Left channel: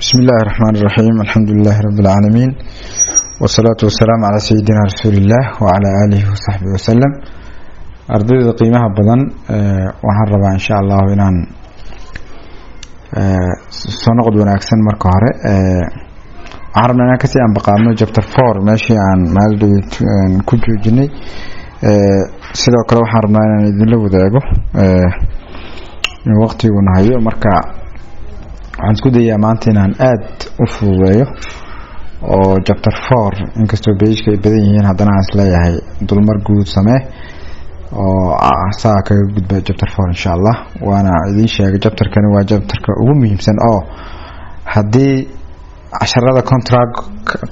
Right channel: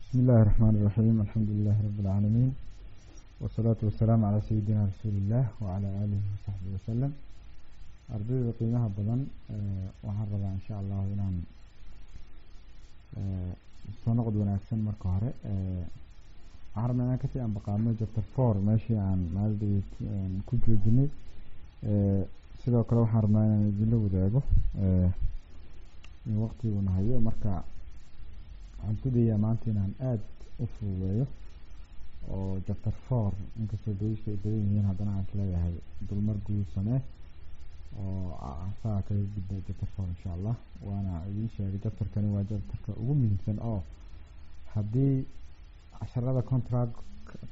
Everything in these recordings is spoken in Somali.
بسم الله الرحمن الرحيم الحمد لله رب العالمين والصلاة والسلام على سيدنا رسول الله وعلى آله وصحبه وسلم أردد قيمها بدن وحرب إن شاء الله إنان سنقض ونأكسن مركهرة عربنا نكسي عن بقامنا جبتر فور ماشي عن مالدو كجو جني سيدو كلو حربنا ندلو وداقو من وقتي ونهايو مركا waxaan isku dayaa maanta inaan aad u fududeeyo oo chapter 4 inkastoo page-ka ay badan yihiin haddana aan isleeyahay dulmar guud samee oo saa kaga gudba chapter 4 insha Allah waana idin sheegay chapterkani waa chapterka ugu muhiimsan oo haddii casharada contract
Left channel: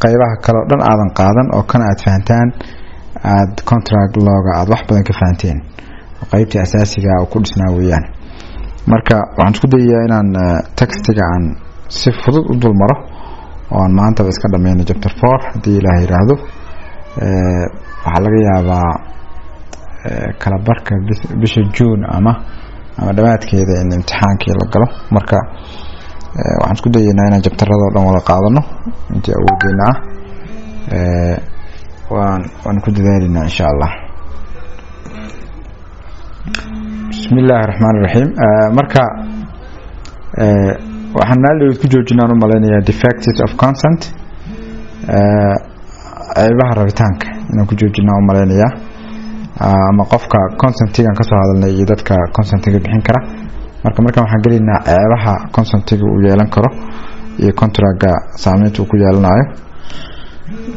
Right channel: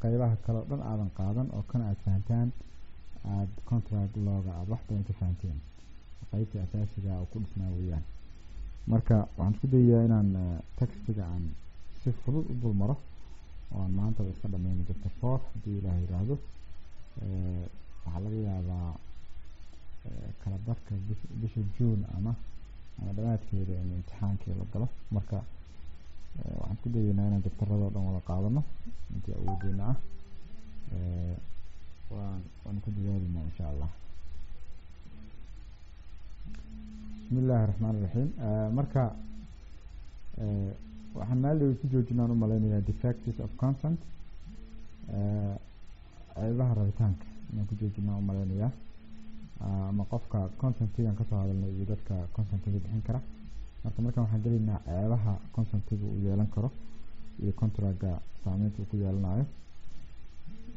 qaybaha kale oo dhan aadan qaadan oo kan aad fahantaan aad contract looga aad wax badan ka fahanteen qaybtii asaasiga oo ku dhisnaa weeyaan marka waxaan isku dayaa inaan textiga aan si fudud u dul maro oo aan maanta iska dhameeyno chapter 4 hadii Ilaahay yiraahdo waxa laga yaabaa kala barka bisha June ama dhamaadkeeda in imtixaankii la galo marka waxaan isku dayaa inaan chapterada oo dhan wada qaadano intii awoodina waan ku dadaalina insha Allah. بسم الله الرحمن الرحيم marka waxaan naalay ku joojinaan u maleynaya defects of consent aybaha rabitaanka inaan ku joojinaan u maleynaya ama qofka consentiga ka soo hadalnay iyo dadka consentiga bixin kara marka waxaan galeynaa aybaha consentiga uu yeelan karo iyo contractga saameynta uu ku yeelanayo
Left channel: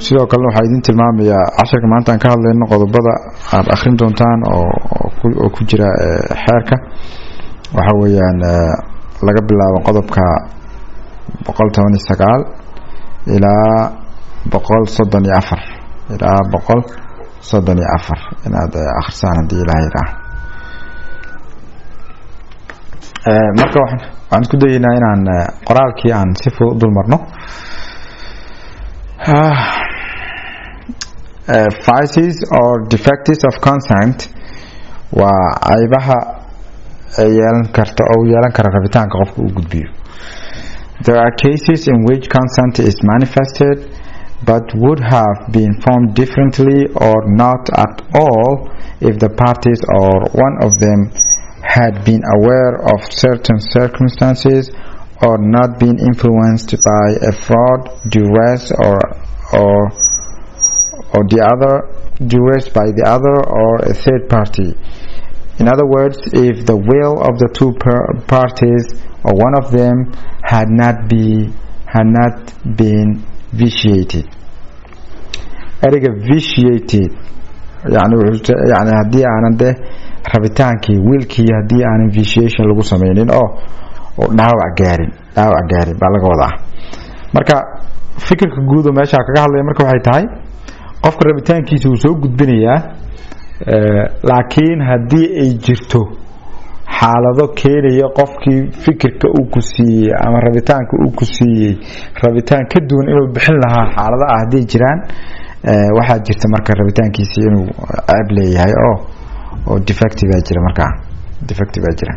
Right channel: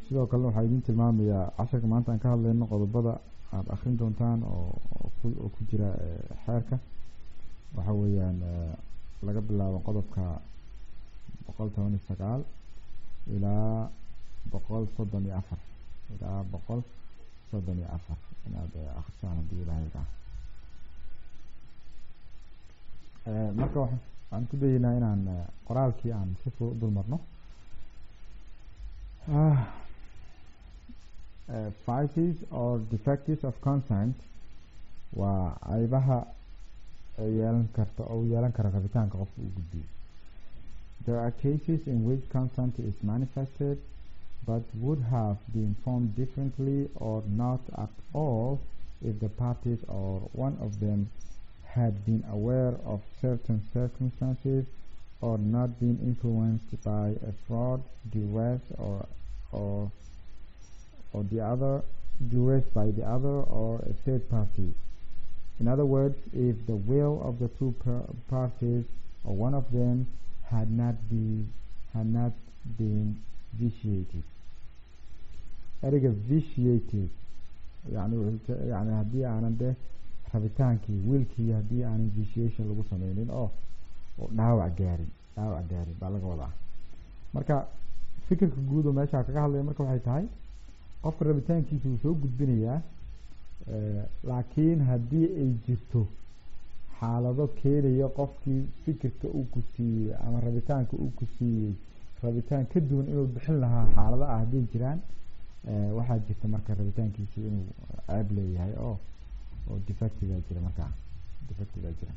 sidoo kale waxa idin tilmaamayaa casharka maanta aan ka hadlayno qodobada aad akhrin doontaan oo ku jira xeerka waxa weeyaan laga bilaabo qodobka 119 ilaa 134 inaad akhrisaan hadii Ilaahay raaxo marka waxaan isku dayaynaa inaan qoraalkii aan si fudud dul marno vices or defects of consent waa aybaha yeelan karta oo yeelan kara rabitaanka qofka uu gudbiyo. There are cases in which consent is manifested but would have been formed differently or not at all if the parties or one of them had been aware of certain circumstances or not been influenced by a fraud, duress or the other, duress by the other or a third party. In other words, if the will of the two parties or one of them had not been vitiated. Erga vitiated يعني haddii aanan de rabitaankii wilkii haddii aanan vitiation lagu sameynin oo dhaawac gaarin baa laga wadaa marka fikirka guud oo meesha kaga hadlaya marka waxay tahay qofka rabitaankiisa uu soo gudbinayaa laakiin haddii ay jirto xaalado keenaya qofkii fikirka uu ku siiyay ama rabitaanka uu ku siiyay rabitaan ka duwan inuu bixin lahaa xaalada ah haddii jiraan waxaa jirta marka rabitaankiisa inuu ceeb leeyahay oo defective jira marka defective jira.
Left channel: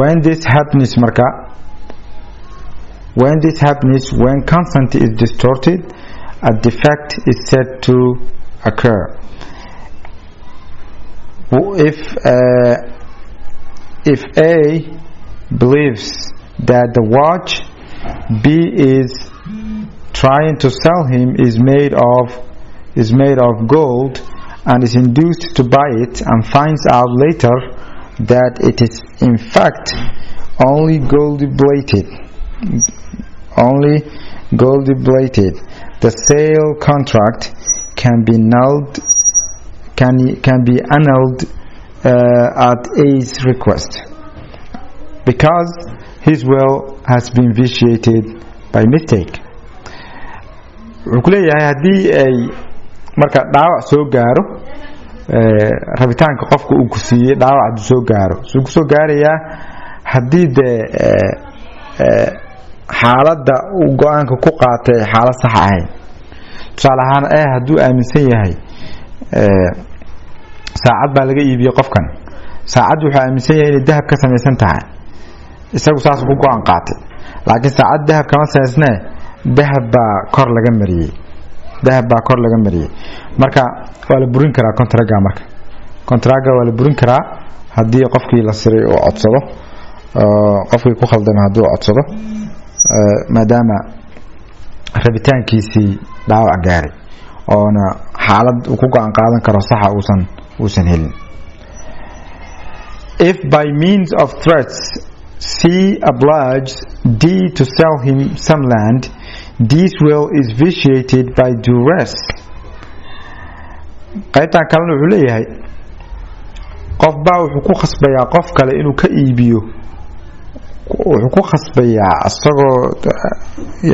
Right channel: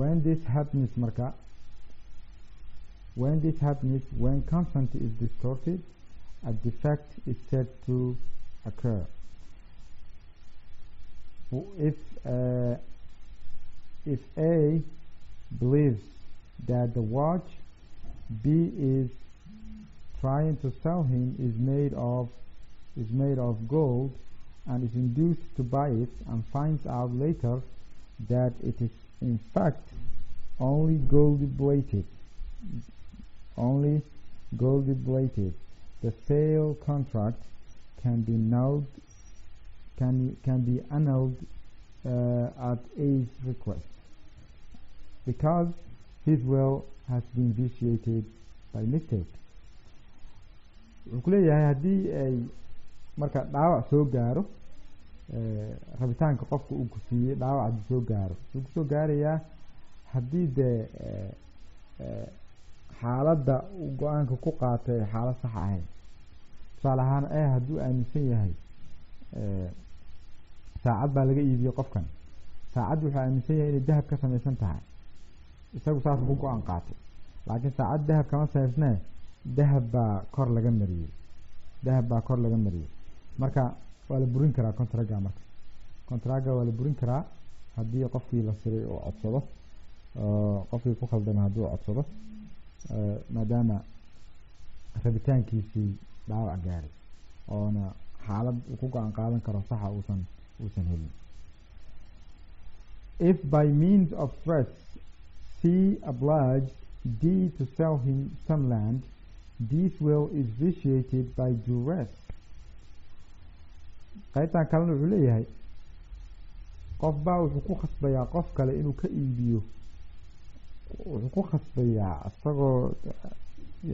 When this happens when consent is distorted, a defect is said to occur. If A believes that the watch B is trying to sell him is made of gold and is induced to buy it and finds out later that it is in fact only gold plated, the sale contract can be annulled at A's request because his will has been vitiated by mistake. wuxuu leeyahay hadii ay marka dhaawac soo gaaro rabitaanka qofka uu ku siiyay dhaawac soo gaaro soo ku soo gaaraya hadii de xaaladda uu go'aanka ku qaatay xaalad sax ahayn tusaale ahaan hadduu aaminsan yahay saacad baa laga iibiyay qofkan saacad wuxuu aaminsan yahay inay dahab ka samaysan tahay isagu saas ku go'an qaatay laakiin saacad dahab kama saysnaa dahab baa kor laga mariyay marka waa la burin karaa kontraga waa la burin karaa haddii qofkii la siray oo codsado qofkii ku khaldana hadduu codsado maadaama rabitaankiisii dhaawac gaaray oona xaalad uu ku go'an qaadan karo saxa uusan helin. If by means of threats C obliges D to sell him some land, D's will is vitiated by duress. qaybtan kalena wuxuu leeyahay qof baa wuxuu ku khasbayaa qof kale inuu ka iibiyo, wuxuu ku khasbayaa asagoo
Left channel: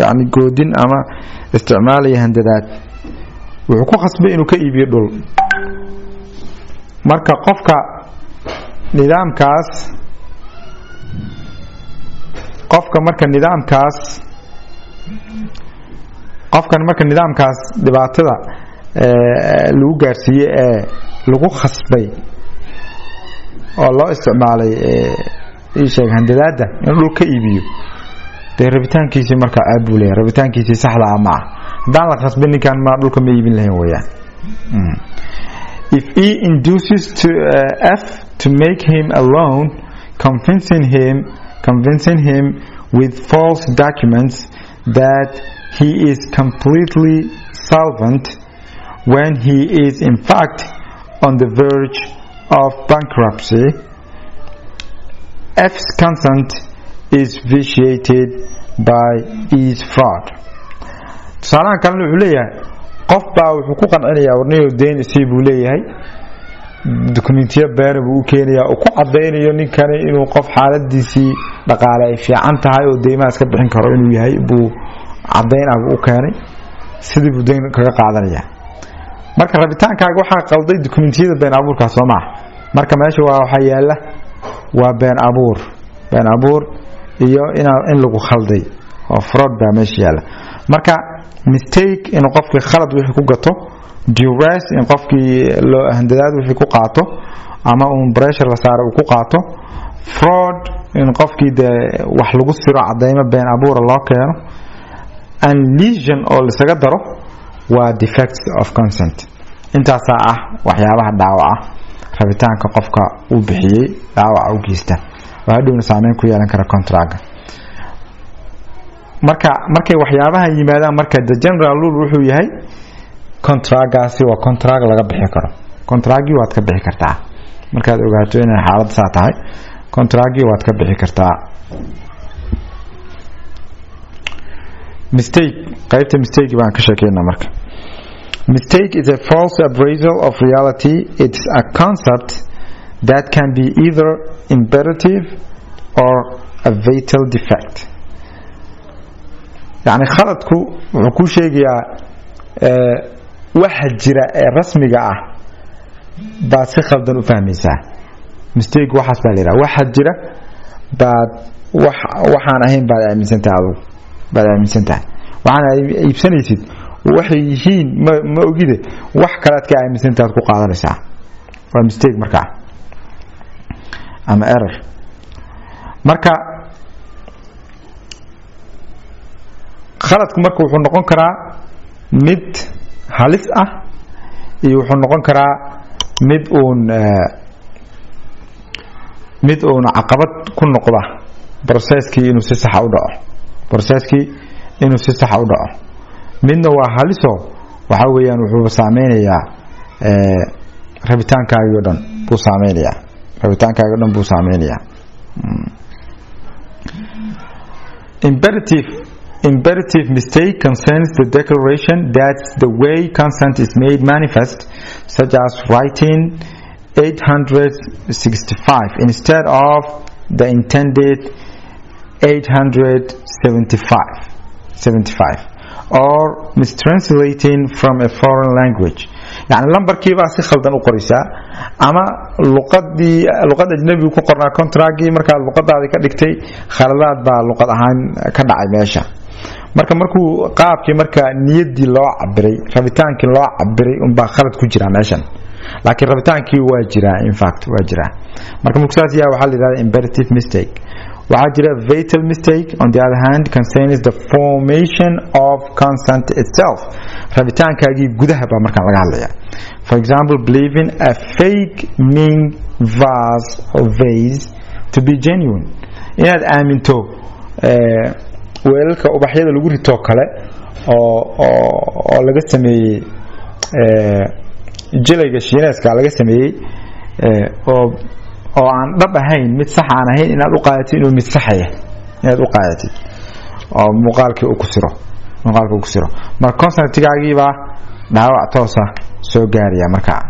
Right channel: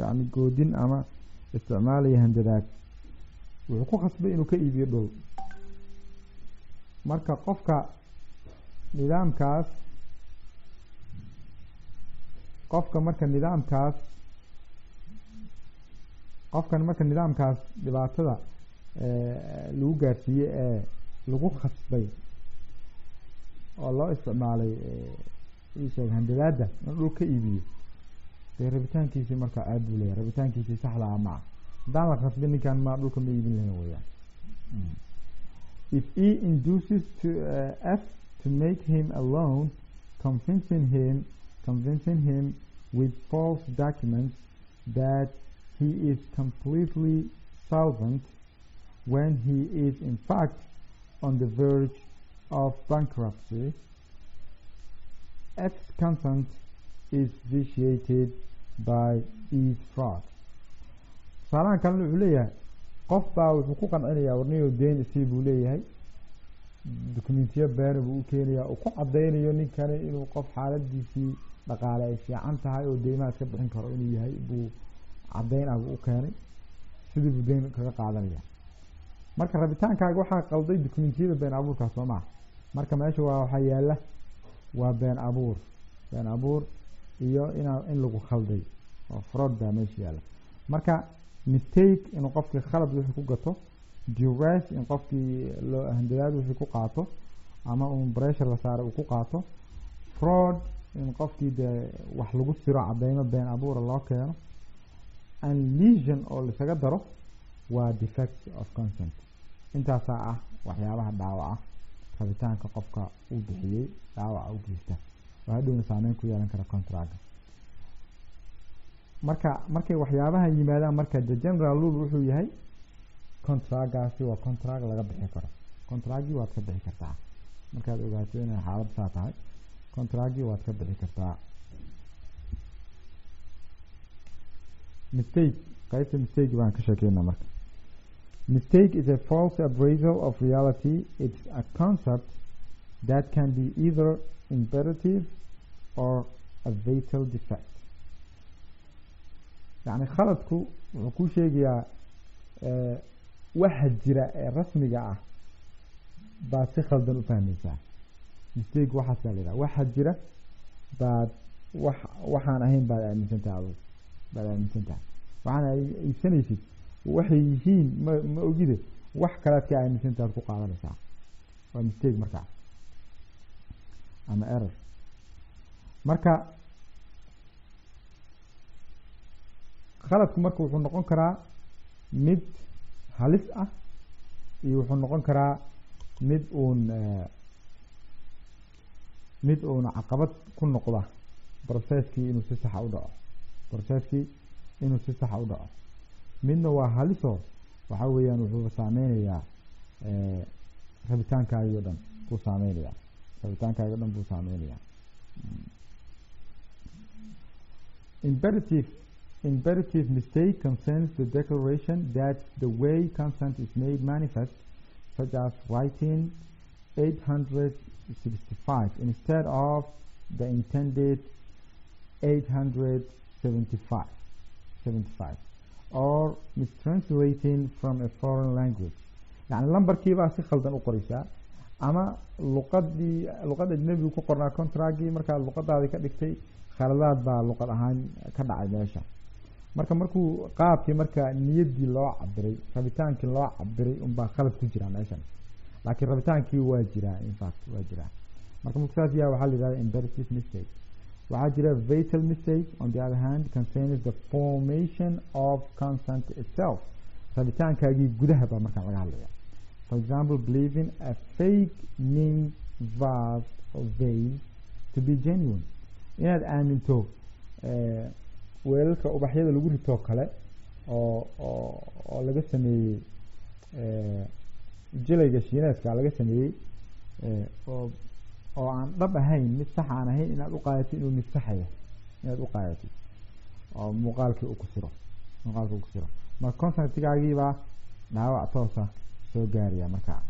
yani goodin ama isticmaalaya handadaad, wuxuu ku khasbay inuu ka iibiyo dhul. marka qofka nidaamkaas dhibaatada lagu gaarsiiyey ee lagu khasbay oo loo isticmaalay sheeg handadaada inuu dhul ka iibiyo dee rabitaankiisii marka aad buu leeyahay, rabitaankiisii saxda ah maaha. haddaan la khasbin ninkan ma dhulka ma iibin lahayn weeyaan. If E induces to F to make him a loan, convincing him with false documents that he is completely solvent when he is in fact on the verge of bankruptcy, F's consent is vitiated by E's fraud. tusaalahan kalena wuxuu leeyahay qof baa wuxuu ku qancinayaa warniyo deyn isii buu leeyahay, dokumentiyo beena buu u keenayaa oo ku cadaynayo ninkani inuu qof xaaladiisii dhaqaale ay fiican tahay oo deymaha iska bixin karo inuu yahay buu cadayn ah u keenay, sidii buu deyn kaga qaadanaya. marka rabitaankaaga waxaa qalday dokumentiyada been abuurka soo maaha. marka meesha waxa yaala waa been abuur iyo in lagu khalday oo fraud baa meesha yaala. marka mistake in qofkii khalad wixii ku gato, duress in qofkii loo handadaad wixii ku qaato ama pressure la saaro ku qaato, fraud in qofkii wax lagu siro cadeymo been abuur loo keeno, and lesion oo la isaga daro waa defects of consent. intaas ah waxyaabaha dhaawaca rabitaanka qofka uu bixiyay dhaawaca u geesta waa hadhow saameyn ku yeelan kara contract. markay waxyaabaha yimaadaan marka the general rule wuxuu yahay contractgaasi waa contract laga bixi karo. contractgii waad ka bixi kartaa markaad ogaato inay xaalad saa tahay, contractgii waad ka bixi kartaa. qaybta mistake baan ka sheekeynaa marka. Mistake is a false appraisal of reality. It's a concept that can be either imperative or a fatal defect. يعني khaladku wuxuu ku sheegayaa waxa jira ee rasmiga ah baad si khaldan u fahmaysaa. mistake waxaas baa leeyahay waxa jira baad waxaan ahayn baad aaminsantahay waxaan iibsanaysid waxay yihiin ma ogide wax kale aad ka aaminsantahay ku qaadanaysaa. waa mistake marka ama error. marka khaladku marka wuxuu noqon karaa mid halis ah iyo wuxuu noqon karaa mid uun caqabad ku noqda processkii inuu si sax u dhaco. midna waa haliso waxa weeyaan wuxuu saameynayaa rabitaankaaga oo dhan buu saameynayaa. Imperative mistake concerns the declaration that the way consent is made manifest, such as writing 865 instead of the intended 875, or mistranslating from a foreign language. يعني lambarkii baa si khaldan u qoraysaa ama luqad ajnabi ku qornaa contractgii markaa luqadaadi ka dhigtay khaladaad baa luqad ahaan ka dhacay meesha. markuu qaabkii marka niyadii loo cabiray rabitaankii loo cabiray un baa khalad ku jira meeshan, laakiin rabitaankii waa jira in fact waa jira. marka muksaas yaa waxa la yiraahdaa imperative mistake waxaa jira fatal mistake on the other hand concerns the formation of consent itself rabitaankaagii gudaha baa markaan laga hadlaya for example believing a fake ming vase or vase to be genuine inaad aaminto weelalka ubaxyada lagu rito kale oo laga sameeyey jilayga shiineeska laga sameeyey oo aan dhab ahayn mid sax aan ahayn inaad u qaadatid inuu mid sax yahay inaad u qaadatid oo muuqaalkii uu ku siro marka consent-gaagii baa dhaawac toos ah soo gaaraya markaa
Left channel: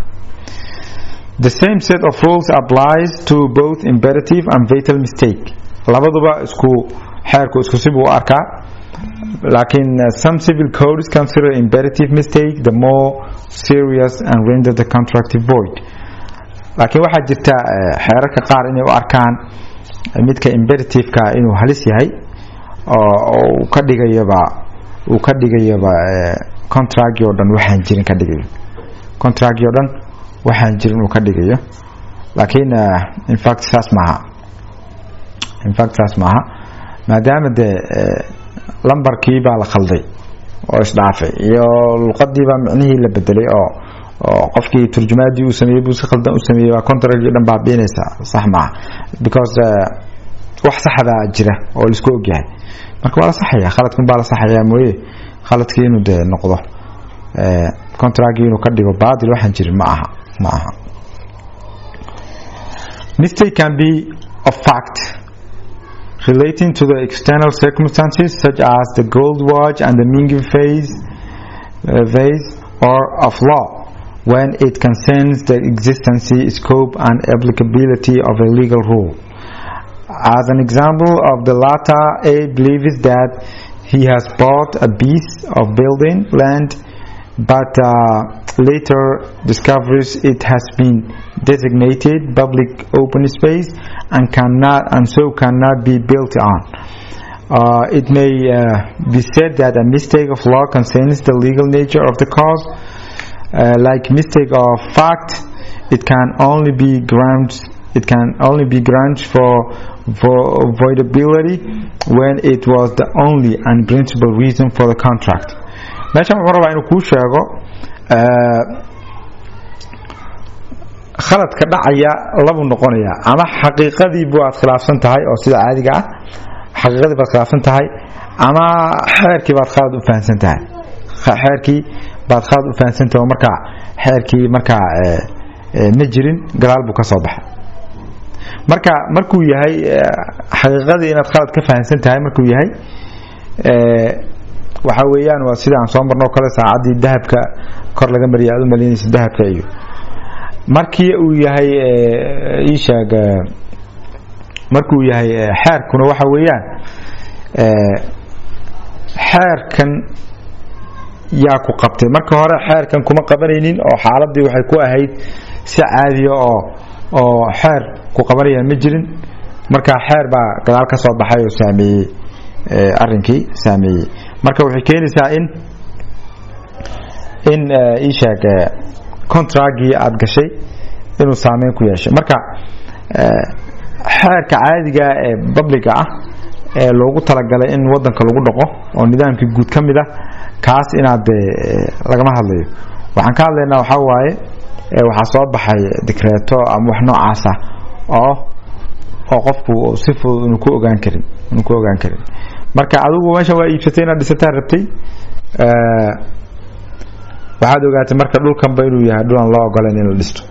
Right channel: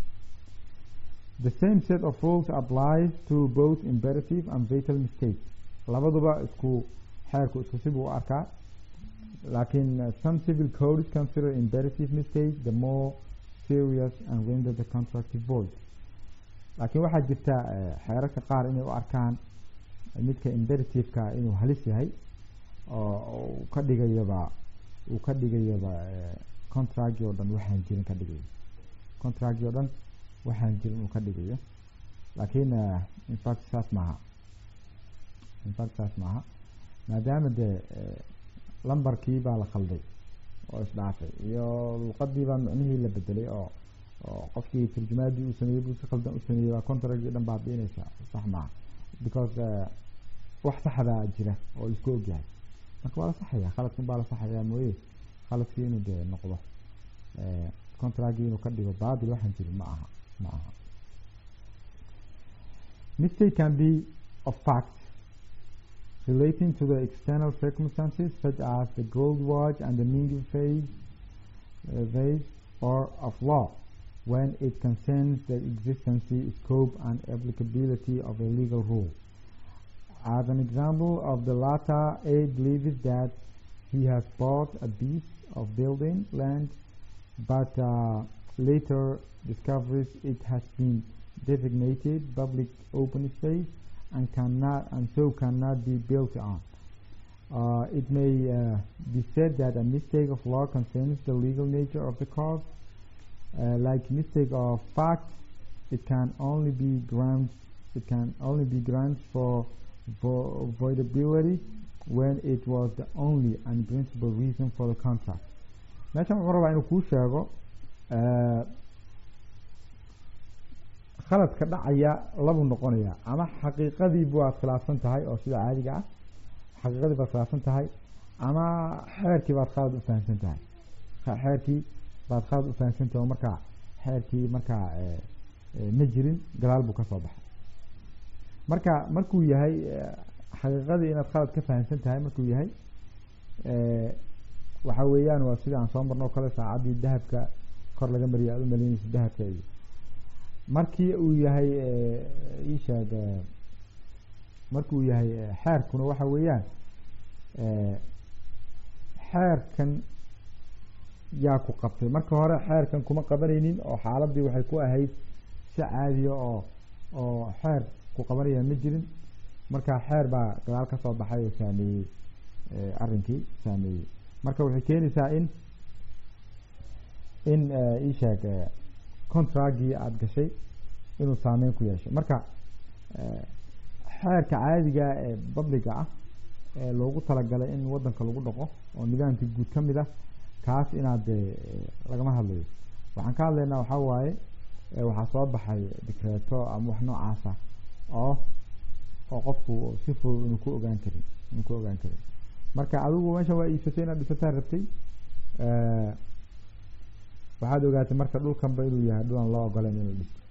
the same set of rules applies to both imperative and fatal mistake labaduba xeerku isku sib u arkaa laakiin some civil codes consider imperative mistake the more serious and render the contract void laakiin waxaa jirta xeerarka qaar inay u arkaan midka imperative-ka inuu halis yahay oo uu ka dhigayaba contract oo dhan waxaan jirin ka dhigayo contract oo dhan waxaan jirin uu ka dhigayo laakiin in fact saas maaha maadaama lambarkii baa la khalday oo isdhaafay iyo luqadii baa micnihii la bedelay oo qofkii turjumaadii uu sameeyay buu si khaldan u sameeyay waa contract dhan baa beenaysa sax maaha because wax saxda jira oo la isku ogyahay marka waa la saxaya khaladkan baa la saxaya mooyee khaladkii inuu noqdo contract inuu ka dhigo baadil waxaan jirin ma aha mistake can be of fact relating to the external circumstances such as the gold watch and the Ming vase or of law when it concerns the existence, scope and applicability of a legal rule. As an example of the latter, A believes that he has bought a piece of building land but later discovers it has been designated public open space and so cannot be built on. It may be said that a mistake of law concerns the legal nature of the cause. Like mistake of fact, it can only be grounds for voidability when it was the only and principal reason for the contract. meeshan wuxuu rabaa inuu kuu sheego khaladka dhacaya labu noqonaya ama xaqiiqadii aad khilaafsan tahay oo sida caadiga ah xaqiiqadii baad khilaafsan tahay ama xeerkii baad khalad u fahansan tahay oo markaa xeerkii markaa ma jirin gadaal buu ka soo baxay markuu yahay xaqiiqadii inaad khalad ka fahansan tahay markuu yahay waxa weeyaan waa sida aan soo marno kale saacadii dahabka kor laga mariyay aad u maleynaysa dahabka iyo markii uu yahay markuu yahay xeerkuna waxa weeyaan xeerkan yaa ku qabtay marka hore xeerkan kuma qabanaynin oo xaaladii waxay ku ahayd si caadi oo xeer ku qabanaya ma jirin marka xeer baa gadaal ka soo baxay oo saameeyay arrinkii saameeyay marka waxay keenaysaa in contractgii aad gashay inuu saameyn ku yeesho marka xeerka caadiga ee public ah ee loogu talagalay in wadanka lagu dhaqo oo nidaamkii guud ka mid ah kaas inaad lagama hadlayo waxaan ka hadlaynaa waxa waaye waxaa soo baxay decreto ama wax noocaas ah oo qofku si fudud inuu ku ogaan karin marka adigu meesha waa iibsatay inaad dhisataa rabtay waxaad ogaatay marka dhulkanba inuu yahay dhulan loo ogoleen in la dhisto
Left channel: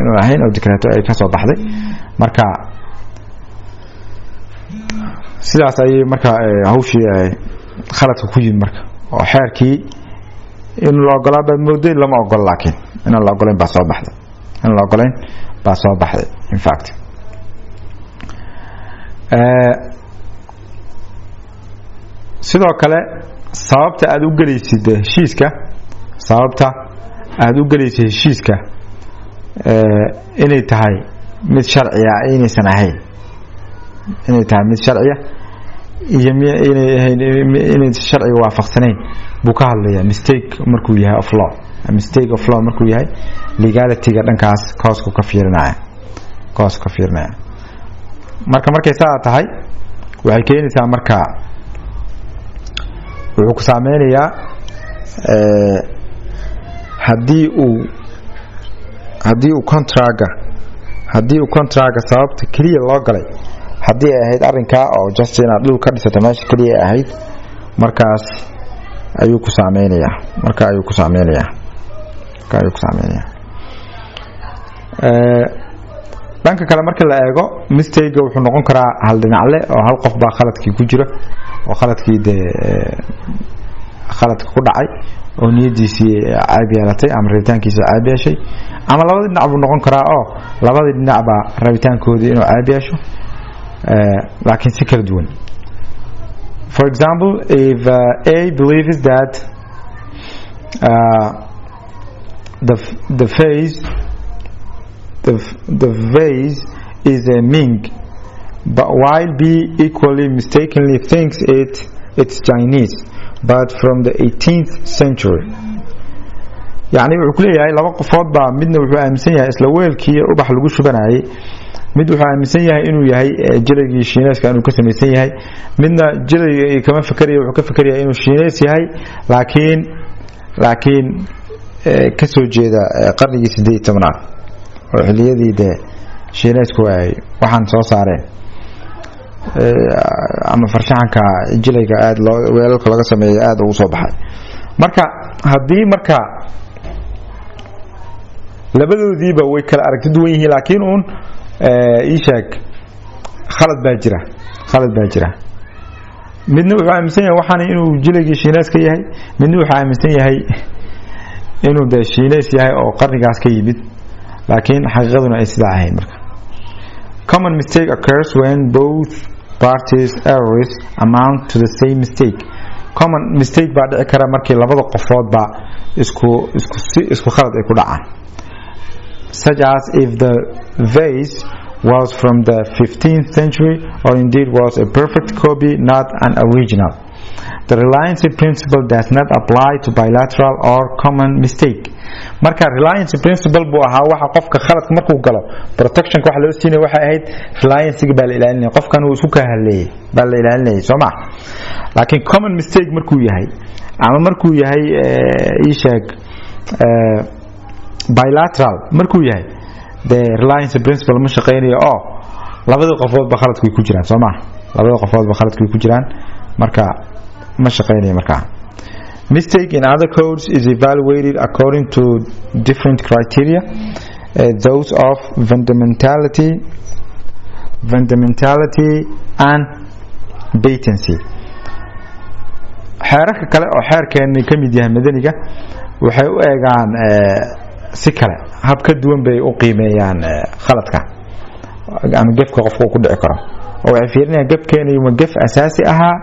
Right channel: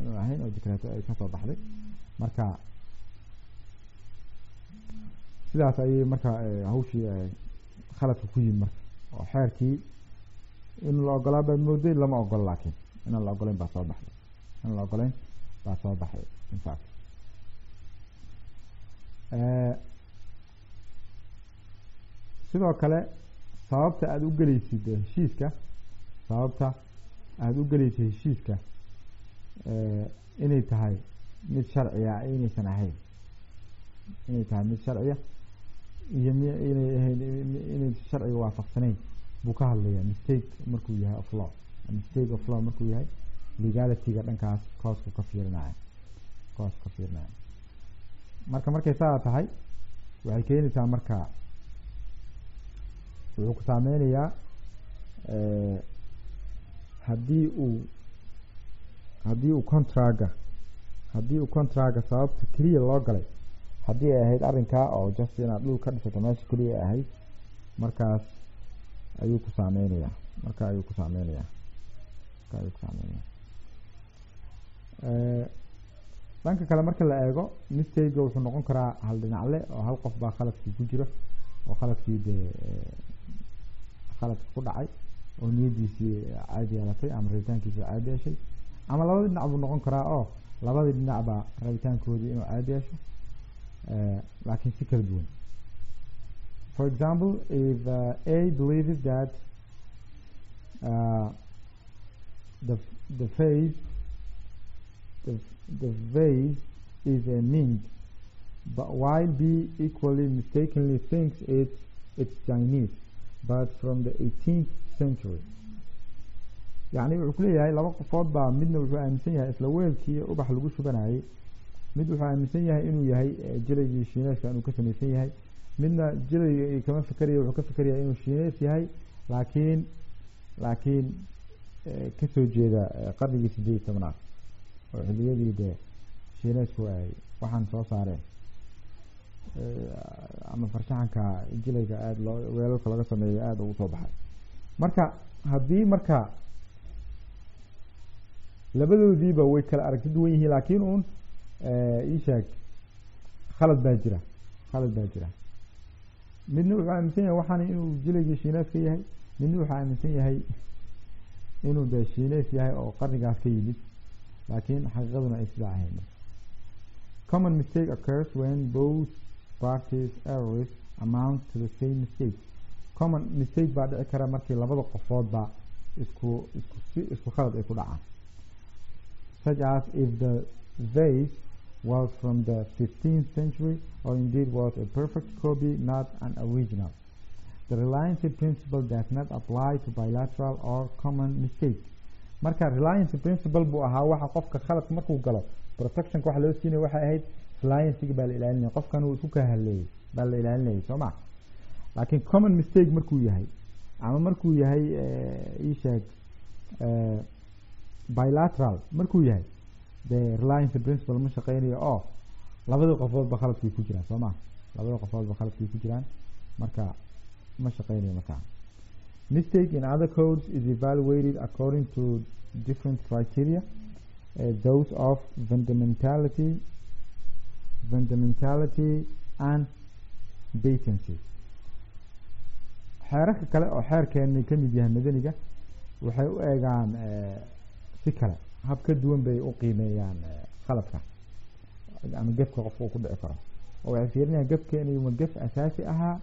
inuu ahayn oo decreto ay ka soo baxday marka sidaas ayay marka hawshii khaladka ku yimid marka oo xeerkii in la ogolaa baa mooday lama ogol laakiin in la ogolayn baa soo baxday in fact sidoo kale sababta aad u galaysid heshiiska inay tahay mid sharciya inaysan ahayn inay tahay mid sharciya iyo inay sharciga waafaqsanayn buu ka hadlayaa mistake markuu yahay of law markuu yahay legalityga dhankaas koosku ka fiirinaya markay saa tahay waxay keenaysaa marka wuxuu ku saameynayaa haddii uu contractga sababta kaliya loo galay haddii ay ahayd arrinkaa oo just inaad dhul ka dhisato meesha kaliya ay ahayd markaas ayuu ku saameynayaa dhanka kale marka la eego mistake wuxuu noqon karaa hal dhinacle oo hal qof baa khaladkii ku jira oo khaladkii khaladka ku dhacay oo niyadiisii caab yeelatay ama rabitaankiisa caab yeeshay ama labada dhinac buu noqon karaa oo labada dhinac baa rabitaankoodii inuu caab yeesho laakiin si kala duwan. For example, if A believes that the vase is a Ming, but while B equally mistakenly thinks it's Chinese, but from the 18th century. يعني wuxuu ku leeyahay laba qofood baa midna wuxuu aaminsan yahay isla weelkii ubax lagu shubanayay mid wuxuu aaminsan yahay inuu yahay jilaygii shiinayska inuu ka samaysan yahay midna jilayga kama fikirayo wuxuu ka fikirayaa inuu shiinays yahay laakiin ka soo jeeda qarnigii 18aad oo xiliyadii shiinaysku ay waxaan soo saareen ama farshaxanka jilayga aad weelalka laga sameeyay aad ugu soo baxay. marka haddii marka labadoodiiba way kala aragti duwan yihiin laakiin uun ii sheeg khalad baa jira midna wuxuu aaminsan yahay waxaan inuu jilaygii shiinays ka yahay midna wuxuu aaminsan yahay inuu shiinays yahay oo qarnigaas ka yimid laakiin xaqiiqaduna ay sidaa ahayn. marka common mistake occurs when both parties errors amount to the same mistake. common mistake baa dhici kara markii labada qofood ba isku khalad ay ku dhacaan, such as if the vase was from the 15th century or indeed was a perfect copy, not an original. The reliance principle does not apply to bilateral or common mistake. marka reliance principle buu ahaa waxa qofka khaladka markuu galo protection waxa loo siinay waxa ahayd reliance baa la ilaalinay qofkan uu isku ka haleeyay baa la ilaalinay Soomaa. laakiin common mistake markuu yahay ama markuu yahay ii sheeg bilateral markuu yahay the reliance principle ma shaqeynayo oo labada qofood ba khaladku ku jiraan Soomaa marka ma shaqeynayo. marka mistake in other codes is evaluated according to different criteria, those of fundamentality and patency. xeerarka kale oo xeerkeena ka mid yahay madaniga waxay u eegaan si kale hab ka duwan bay u qiimeeyaan khaladka ama gefka qofku ku dhici karo oo waxay fiirinayaan gefkeena iyo gef asaasi ahaa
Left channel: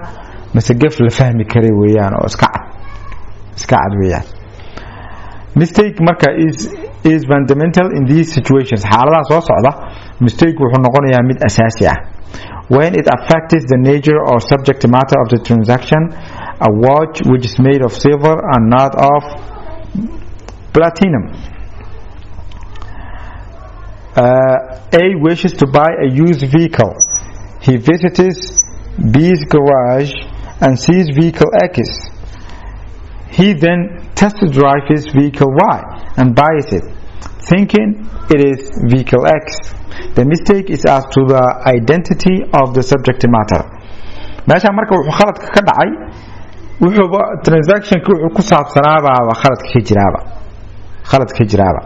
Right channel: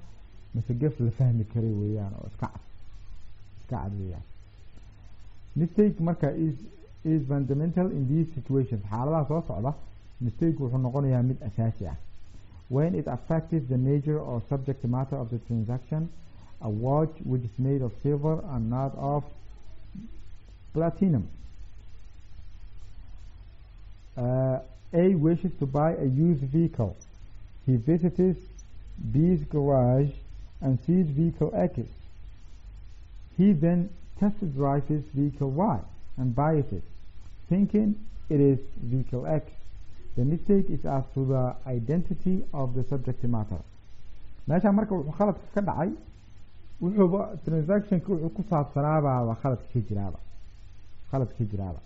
mise gef la fahmi karay weeyaan oo iska cad weeyaan. mistake marka is fundamental in these situations. xaaladaha soo socda mistake wuxuu noqonayaa mid asaasi ah when it affects the nature or subject matter of the transaction. A watch which is made of silver and not of platinum. A wishes to buy a used vehicle. He visits B's garage and sees vehicle X. He then test drives his vehicle Y and buys it, thinking it is vehicle X. The mistake is as to the identity of the subject matter. meesha marka wuxuu khaladka ka dhacay wuxuu transaction wuxuu ku saabsanaaba khaladka ka jiraaba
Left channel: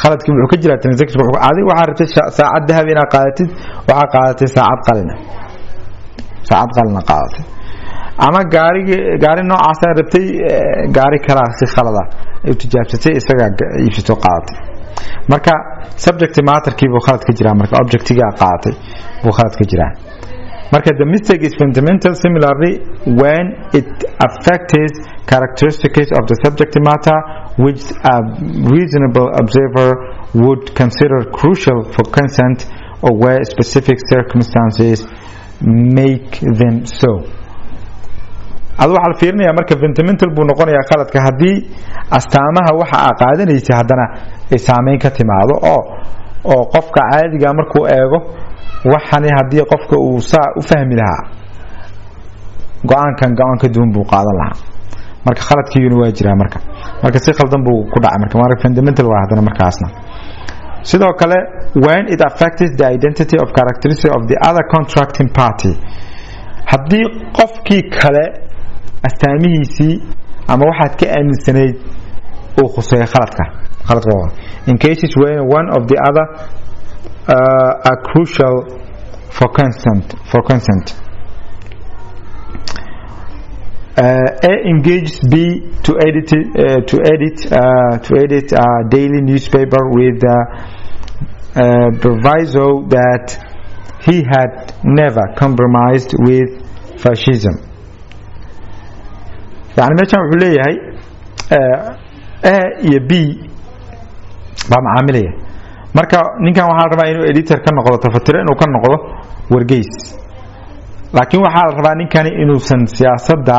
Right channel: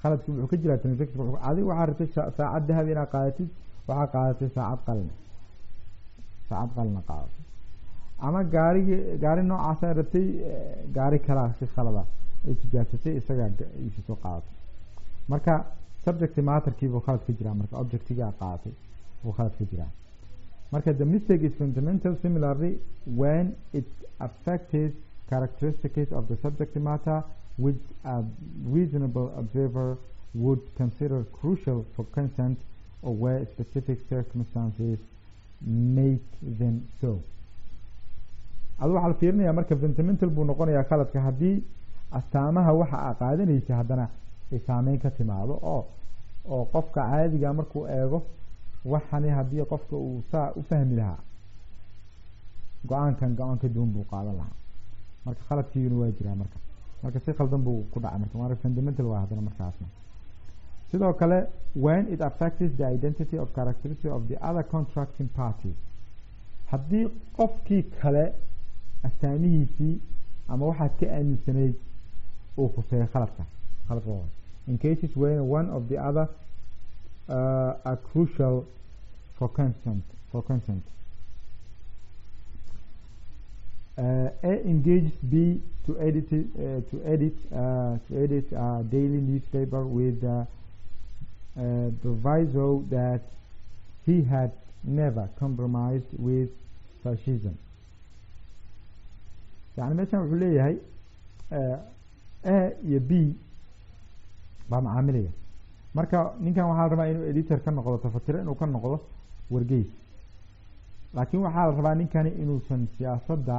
khaladkii wuxuu ka jiraa transaction wuxuu adiga waxa rabtay saacad dahab inaad qaadatid waxa qaadatay saacad qalina qaadatay ama gaari noocaas aad rabtay gaari kala si khalada ay tijaabsatay isaga iibsato qaadatay marka subject matter-kii buu khalad ka jiraa marka object-iga qaadatay buu khalad ka jiraa. marka the mistake is fundamental similarly when it affects characteristics of the subject matter which a reasonable observer would consider crucial for consent or where specific circumstances make them so. adu waxa la fiirinayaa marka fundamental buu noqonayaa khaladka haddii astaamaha waxa ay qaadanaysa haddana ay saameyn ka timaado oo qofka caadiga markuu eego waxani hadii qofka uu saa u fahmi lahaa go'aan ka duwan buu qaadan lahaa marka khaladkiina waa jiraa marka si khaldan buu ku dhacay marka fundamental waa hadana markaasna sidoo kale when it affects the identity of characteristics of the other contracting party hadii qofkii kale astaamihiisii ama waxaad ka aaminsanayd uu khuseeyo khaladka in cases where one of the other are crucial for consent A engages B to edit a daily newspaper with proviso that he had never compromised with fascism. يعني meeshan wuxuu leeyahay A iyo B baa macaamilaya marka ninkan waxaa la rabaa inuu editor ka noqdo tafatiro inuu ka noqdo wargeys laakiin waxaa la rabaa ninkani inuusan siyaasadda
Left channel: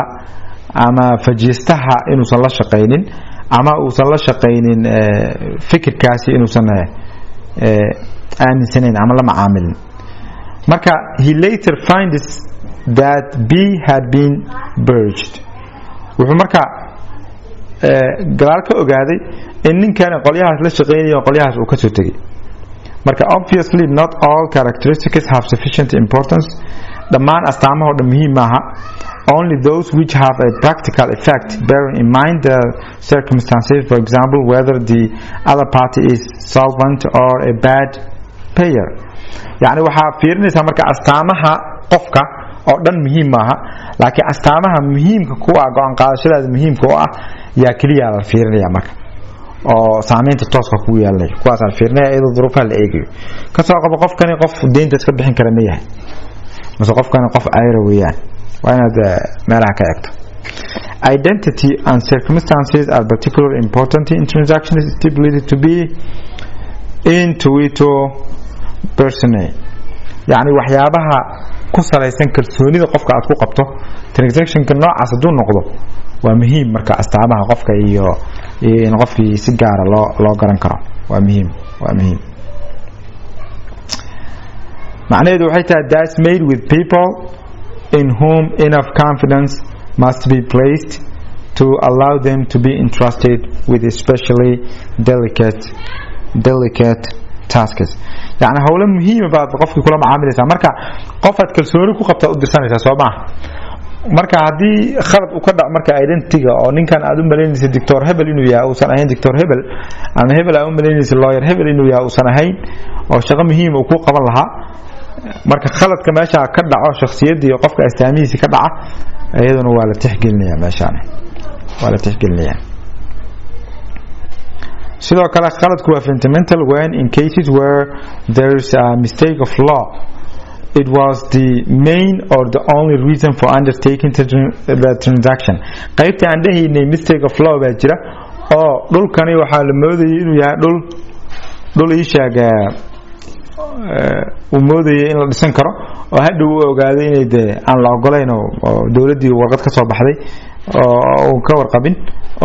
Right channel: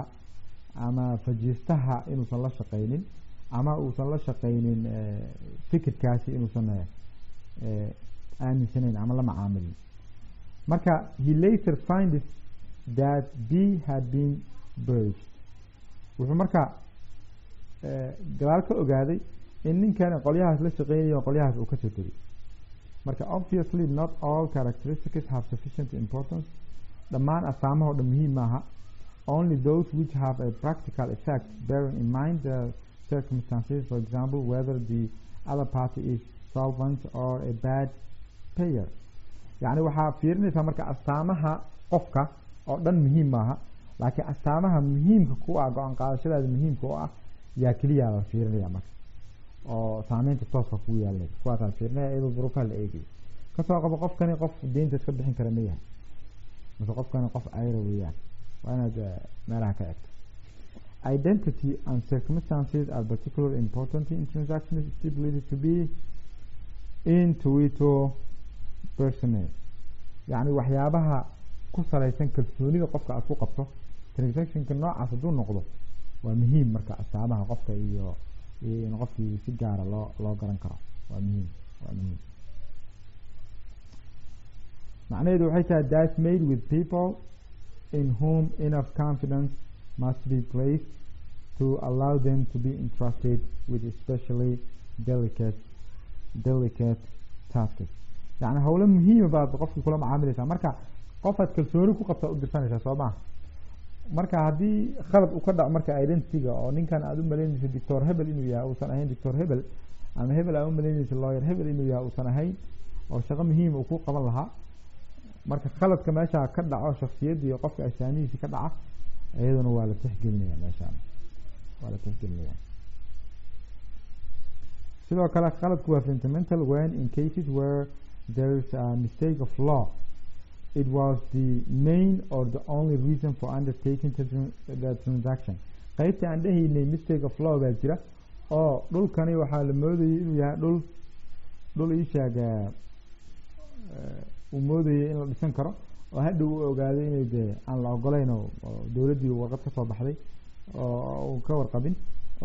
ama fajiistaha inuusan la shaqaynin ama uusan la shaqaynin fikirkaasi inuusan aaminsanayn ama la macaamilin marka he later finds that B had been purged wuxuu marka gadaal ka ogaaday in ninkani qolyahaas la shaqaynayo qolyahaas uu ka soo tegay marka obviously not all characteristics have sufficient importance dhammaan astaamaha oo dhan muhiim maaha only those which have a practical effect bearing in mind the circumstances for example whether the other party is solvent or a bad payer yani waxaa fiirinaysaa marka astaamaha qofka oo dhan muhiim maaha laakiin astaamaha muhiimka ku ah go'aan qaadashadaada muhiimka oo ah yaa kaliya la fiirinaya marka oo saameynta tooska ku yeelanay kuwaas aan fiirinaya iyadoo duruufaha la eegayo ka soo qabo qofkani qof deynta iska bixin kara ma yahay mase qofkani qof ayra weeyaan waa inaad meelaha ka eegto identity and circumstances are particularly important in transactions stipulated to be intuito personae yani waxyaabaha ku salaysan kalsoonida qofka aad ku qabto transactionka noocaas hadduu noqdo waa muhiim marka astaamaha qofka iyo in qofkii si gaara loo garan karo waa muhiim macnaheedu waxay tahay that's made with people in whom enough confidence must be placed to allow them to be entrusted with especially delicate tasks yani hawlo muhiima baad qofkii kula macaamilaysaa marka qofaad kalsooni ku qabtaa u dirsanaysaa soo maaha marka haddii khalad uu ka dhac marka identityga oo ninkan aad u malaynaysa doctor Hebel inuu yahay uusan ahayn doctor Hebel ama Hebel aad u malaynaysa lawyer Hebel inuu yahay uusan ahayn oo shaqo muhiim uu ku qaban lahaa marka khaladka meesha ka dhaco shakhsiyadii qofka astaamihiisa ka dhaca iyaduna waa la tixgelinayaa meeshaan waa la tixgelinayaa sidoo kale khaladku waa fundamental when in cases where there is a mistake of law it was the main or the only reason for undertaking the transaction qaybta aan dhahaynay mistake of law baa jira oo dhulkani waxaa la moodayay inuu yahay dhul ii sheega uu moodayay in la dhisan karo oo hadhow uu ogaaday inay dee aan la ogolayn oo dowladdii warqad ka soo baxday oo ka warqabin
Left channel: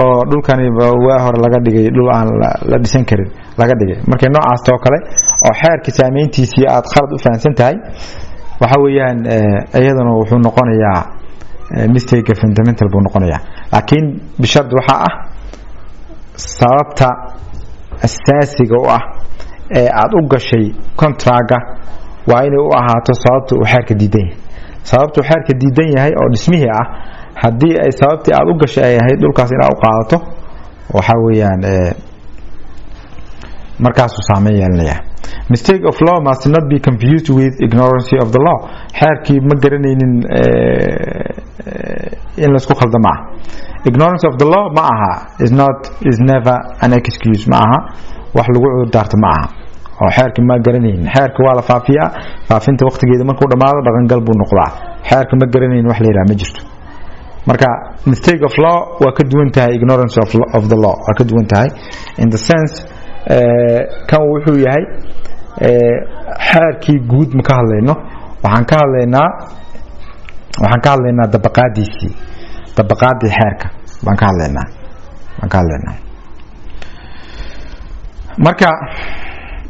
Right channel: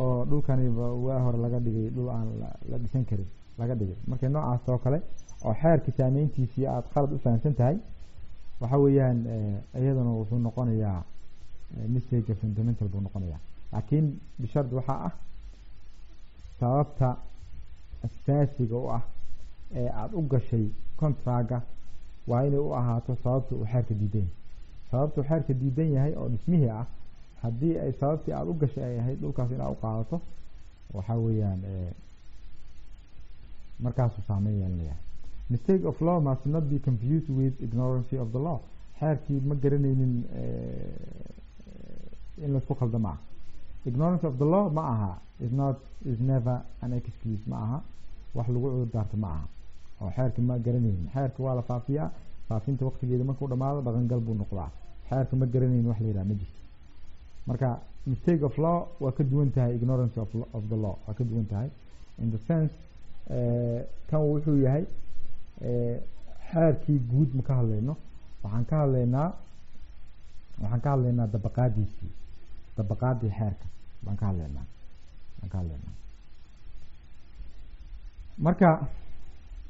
oo dhulkani waa hore laga dhigay dhul aan la dhisan karin laga dhigay markay noocaas oo kale oo xeerka saameyntiisii aad khalad u fahansan tahay waxa weeyaan iyaduna wuxuu noqonayaa mistake fundamental buu noqonayaa laakiin bishad waxa ah sababta asaasiga u ah ee aad u gashay contractga waa inay u ahaato sababta uu xeerka diidan yahay sababta uu xeerka diidan yahay oo dhismihii ah haddii ay sababtii aad u gashay ay ahayd dhulkaas inaad u qaadato waxa weeyaan markaasuu saameyn yeelanaya mistake of law must not be confused with ignorance of the law xeerkii ma garanaynin in laisku khaldamo ah ignorance of the law ma aha is never an excuse ma aha wax lagu cudur daarto ma aha oo xeerkii ma garanaynin xeerka waa la faafiyaa faafinta waqtigeeda markuu dhamaado dhaqangal buu noqdaa xeerka ma garanaynin wax la yiraahdo ma jirto marka mistake of law waa ka duwan tahay ignorance of the law waa ka duwan tahay in the sense kan wuxuu yahay xeerkii guud ma ka hadlayno waxaan ka hadlaynaa dabaqaadii xeerka baan ka hadlaynaa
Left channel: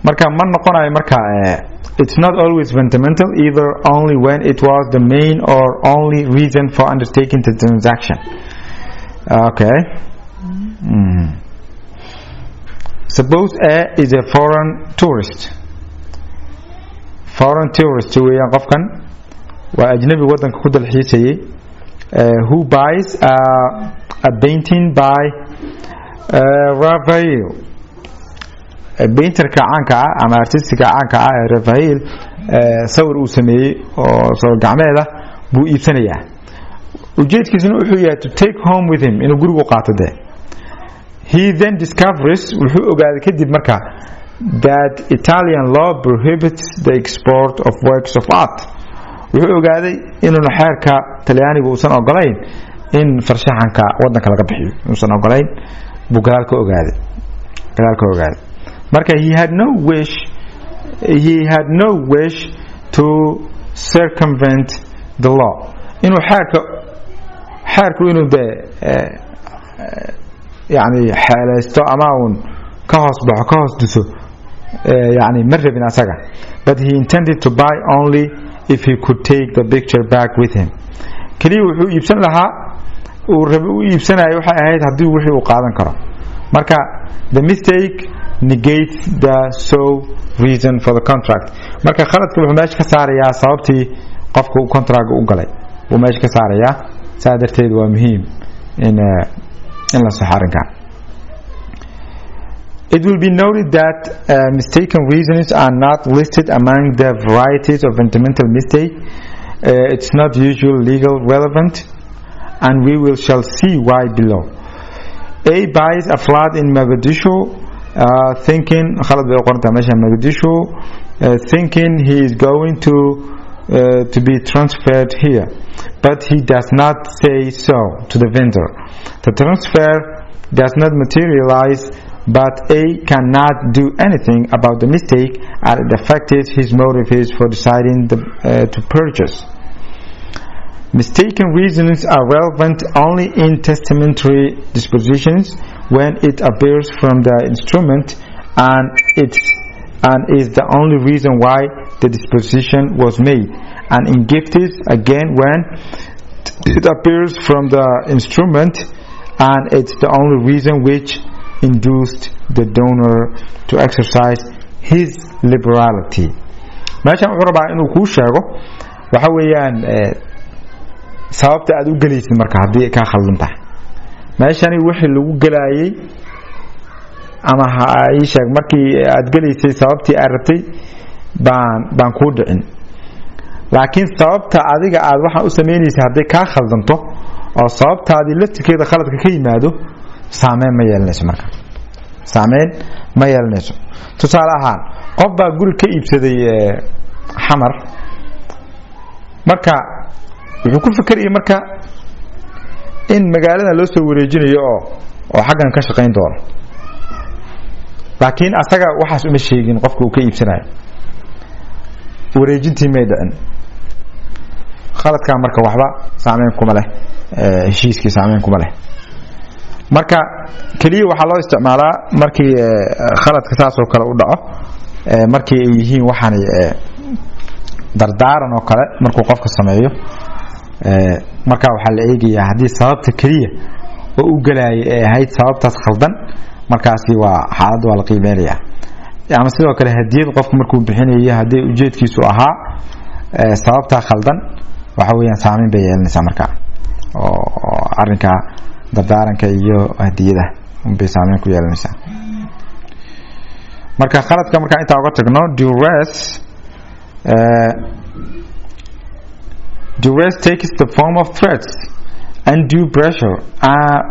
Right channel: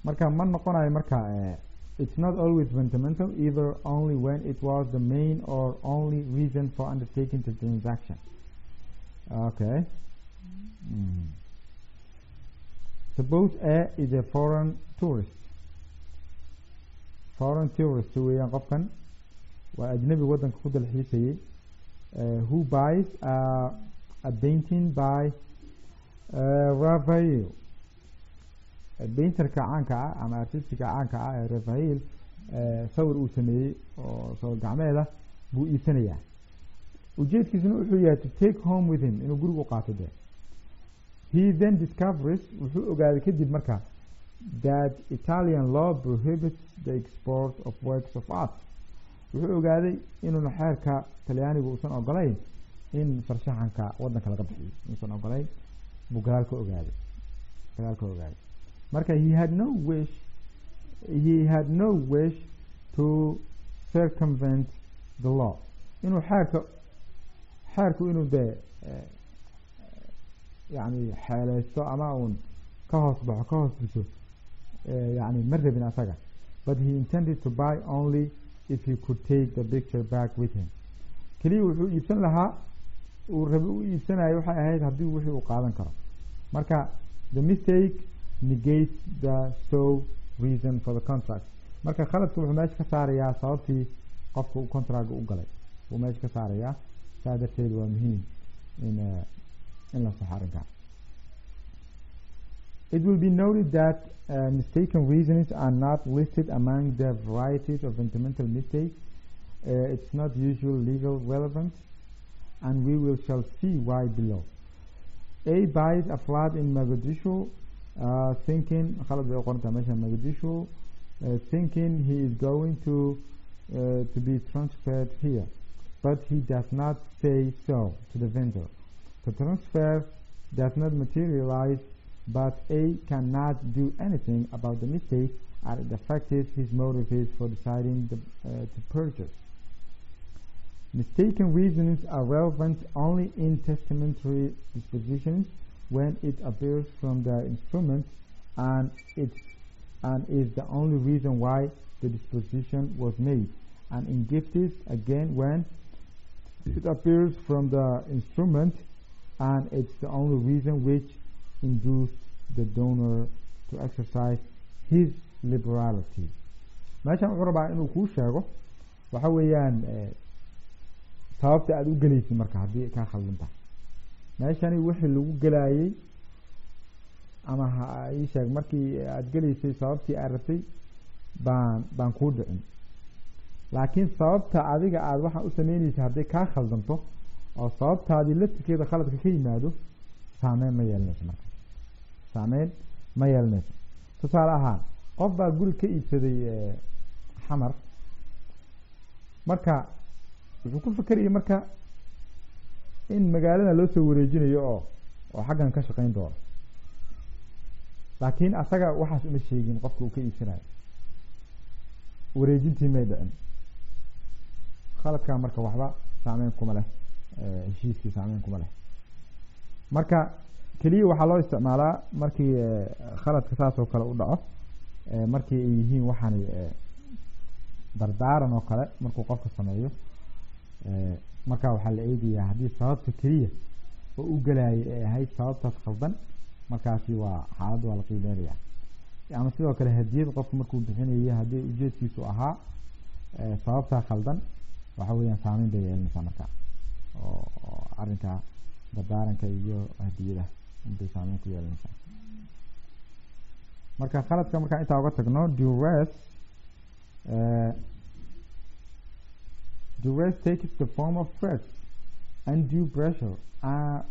marka ma noqonayo marka It's not always fundamental either, only when it was the main or only reason for undertaking the transaction. Okay. Suppose A is a foreign tourist. Foreign tourist weeyaan qofkan waa ajnabi wadanka ku dalxiisayay who buys a painting by Raphael. painterka caanka ah ama artistiga caanka ah ee Raphael sawir uu sameeyay oo sawir gacmeed ah buu iibsanayaa. ujeedkiisuna wuxuu yahay to take home with him inuu guriga qaato de. He then discovers wuxuu ogaaday kadib markaa that Italian law prohibits the export of works of art. wuxuu ogaaday inuu xeerka Talyaaniga uusan ogolayn in farshaxanka wadanka laga bixiyo uusan ogolayn buu gadaalka ogaaday marka he had no wish to circumvent the law. inuu xeerku inuu de yani xeelaysto ama uun ka hoos duso yani ma rabin asaga. But he intended to buy only if he could take the picture back with him. kaliya wuxuu iibsan lahaa uu iibsanayo waxay ahayd haddii wixii uu qaadan karo. marka the mistake negates the sole reason for the contract. marka khaladka wuxuu meesha ka saarayaa sababtii qofka uu contract u galay uu meesha ka saarayaa. saa darteed waa muhiim in la saxarinka. It will be noted that mistaken reasons are not listed among the varieties of fundamental mistake. It's not usually legal relevant, and we shall see why below. A buys a flat in Mogadishu, thinking he is going to be transferred here, but he does not say so to the vendor. The transfer does not materialize, but A cannot do anything about the mistake as it affected his motives for deciding to purchase. Mistaken reasons are relevant only in testamentary dispositions when it appears from the instrument and is the only reason why the disposition was made, and in gifts again when it appears from the instrument and it's the only reason which induced the donor to exercise his liberality. meeshan wuxuu rabaa inuu kuu sheego waxa weeyaan sababta aad u galaysid marka haddii ka khaldan tahay. meeshani wixii lagu galayay ama ay sheeg markii aad galaysay sababtii aad rabtay baan ku dhicin, laakiin sababta adiga aad waxa u sameynaysaa haddii ka khaldanto oo sababtaadii laftirkeeda khaladka ka yimaado saameyn ma yeelanayso. marka saameyn ma yeelanayso. tusaale ahaan qof baa guri ka iibsaday xamar, marka wuxuu ku fikrayay marka in magaalada loo soo wareejinayo oo xaggan ka shaqayn doono, laakiin asaga waxaas uma sheegin qofka uu ka iibsanayo, wareejintii may dhicin. khaladka marka waxba saameyn kuma leh, heshiiskii saameyn kuma leh. marka kaliya waxaa loo isticmaalaa markii khaladka saas oo kale u dhaco, markii ay yihiin waxaan dardaaran oo kale markuu qofka sameeyo. marka waxaa la eegayaa haddii sababta kaliya oo u galayay ay ahayd sababtaas khaldan, markaasi waa xaalad waa la qiimeynayaa. ama sidoo kale hadiyad qofku markuu bixinayo haddii ujeedkiisu ahaa sababta khaldan, waxa weeyaan saameyn bay yeelanaysaa marka oo arrinka dardaaranka iyo hadiyada bay saameyn ku yeelanaysaa. marka khaladka marka inta uga tagno duress takes the form of threats, undue pressure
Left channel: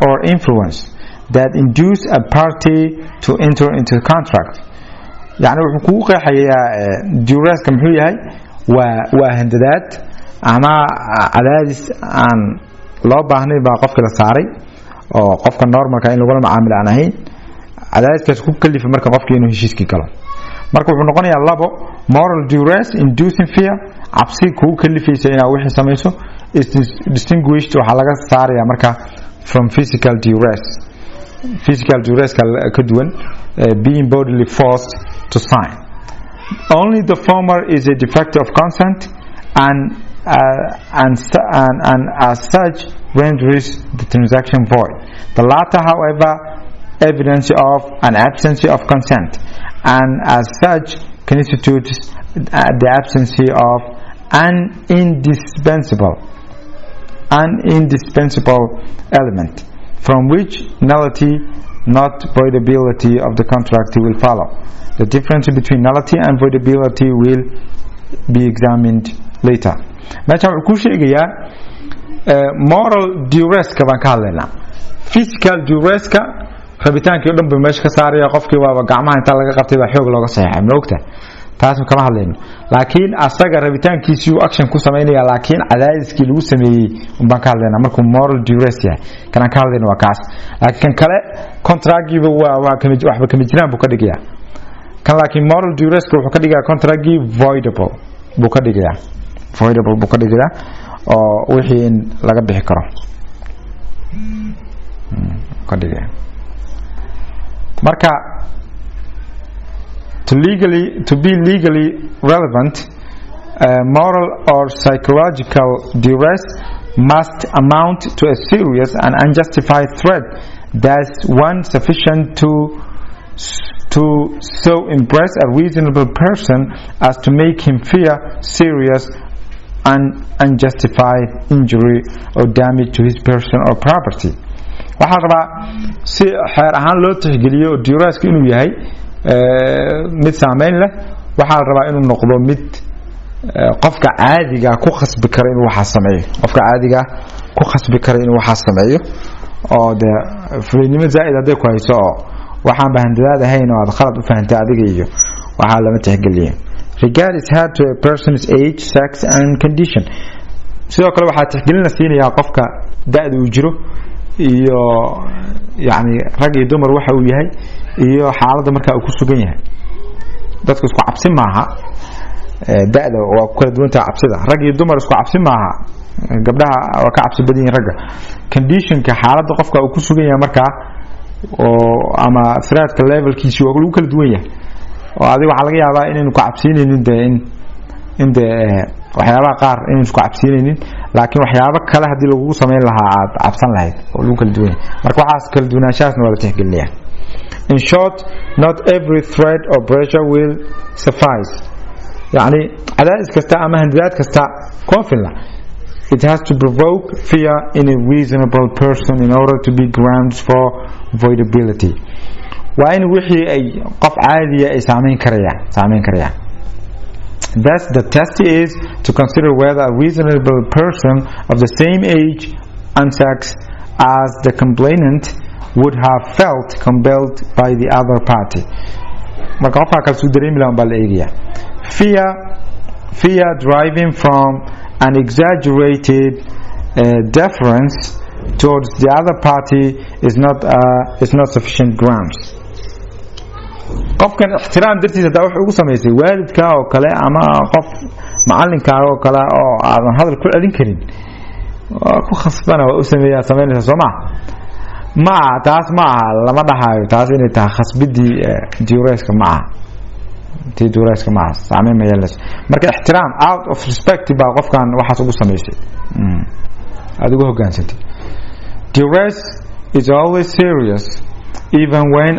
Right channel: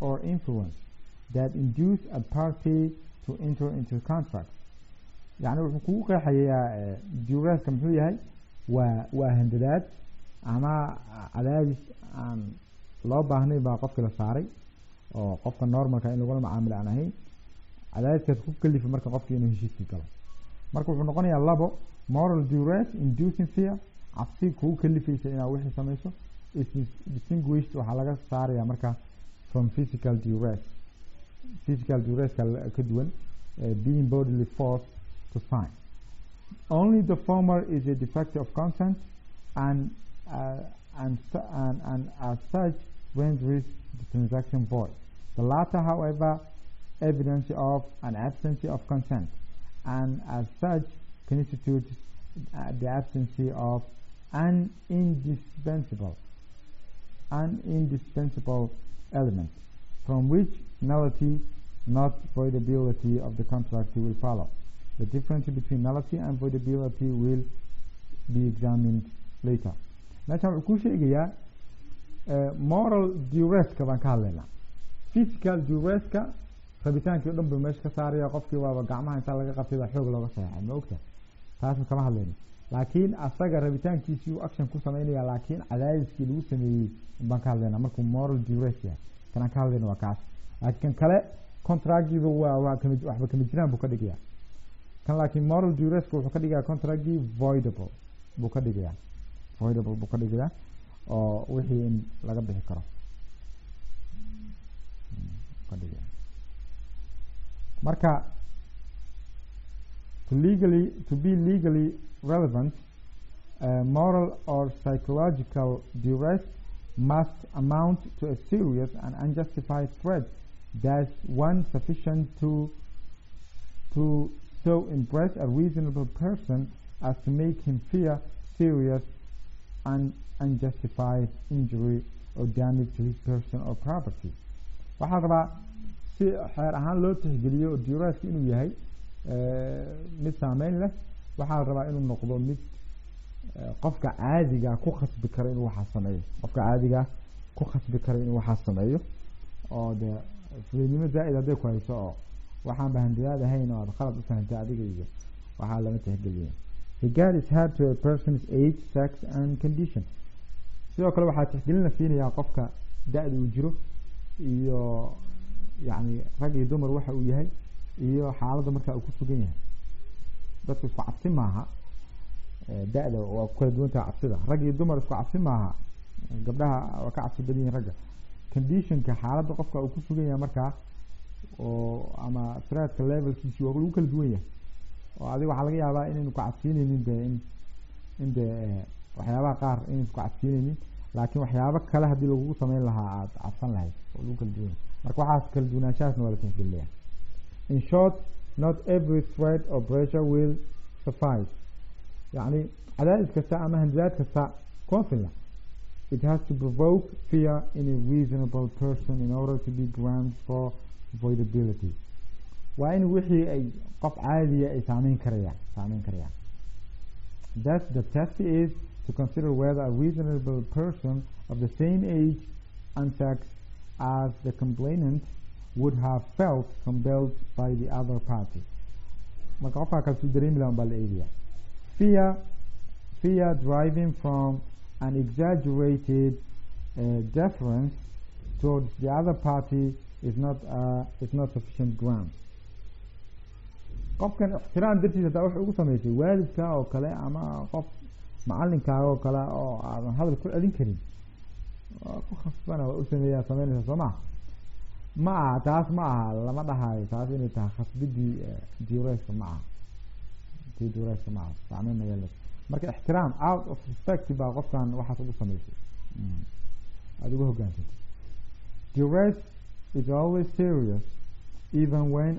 or influence that induce a party to enter into a contract. يعني wuxuu ku qeexayaa duresska muxuu yahay waa handadaad ama cadaadis aan loo baahnay baa qofka la saaray oo qofka normalka in lagu macaamil aan ahayn. cadaadiskaas ku kalifa marka qofka inuu heshiiskii galo. marka wuxuu noqonayaa labo: moral duress inducing fear, cabsi kugu kalifaysa inaad wixii samayso, is distinguished waxaa laga saarayaa marka from physical duress. physical duress ka duwan being bodily forced to sign. only the former is a defect of consent and as such renders the transaction void. The latter, however, evidence of an absence of consent and as such constitutes the absence of an indispensable element from which nullity, not voidability of the contract will follow. The difference between nullity and voidability will be examined later. meeshaan wuxuu ku sheegayaa moral duress-ka baan ka hadlaynaa. Physical duress-ka rabitaankii dhan buu meesha ka saaraya, qofkii waaba gacmaha inta laga qabtay baa xoog looga saxeexay, ma ogta taas kama hadlayno. Laakiin asaga rabitaankiisii uu action ku sameynaya, laakiin cadaadiskii lagu sameeyay baan ka hadlaynaa markuu moral duress yahay. Kan ka hadlayno waa kaas. Laakiin kan kale contract-giiba waxba kama jiraan buu ka dhigayaa. Kan laakiin moral duress-ka wuxuu ka dhigayaa contract-gii voidable buu ka dhigayaa. Voidable buu ka dhigayaa oo wixii in laga bixi karo ka dhigayaa. Marka to be legally relevant, moral or psychological duress must amount to a serious and unjustified threat that's one sufficient to so impress a reasonable person as to make him fear serious and unjustified injury or damage to his person or property. waxaa rabaa si xeer ahaan loo tixgeliyo duress-ka inuu yahay mid saameyn leh. waxaa rabaa inuu noqdo mid qofka caadiga ku khasbi kara inuu waxa sameeyo, qofka caadiga ku khasbi kara inuu waxa sameeyo oo de fulinimo zaa'id haday ku hayso oo waxaan bahandadaad ahayn oo aad khalad u fahantay adiga iyo waxa lama tixgeliyo. Regard is had to a person's age, sex and condition. sidoo kale waxaa tixgelin la siinayaa qofka da'da uu jiro iyo yani rag iyo dumar waxa uu yahay iyo xaaladda marka uu ku sugan yahay. dadku isku cabsi maaha, da'da waa ku kala duwan tahay cabsida. rag iyo dumar isku cabsi maaha, gabdhaha waa ka cabsi badan yihiin ragga. conditionka xaaladda qofka uu ku sugan yahay marka oo ama threat-ka levelkiisa waa lagu kala duwan yahay. oo adiga waxa laga yaabaa inaynu ku cabsiinaynin in waxyaabaha qaar inaynu ku cabsiinaynin, laakiin waxyaabo kale hadii lagu sameyn lahaa aad cabsan lahayd oo lagu kala duwan yahay. marka waxaas kala duwanaanshahaasna waa la tixgelinayaa. In short, not every threat or pressure will suffice. يعني cadaadis kasta ama handadaad kasta kuma filna. It has to provoke fear in a reasonable person in order to be grounds for voidability. waa in wixii ay qof caadiya ay saameyn karayaan. Thus the test is to consider whether a reasonable person of the same age and sex as the complainant would have felt compelled by the other party. marka qofka kale soo dareemi lahaa baa la eegaya. Fear driving from an exaggerated deference towards the other party is not sufficient grounds. qofkan ixtiraam dartiisa daa wuxuu ugu sameysay waalidka oo kale ama qof macallinkaaga oo kale oo aadan hadal ku celin karin, ku khasbana waa u sameynaysa soo ma taas ma lama dhahayo taas inay tahay khasbidii duress-ka ma tii duress-ka ma saameyn ma yeelayso. marka ixtiraam out of respect baa qofkan waxaas ugu sameysay adigu hogaansantay. Duress is always serious even when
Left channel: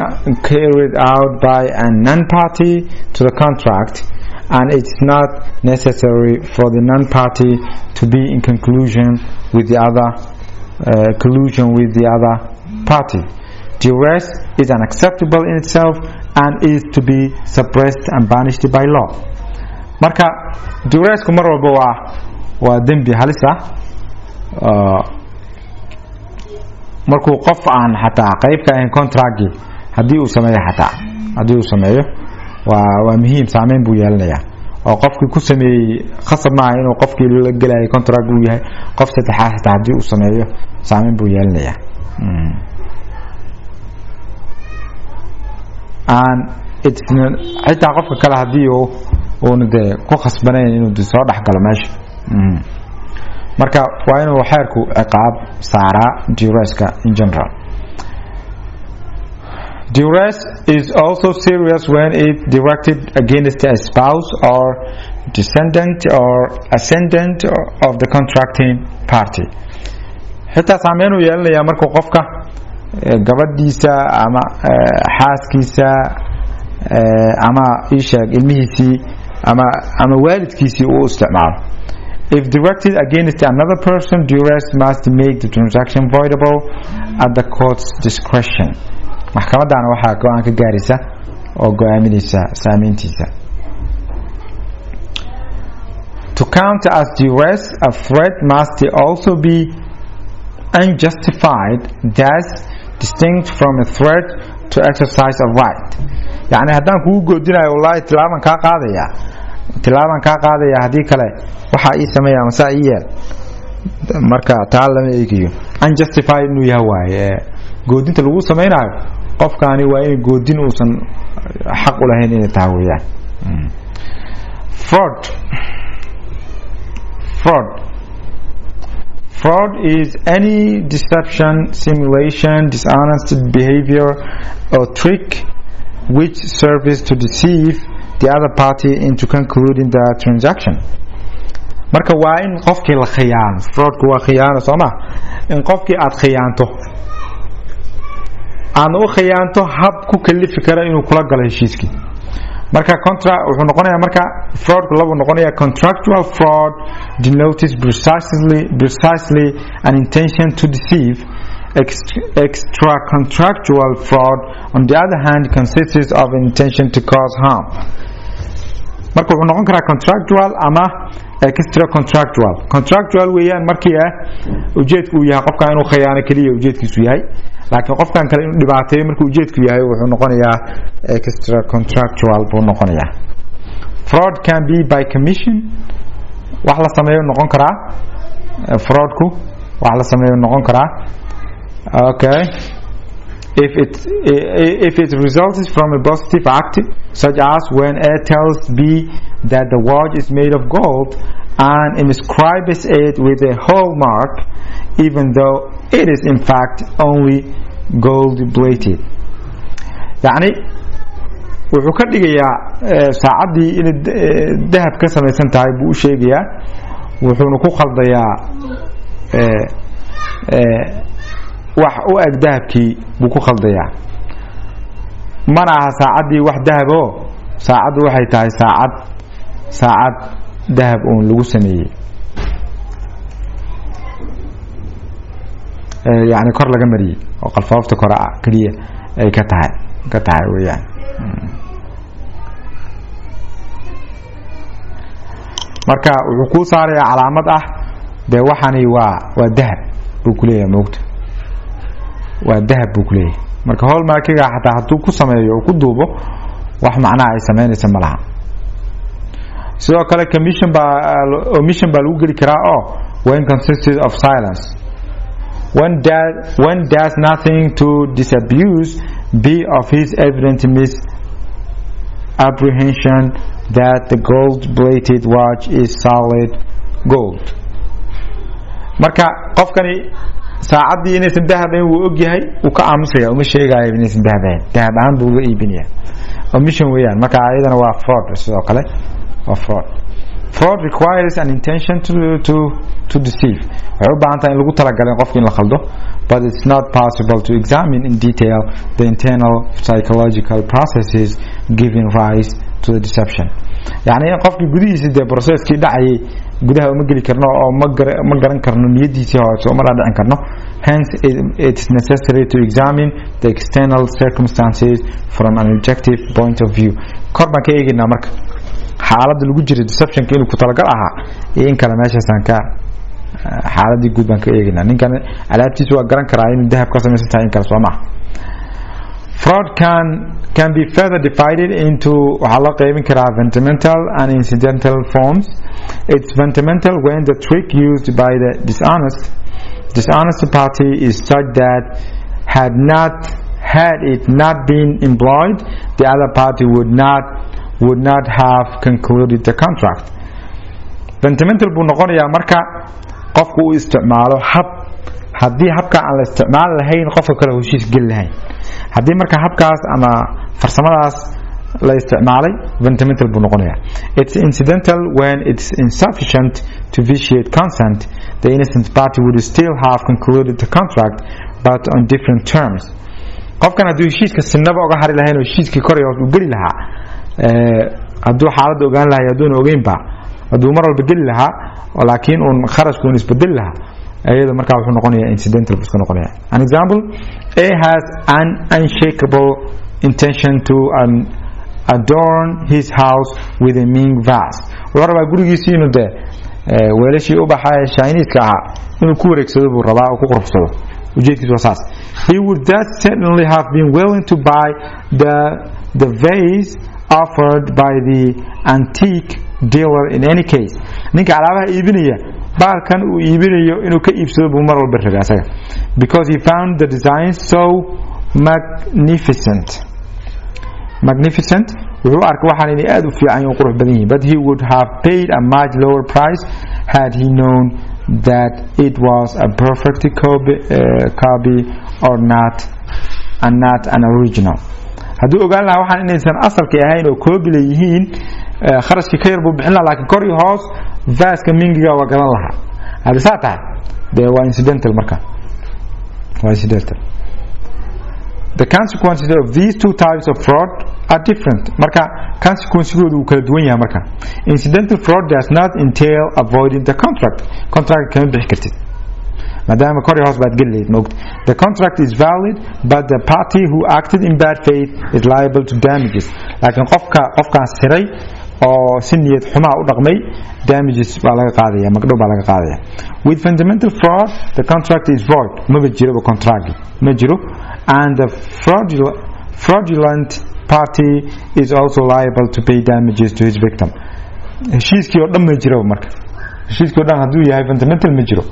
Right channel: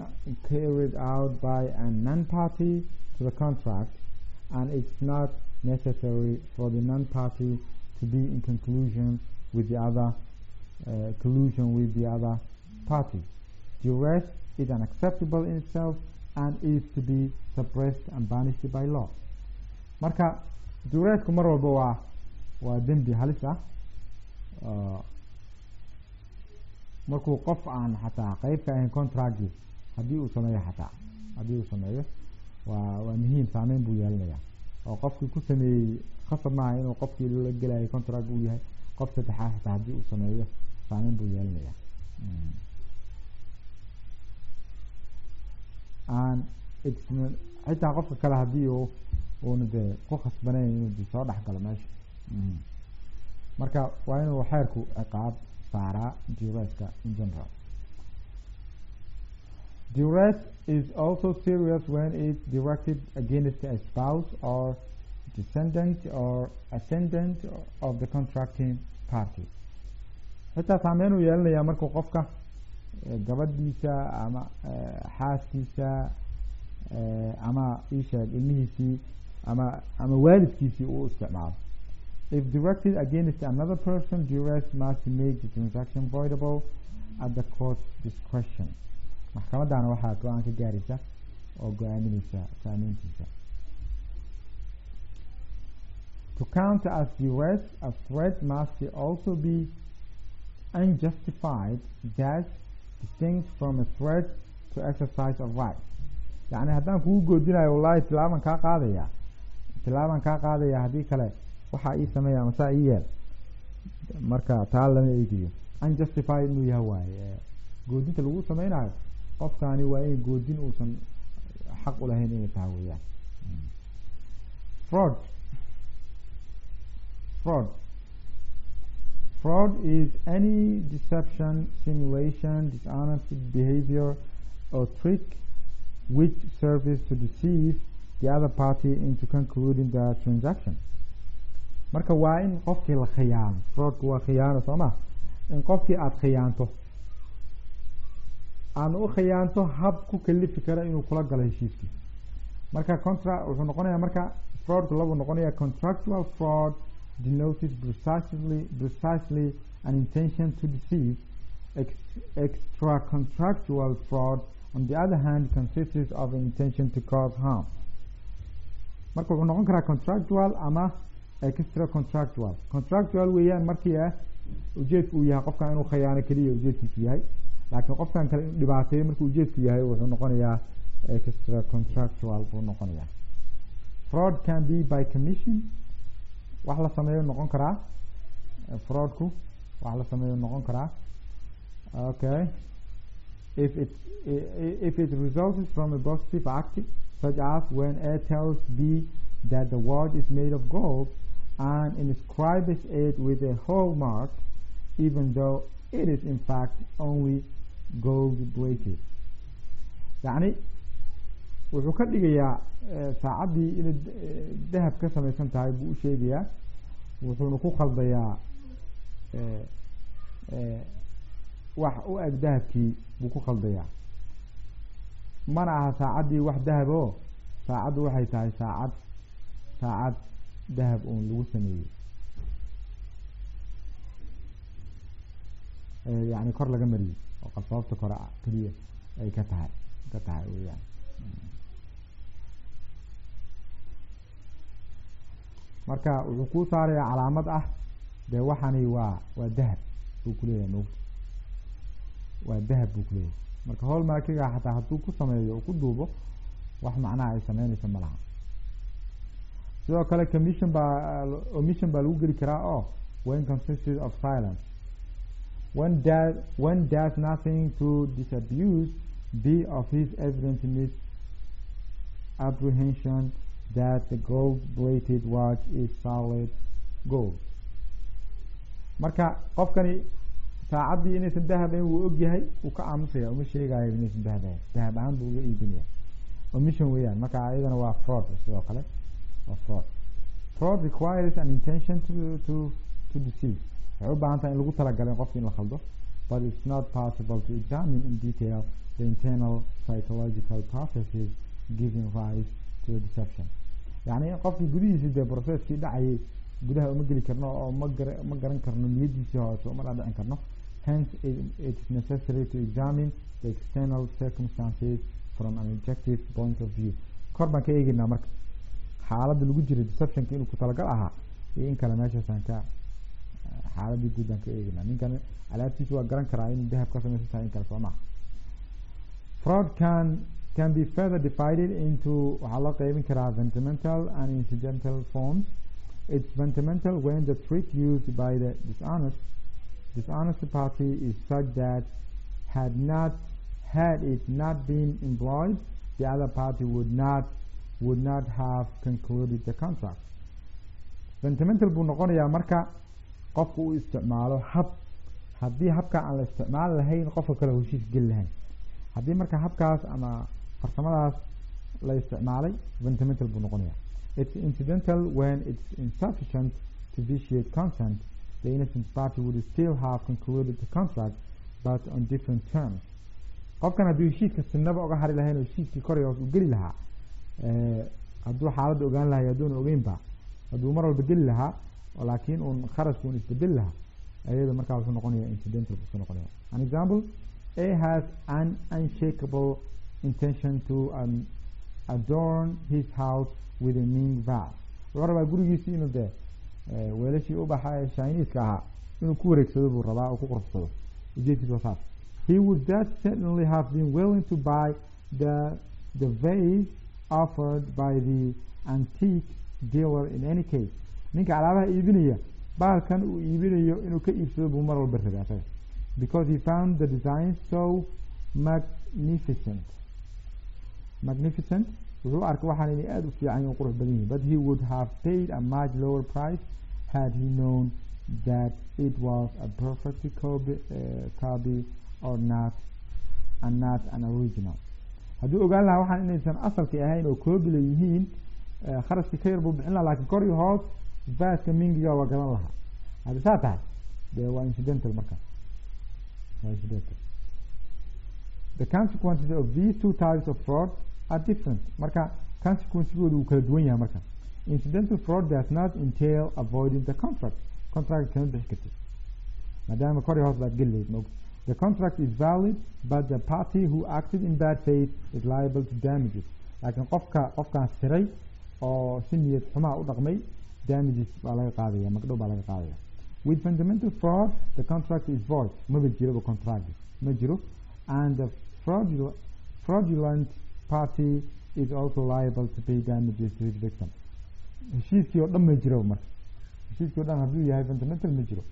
carried out by a non-party to the contract, and it's not necessary for the non-party to be in collusion with the other party. Duress is unacceptable in itself and is to be suppressed and banished by law. marka duress-ku mar walba waa dembi halis ah. markuu qof aan xataa qayb ka ahayn contract-gi hadii uu sameeyo waa muhiim, saameyn buu yeelanayaa. oo qofkii ku sameeyay khasab maaha inuu qofkii la galay contract uu yahay, qof saddexaad xataa hadii uu sameeyo saameyn buu yeelanayaa. and it's xitaa qofka kale hadii uu ku khasbanayn inuu soo dhaxgalo meesha. marka waa inuu xeerku ciqaab saaraa duress-ka in general. Duress is also serious when it directed against a spouse or descendant or ascendant of the contracting party. xitaa saameyn uu yeelanayaa markuu qofka gabadhiisa ama xaaskiisa ama ishaag ilmihiisii ama waalidkiisii uu isticmaalo. If directed against another person, duress must make the transaction voidable at the court's discretion. maxkamadana waxaa go-aan ka gaaraysa oo go-aaminaysa saameyntiisa. To count as duress, a threat must also be unjustified, thus distinct from a threat to exercise a right. يعني haddaan kugu goodinayo wallahi tilaaban kaa qaadaya haddii kale waxaa ii sameeya masaa ii yeel marka taa lama eegayo. Unjustified inuu yahay waaye goodinta lagu samaynayo qofkaani waa in goodin uusan xaq u lahayn inay tahay weeyaan. Fraud is any deception, simulation, dishonest behavior or trick which serves to deceive the other party into concluding the transaction. marka waa in qofkii la khiyaano. fraudku waa khiyaano sooma, in qofkii aad khiyaanto aan u khiyaanto hab ku kalifi kara inuu kula galo heshiiskii. marka wuxuu noqonayaa marka fraudku labu noqonayaa contractual fraud denotes precisely an intention to deceive. Extra contractual fraud on the other hand consists of an intention to cause harm. marka wuxuu noqon karaa contractual ama extra contractual weeyaan markii ujeedku uu yahay qofka inuu khiyaano kaliya ujeedkiisu yahay, laakiin qofkan kale inuu dhibaateeyo markuu ujeedku yahay wuxuu noqonayaa extra contractual buu noqonayaa. Fraud can be by commission, wax la sameeyo noqon karaa. fraudku wax la sameeyo noqon karaa. okay, if it results from a positive act, such as when A tells B that the watch is made of gold and inscribes it with a hallmark even though it is in fact only gold plated. يعني wuxuu ka dhigayaa saacaddii inay dahab ka samaysan tahay buu u sheegayaa, wuxuuna ku khaldayaa wax u eg dahabkii buu ku khaldayaa. mana aha saacaddii wax dahabo, saacaddu waxay tahay saacad dahab uun lagu sameeyey, yani kor laga mariyey oo qalfoofta kore keliya ay ka tahay weeyaan. marka wuxuu kuu saarayaa calaamad ah dee waxani waa dahab buu ku leeyahay, moogta waa dahab buu ku leeyahay. marka hallmarkiga xataa hadduu ku sameeyo oo ku duubo wax macnaha ay samaynaysa ma laha. sidoo kale omission baa lagu geli karaa oo when consisted of silence. when does nothing to disabuse be of his evident misapprehension that the gold-plated watch is solid gold. marka qofkani saacaddii inaysan dahabayn wuu ogyahay, wuu ka aamusaya, uma sheegaayo inaysan dahabayn, dahab ahaan buu uga iibinaya. omission weeyaan. marka ayadana waa fraud. sidoo kale waa fraud requires an intention to deceive. waxay u baahan tahay in lagu talagalay qofka in la khaldo, but it's not possible to examine in detail the internal psychological processes giving rise to the deception. yani in qofkii gudihiisa dee processkii dhacayay gudaha uma geli karno oo ma garan karno niyadiisii hoose uma dhaadhicin karno. hence it's necessary to examine the external circumstances from an objective point of view. kor baan ka eegaynaa marka xaaladda lagu jira deceptionka inuu ku talagal ahaa iyo in kale meeshaasaan ka xaaladii guud baan ka eegaynaa. ninkan alaabtiisa waa garan karaa inuu dahab ka samaysan tahay in kale soo maha. fraud can be further divided into waxaa loo qaybin karaa fundamental and incidental forms. It's fundamental when the trick used by the dishonest party is such that had it not been employed, the other party would not have concluded the contract. Fundamental buu noqonayaa marka qofku uu isticmaalo hab, haddii habka aan la isticmaali lahayn qofka kale heshiis geli lahayn. haddii marka habkaas ama farsamadaas la isticmaalay fundamental buu noqonayaa. It's incidental when it's insufficient to vitiate consent. The innocent party would still have concluded the contract but on different terms. qofkan hadduu heshiiska sinaba uga hari lahayn oo heshiiskii koray u geli lahaa hadduu xaaladda ogaan lahay hadduuna ogeynba hadduu mar walba geli lahaa laakiin uun kharashkuun isbedeli lahaa ayada markaa wuxuu noqonayaa incidental buu iska noqonayaa. An example, A has an unshakable intention to adorn his house with a Ming vase. wuxuu rabaa gurigiisii inuu dee weelashii u baxay Chinese-ka ahaa inuu ku wareegsado buu rabaa oo ku quruxsado ujeedkiisu waa saas. He would that certainly have been willing to buy the vase offered by the antique dealer in any case. ninka alaabaha iibinaya baalkan uu iibinayo inuu ka iibsado buu mar walba rabay asaga because he found the design so magnificent wuxuu arkay waxaan inay aad u fiican oo qurux badan yihiin, but he would have paid a much lower price had he known that it was a perfect copy or not an original. hadduu ogaan lahaa waxaan inaysan asalkii ahayn oo copy leeyihiin kharashkii ka yar buu bixin lahaa laakiin kor iyo hoos vaaska mingiga waa gadan lahaa. haddii saa tahay dee waa incidental marka waa incidental. The consequences of these two types of fraud are different. marka consequences-goodu wuu kala duwan yahay marka. Incidental fraud does not entail avoiding the contract kama bixi kartid maadaama kor iyo hoos baad geli lahayd maogta. The contract is valid but the party who acted in bad faith is liable to damages. laakiin qofkaan siray oo si niyad xumaa u dhaqmay damages baa laga qaadaya, magdhow baa laga qaadaya. With fundamental fraud the contract is void, maba jiro contract ma jiro, and the fraudulent party is also liable to pay damages to his victim. heshiiskii oo dhan ma jiro marka, heshiiskii oo dhan hadduu yahay fundamental ma jiro.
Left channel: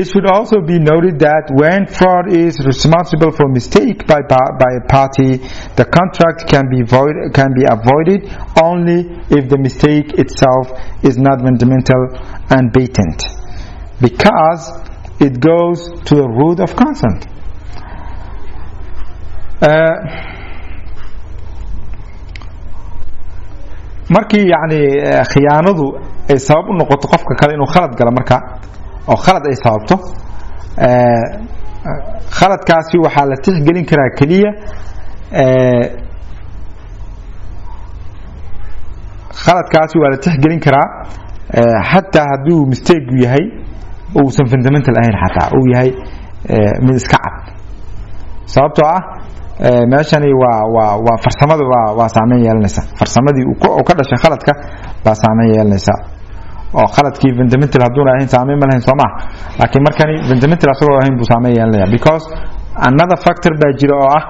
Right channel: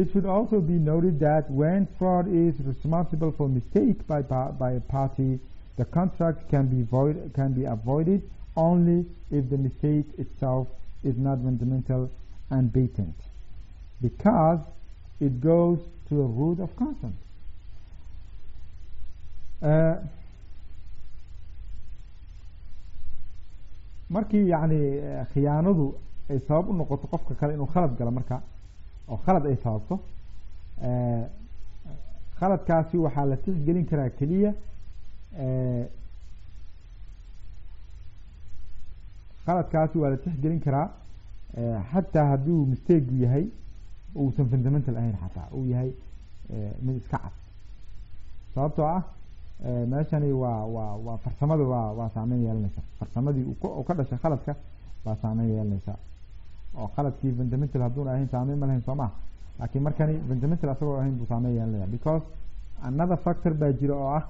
It should also be noted that when fraud is responsible for mistake by a party, the contract can be avoided only if the mistake itself is not fundamental and patent, because it goes to the root of consent. markii yani khiyaanadu ay sabab u noqoto qofka kale inuu khalad galo marka oo khalad ay sababto khaladkaasi waxaa la tixgelin karaa keliya khaladkaasi waa la tixgelin karaa xataa hadduu mistake yahay uusan fundamental ahayn, xataa uu yahay mid iska cad. sababtoo ah meeshani waa farsamadu waa saameyn yeelanaysa, farsamadii uu ka dhashay khaladka baa saameyn yeelanaysa oo khaladkii fundamental hadduuna ahayn saameyn ma lahayn soo maha, laakiin markani fundamental asagoo ahayn buu saameyn yeelanaya because another factor baa jira oo ah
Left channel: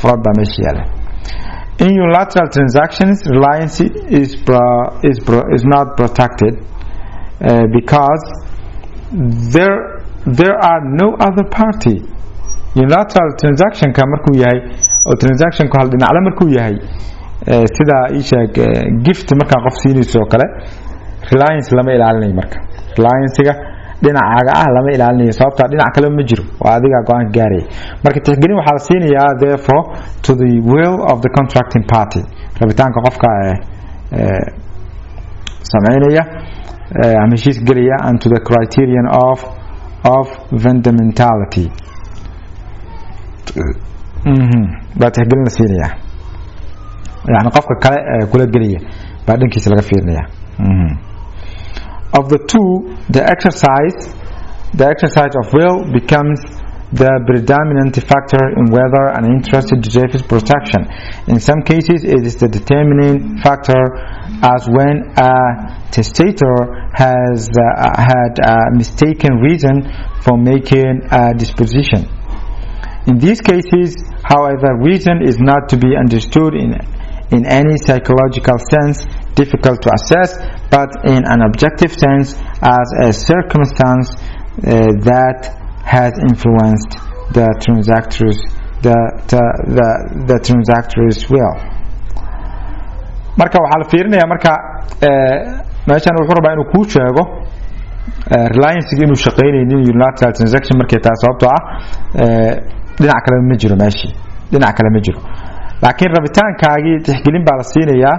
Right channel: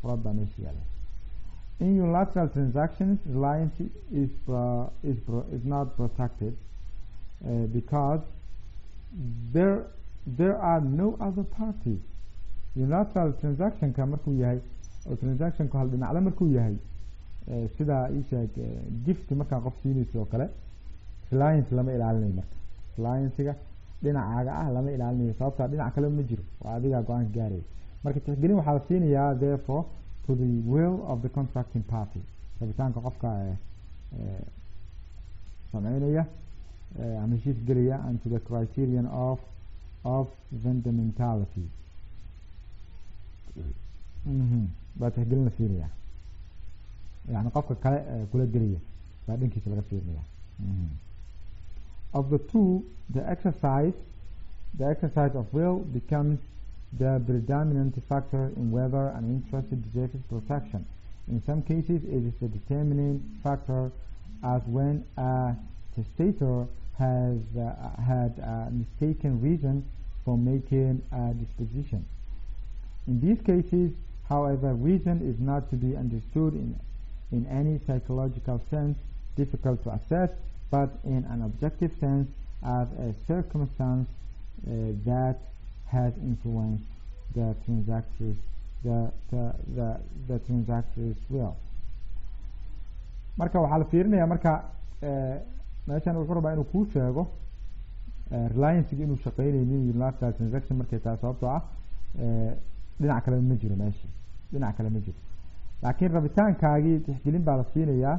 fraud baa meesha yaala. In unilateral transactions reliance is not protected because there are no other party. unilateral transactionka markuu yahay oo transactionku hal dhinacle markuu yahay sida ii sheeg gift markaa qof siinayso oo kale reliance lama ilaalinayo marka, reliance-ga dhinacaaga ah lama ilaalinayo sababtaa dhinac kale ma jiro, waa adiga go-aan gaaraya. marka tixgelin waxaa la siinayaa therefore to the will of the contracting party, rabitaanka qofka sameynaya ama heshiis gelaya, and to the criterion of fundamentality baa tixgelin la siinaya, yani qofka kale kula gelaya baa dhankiisa laga fiirinaya. Of the two, the exercise of will becomes the predominant factor in whether an interest deserves protection. In some cases it is the determining factor, as when a testator has had a mistaken reason for making a disposition. In these cases, however, reason is not to be understood in any psychological sense, difficult to assess, but in an objective sense as a circumstance that has influenced the transactor's will. marka waxaa la fiirinaya marka meeshan wuxuu rabaa inuu kuu sheego reliance inuu shaqeynaynin unilateral transaction markay tahay sababtoo ah dhinac kale ma jiro meeshii dhinac kale ma jiro laakiin rabitaankaagii tixgelin baa la siinayaa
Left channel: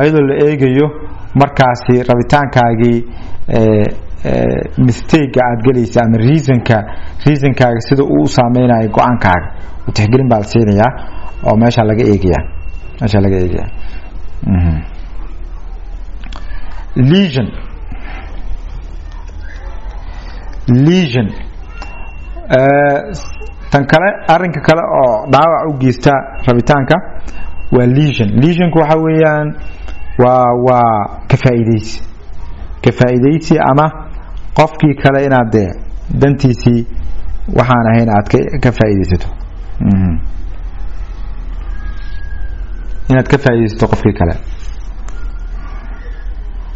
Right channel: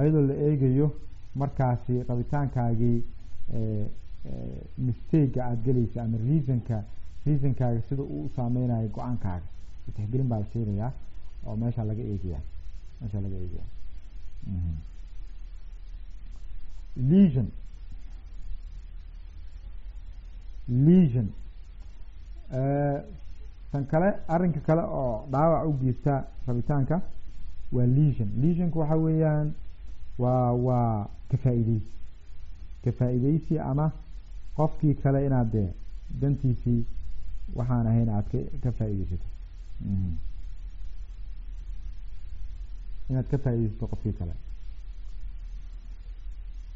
ayadoo la eegayo markaasi rabitaankaagii mistake aad galaysa ama reasonkaaga sida uu saameynayo go'aankaaga tixgelin baa la siinayaa oo meesha laga eegaya lesion tan kale arinka kale oo dhaawac u geysta rabitaanka waa lesionku waxa weeyaan waa ka faa'iideysi ama qofkii kale inaad dantiisii waxaan ahayn aad ka faa'iideysato inaad ka faa'iideysato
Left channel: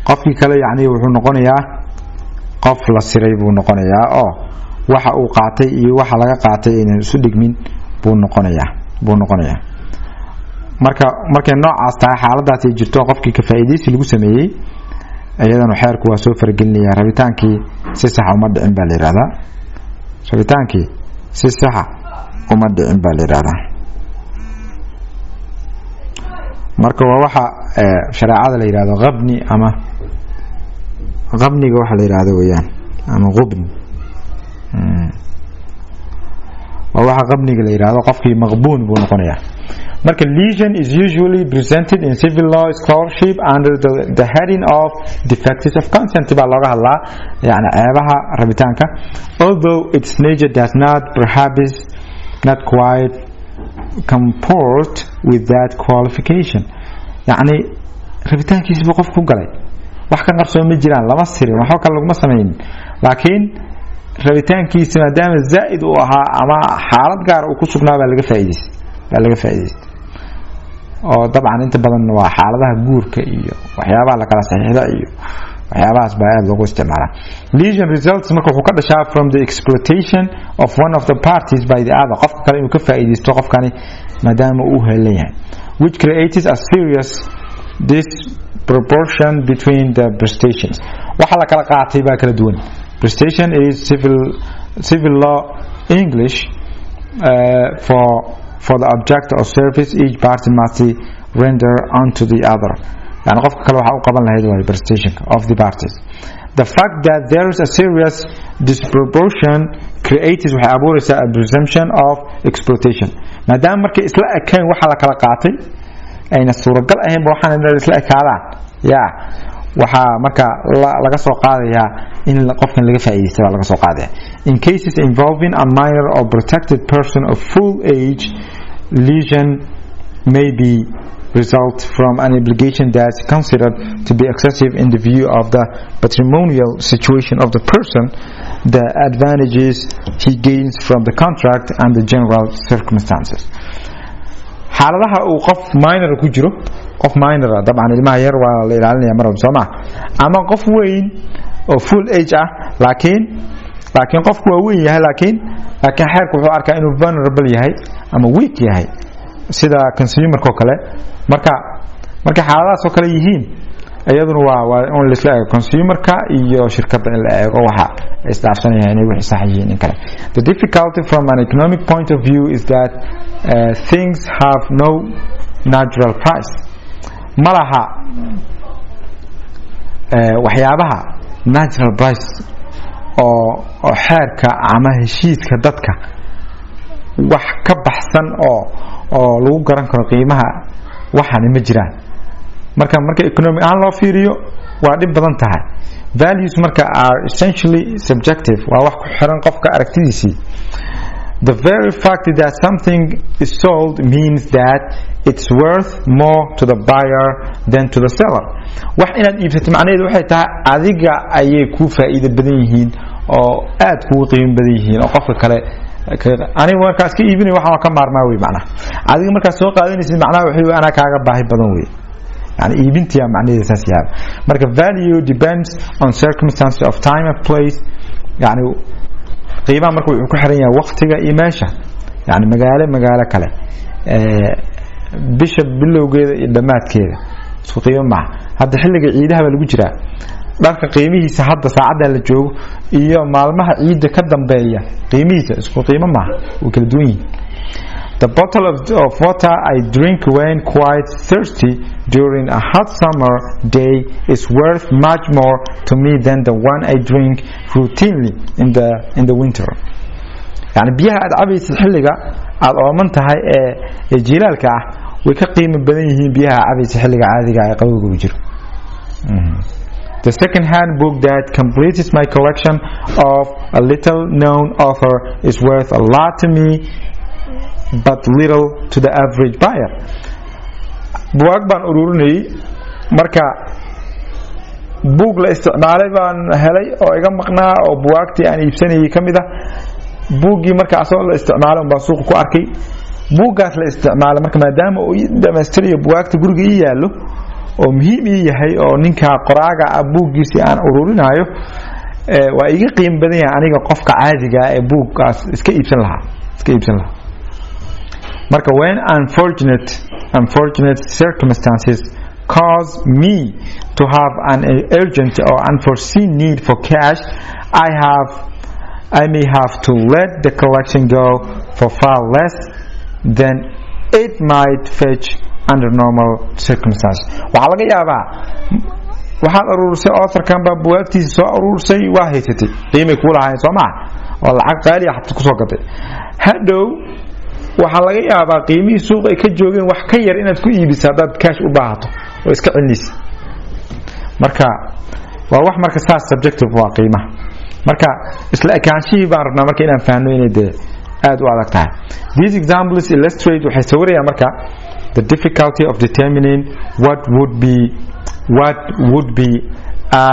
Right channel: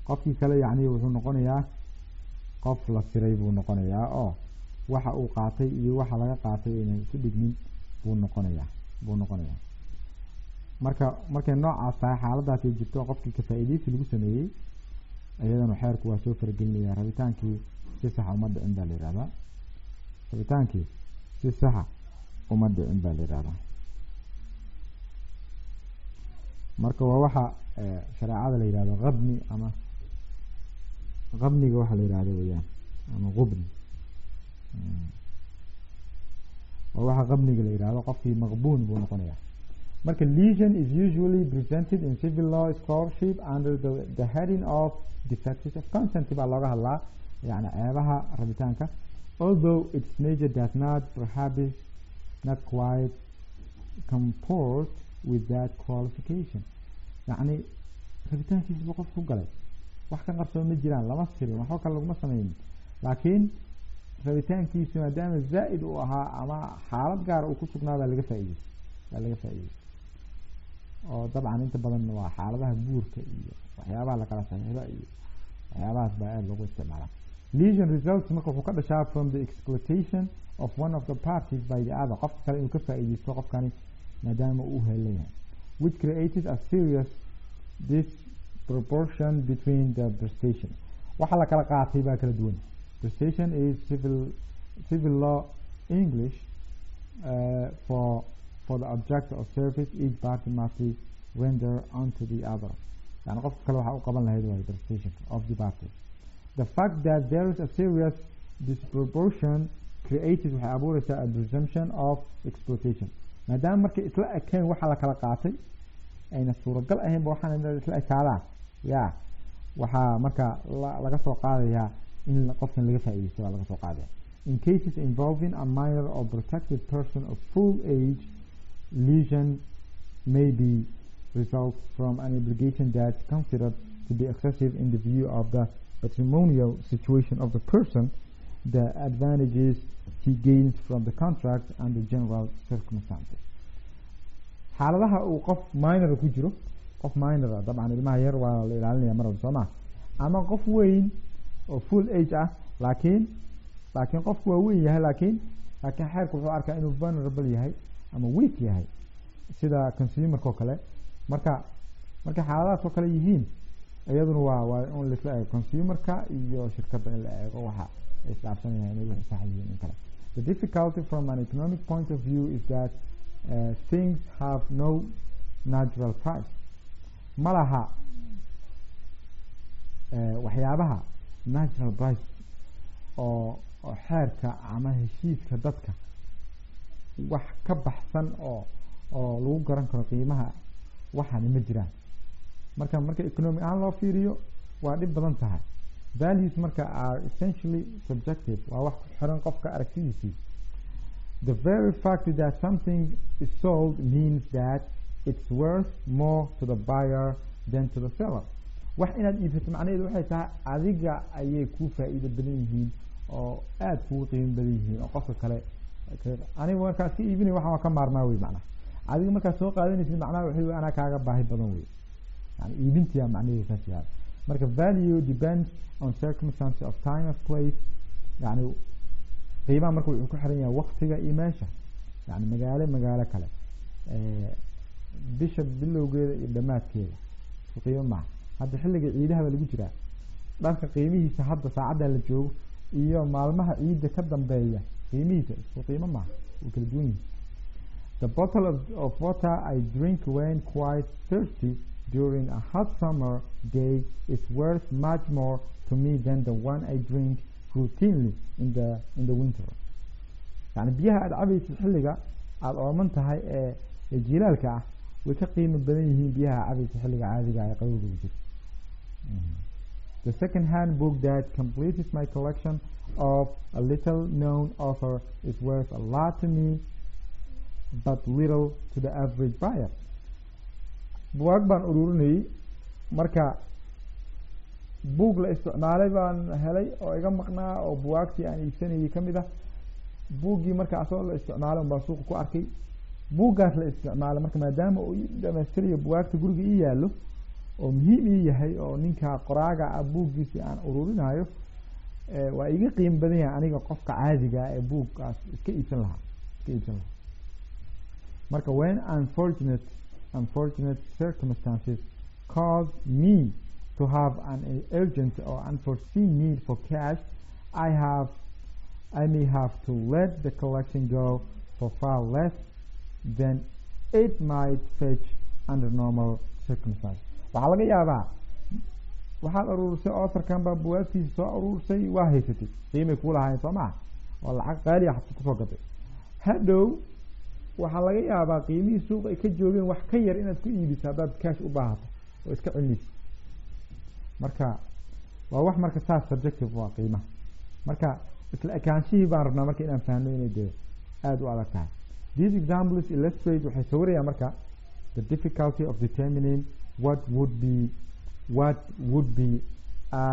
qofkii kale yani wuxuu noqonayaa qof la siray buu noqonayaa oo waxa uu qaatay iyo waxa laga qaatay inay isu dhigmin buu noqonayaa markay noocaas tahay xaaladaas ay jirto qofkii ka faa'iideysi lagu sameeyay ayadana xeerku waa soo fargelinaya rabitaankii si sax uma dhicin baa la yiraahdaa rabitaankii si sax uma dhicin baa la yiraahdaa marka waa waxa shariicada la yiraahdo qabni ama qabniga waxa la yiraahdo weeyaan ama qubn waa waxa qabniga la yiraahdo qofkii maqbuun buu noqonayaa marka lesion is usually presented in civil law scholarship under the heading of defects of consent baa looga hadlaa yani ceebaha rabitaanka although its nature does not perhaps not quite comport with that qualification yani rabitaankiisa buu qof ku galay wax ka qarsoon ma jiraan lama sirin waxa kale laguma sameeynin laakiin rabitaankiisa maadaama zaa'id uu ahaa ama xaalad gaar uu ku sugnaa baa laga faa'iideystay oo dabcan inta badan waa xaaladaha guurka iyo waxyaabaha la kala saxiixda iyo waxyaabahaas baa aad loogu isticmaalaa lesion results marka wuxuu ka dhashaa from the exploitation of one of the parties by the other qofka kale inuu ka faa'iideysto qofkani maadaama uu helan yahay which creates a serious disproportion between the prestations waxa la kala qaatay baa kala duwan prestation is civil law English for the object or service each party must render unto the other يعني qofka kale waxa uu qaban lahayd waa prestation of the parties the fact that there is a serious disproportion creates waxa abuuraysa a presumption of exploitation maadaama markay isla ekeen waxa la kala qaatay ayna suuragal ahayn waxaan isla ekaadaan waxa marka laga soo qaadayaa in qofkan laga faa'iideysto laga soo qaadaya in cases involving a minor or protected person of full age lesion may be result from an obligation that's considered to be excessive in the view of the patrimonial situation of the person, the advantages he gains from the contract and the general circumstances. xaaladaha uu qof minor ku jiro qof minor dabcan ilmaha yar waa la ilaalinaya mar walba Soomaa ama qof weyn oo full age ah laakiin qofku waa weyn yahay laakiin xeerku wuxuu arkaa inuu vulnerable yahay ama weak yahay sida consumer ko kale marka xaaladaas oo kale yihiin ayaduna waa on la isla eego consumerka iyo shirkadda in la eego waxa isdhaafsanayaan inay wixii sax yihiin in kale the difficulty from an economic point of view is that things have no natural price malaha waxyaabaha natural price oo xeerka ama heshiiska dadka wax ka baxsan oo lagu garan karo qiimaha waxaan ma jiraan marka economic aan loo fiiriyo waa dhib badan tahay values marka are essentially subjective waa wax ku xiran qofka aragtidiisii the very fact that something is sold means that it's worth more to the buyer than to the seller wax inaad iibsato macnaheedu waxay tahay adiga ayay ku faa'iido badan yihiin oo aad ku qiimo badan yihiin oo qofka kale aniga markaas ka iibinay waxa ka maarmaa way macnaha adiga markaas soo qaadanaysid macnaha waxa ana kaaga baahi badan way yani iibintiya macnaheedu saas yahay marka value depends on circumstances of time and place yani qiimaha marka wuxuu ku xiran yahay waqtiga iyo meesha yani magaalo kale bisha bilowgeeda iyo dhamaadkeeda isku qiimo ma hadda xilliga ciidaha lagu jiraa dharka qiimihiisa hadda saacada la joogo iyo maalmaha ciida ka dambeeya qiimihiisa isku qiimo ma oo kala duwan yihiin. The bottle of water I drink when quite thirsty during a hot summer day is worth much more to me than the one I drink routinely in the winter. يعني biyaha aad cabaysid xilliga aad ooman tahay ee jiilaalka ah way ka qiimo badan yihiin biyaha cabaysid xilliga caadiga ah ee qabowga ku jiro. The second-hand book that completes my collection of a little-known author is worth a lot to me, but little to the average buyer. Buug baan ururinay marka buug la isticmaalay baan helay oo iga maqnaa oo buugtii aan iibsanayay kamid ah. buuggii marka asoo la isticmaalay baan suuq ku arkay. buuggaas la isticmaalay marka maadaama uu dhameystirayo buugta guriga ii yaalo oo muhiim yahay oo ninka qoraaga buuggiisi aan ururinayo waa iga qiimo badan yahay aniga qofka caadiga ah ee buuggaas iska iibsan lahaa. marka when unfortunate circumstances cause me to have an urgent or unforeseen need for cash, I may have to let the collection go for far less than it might fetch under normal circumstances. waxaa laga yaabaa waxaad urursay authorkan baa buugtiisa soo urursay waa haysatay qiimo ku lahayn Soomaa oo lacag qaali ah ku soo gaday hadhow waxaa laga yaabaa qiimihii suuqa ay ka joogeen wax ka yar inaad ku iibiso hadaad cash u baahato oo iska celinaysid. marka waa wax marka saas subjective waa qiimaha marka isla ekaanshihii baan rabnaa marka inaan fahanno inay aad u adag tahay. These examples illustrate waxay sawirayaan marka the difficulty of determining what would be a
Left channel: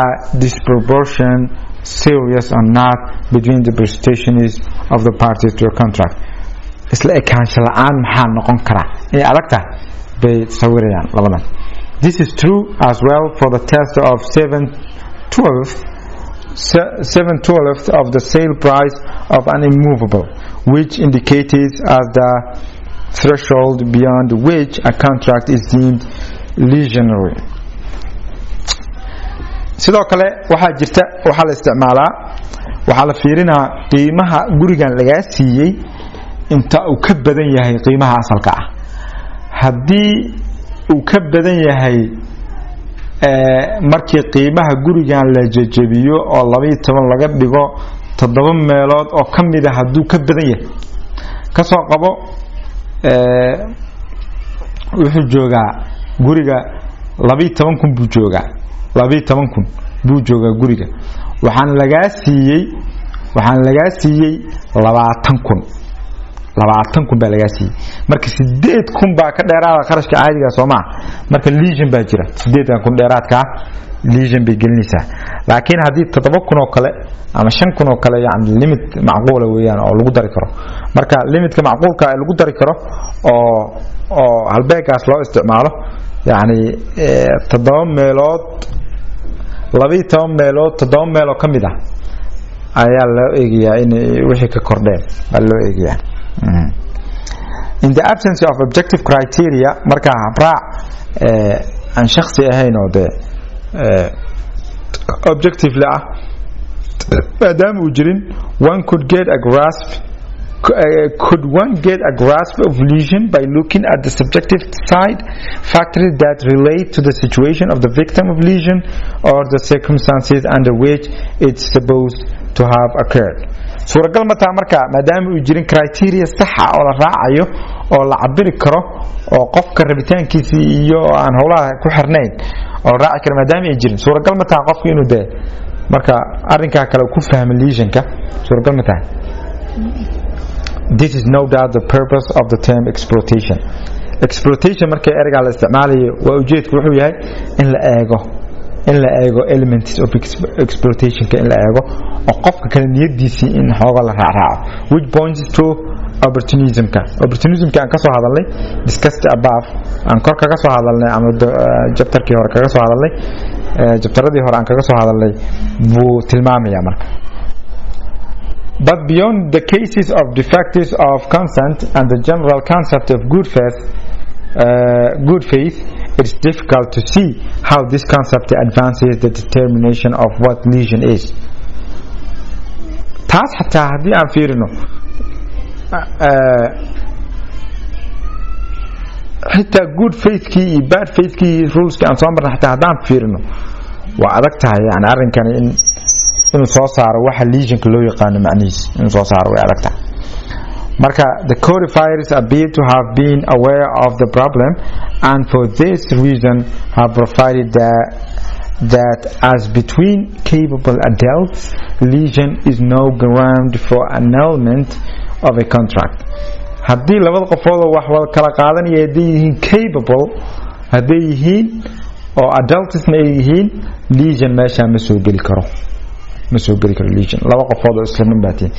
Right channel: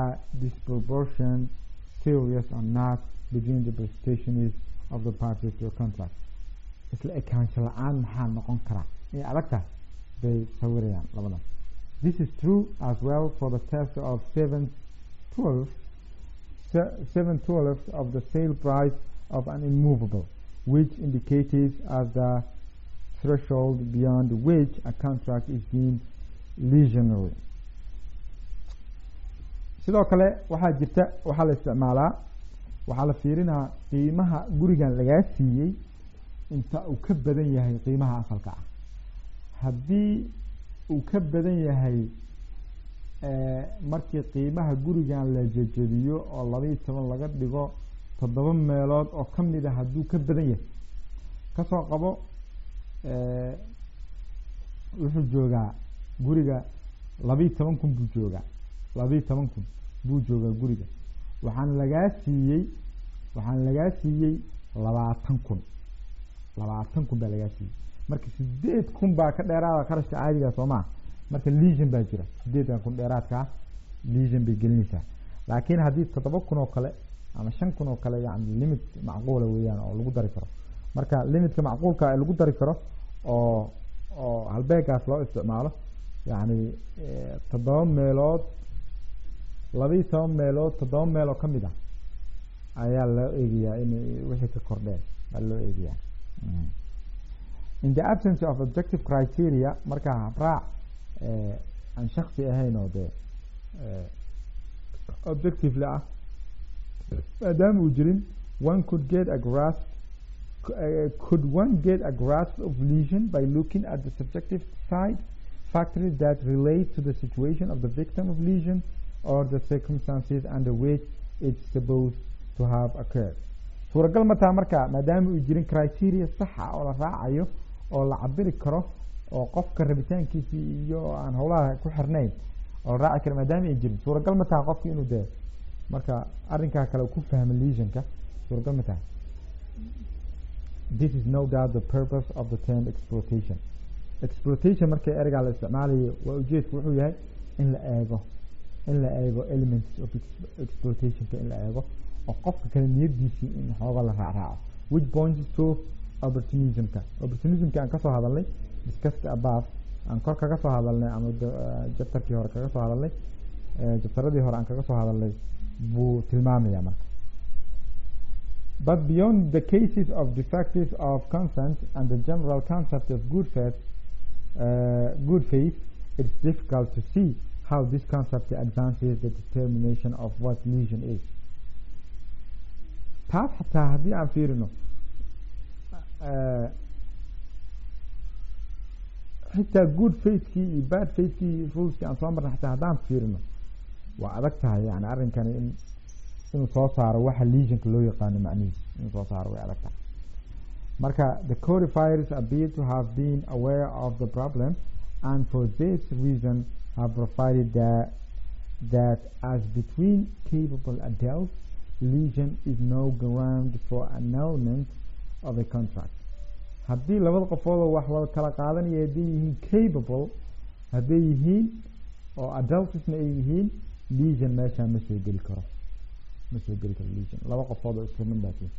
disproportion serious or not between the prestations of the parties to a contract. isla ekaansho la'aan maxaa noqon kara inay adag tahay bay sawirayaan labadan. This is true as well for the test of 7/12 of the sale price of an immovable, which indicates as the threshold beyond which a contract is deemed legionary. sidoo kale waxaa la isticmaalaa waxaa la fiirinaa qiimaha gurigan laga siiyay inta uu ka badan yahay qiimaha asalka ah. haddii uu ka badan yahay markii qiimaha gurigan la jajabiyo oo 12 laga dhigo 7 meelood oo kamid ah haduu ka badan yahay ka soo qabo wuxuu joogaa guriga 12,000 buu joogaa 12,000 buu joogaa guriga waxaan laga siiyay 20,000 baa laga siiyay marka 8,000 baa ka dheeraada qarashka caadiga Soomaa marka legion baa jira 8,000 dheeraadka legion bay gelinaysaa. laakiin hadii 7,000 oo kale ama 5,000 oo kale yani limit macquul ah weeyaan oo lagu dari karo. marka limitka macquulka ah lagu dari karo oo halbeegaas loo isticmaalo yani 7 meelood 12 meelood 7 meelood kamid ah ayaa loo eegayaa in wixii ka kordheen baa loo eegayaa. In the absence of objective criteria marka habraac aan shakhsi ahayn oo objective la maadaama uu jirin one could one get a grasp of lesion by looking at the subjective side factors that relate to the situation of the victim of lesion or the circumstances under which it's supposed to have occurred. suuragal ma tahay marka maadaama uu jirin criteria sax ah oo la raacayo oo la cabiri karo oo qofka rabitaankiisa iyo aan howlaha ku xirnayn oo raaci karo maadaama ay jirin suuragal ma tahay qofku inuu marka arrinka kale ku fahmo lesionka suuragal ma tahay. This is no doubt the purpose of the term exploitation. Exploitation marka ereyga la isticmaalayo waa ujeedku wuxuu yahay in la eego elements of exploitation in la eego oo qofka kale niyadiisii in xooga la raaco which points to opportunism aan ka soo hadalnay discussed above aan kor kaga soo hadalnay ama chapterkii hore kaga soo hadalnay chapteradii hore aan kaga soo hadalnay buu tilmaamaya marka. But beyond the cases of defectives of consent and the general concept of good faith, it's difficult to see how this concept advances the determination of what lesion is. taas xataa haddii aan fiirino xitaa good faithkii iyo bad faithkii ruleski aan soo marna xataa haddaan fiirino waa adag tahay yani arrinkani inuu soo saaro waxa lesionka loo yaqaano macnihiis inuu soo saaro way adag tahay. marka the codifiers appear to have been aware of the problem and for this reason have provided that as between capable adults, lesion is no ground for annulment of a contract. haddii labada qofood oo wax wada kala qaadanaya haday yihiin capable haday yihiin oo adultsna ay yihiin lesion meesha ma soo geli karo lesion laba qofood oo isla mid baatiin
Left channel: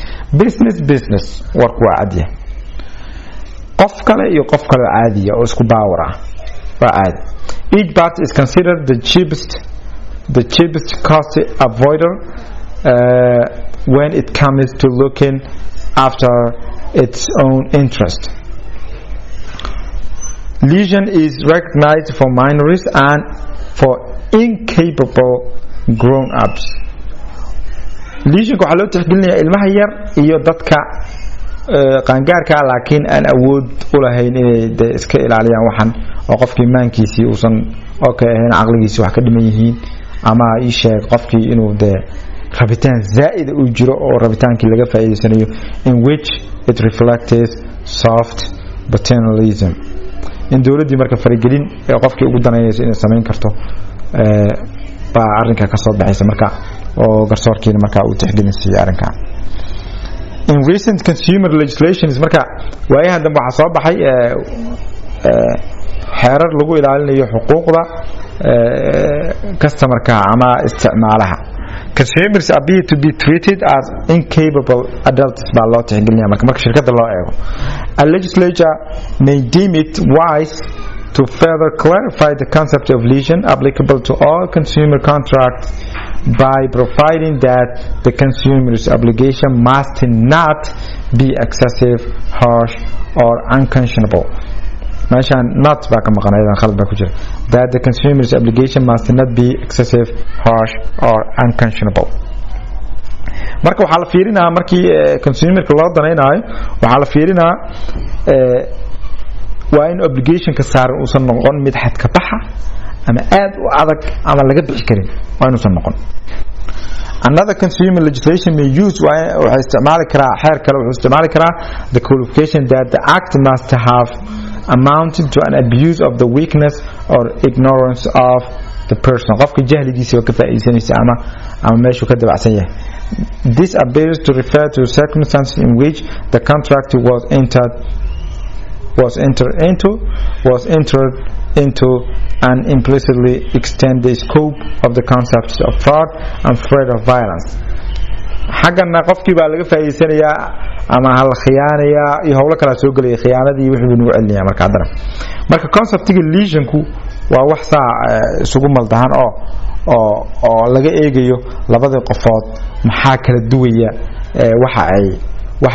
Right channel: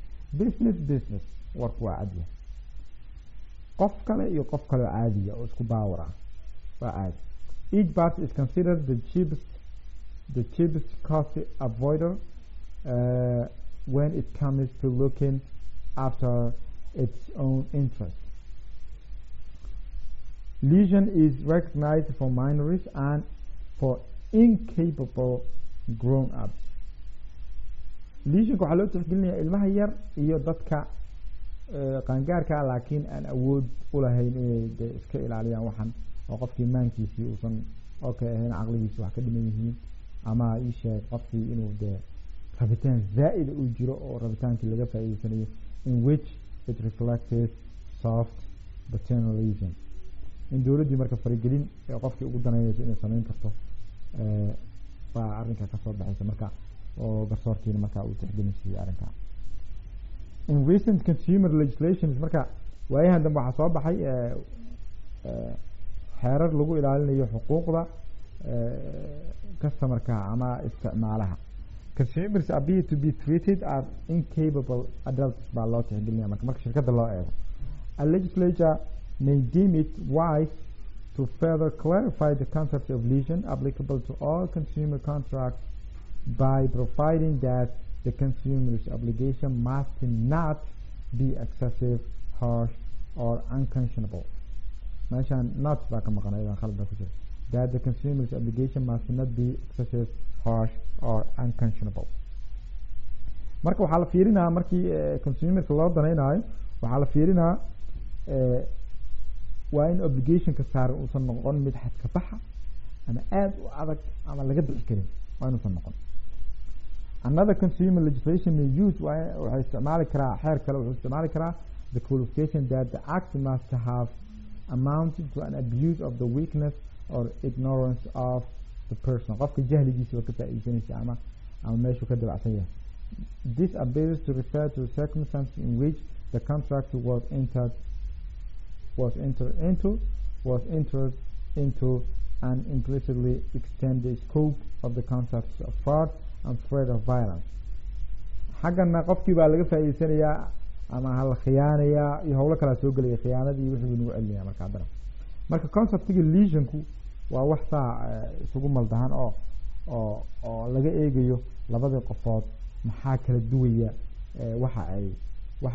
business warku waa caadi qof kale iyo qof kale caadi oo isku baawar ah waa caadi. each party is considered the cheapest cost avoider when it comes to looking after its own interest. Lesion is recognized for minors and for incapable grown-ups. lesionka waxaa loo tixgelinayaa ilmaha yar iyo dadka qaangaarka laakiin aan awood u lahayn inay iska ilaaliyaan waxan oo qofkii maankiisii uusan ahayn caqligiisii wax ka dhiman yihiin ama ii sheeg qofkii inuu rabitaan zaa'id uu jiro oo rabitaankii laga faa'iideysanayo in which it reflects soft paternalism. in dawladdii marka faragelin ee qofkii ugu danaynayso inay samayn karto baa arrinka ka soo baxaysa marka oo garsoorkiina marka uu tixgelinayay arrinka. in recent consumer legislations marka waayahan dambe waxa soo baxay xeerar lagu ilaalinayo xuquuqda customerka ama isticmaalaha. consumers appear to be treated as incapable adults baa loo tixgelinaya marka shirkadda loo eego. a legislature may deem it wise to further clarify the concept of lesion applicable to all consumer contracts by providing that the consumer's obligation must not be excessive, harsh or unconscionable. meeshaan not baa ka maqanaydan khalad baa ku jira. that the consumer's obligation must not be excessive, harsh or unconscionable. marka waxaa la fiirinaa markii consumerka loo danaynayo waxaa la fiirinaa waa in obligationka saaran uusan noqon mid xad ka baxa ama aad u adag ama laga bixi karin waa inuusan noqon. another consumer legislation may use waxay isticmaali karaa xeer kale wuxuu isticmaali karaa the qualification that the act must have amounted to an abuse of the weakness or ignorance of the person. qofka jahligiisa oo ka faa'iideysanaysa ama meeshuu ka dabacsan yahay. this appears to refer to circumstances in which the contract was entered into and implicitly extend the scope of the concepts of fraud and threat of violence. xaggana qofkii baa laga faa'iideysanayaa ama hal khiyaanayaa iyo howlo kala soo galay khiyaanadii wixii nagu celinayaa marka hadana marka conceptiga lesionku waa wax isugu maldahan oo laga eegayo labada qofood maxaa kala duwaya waxa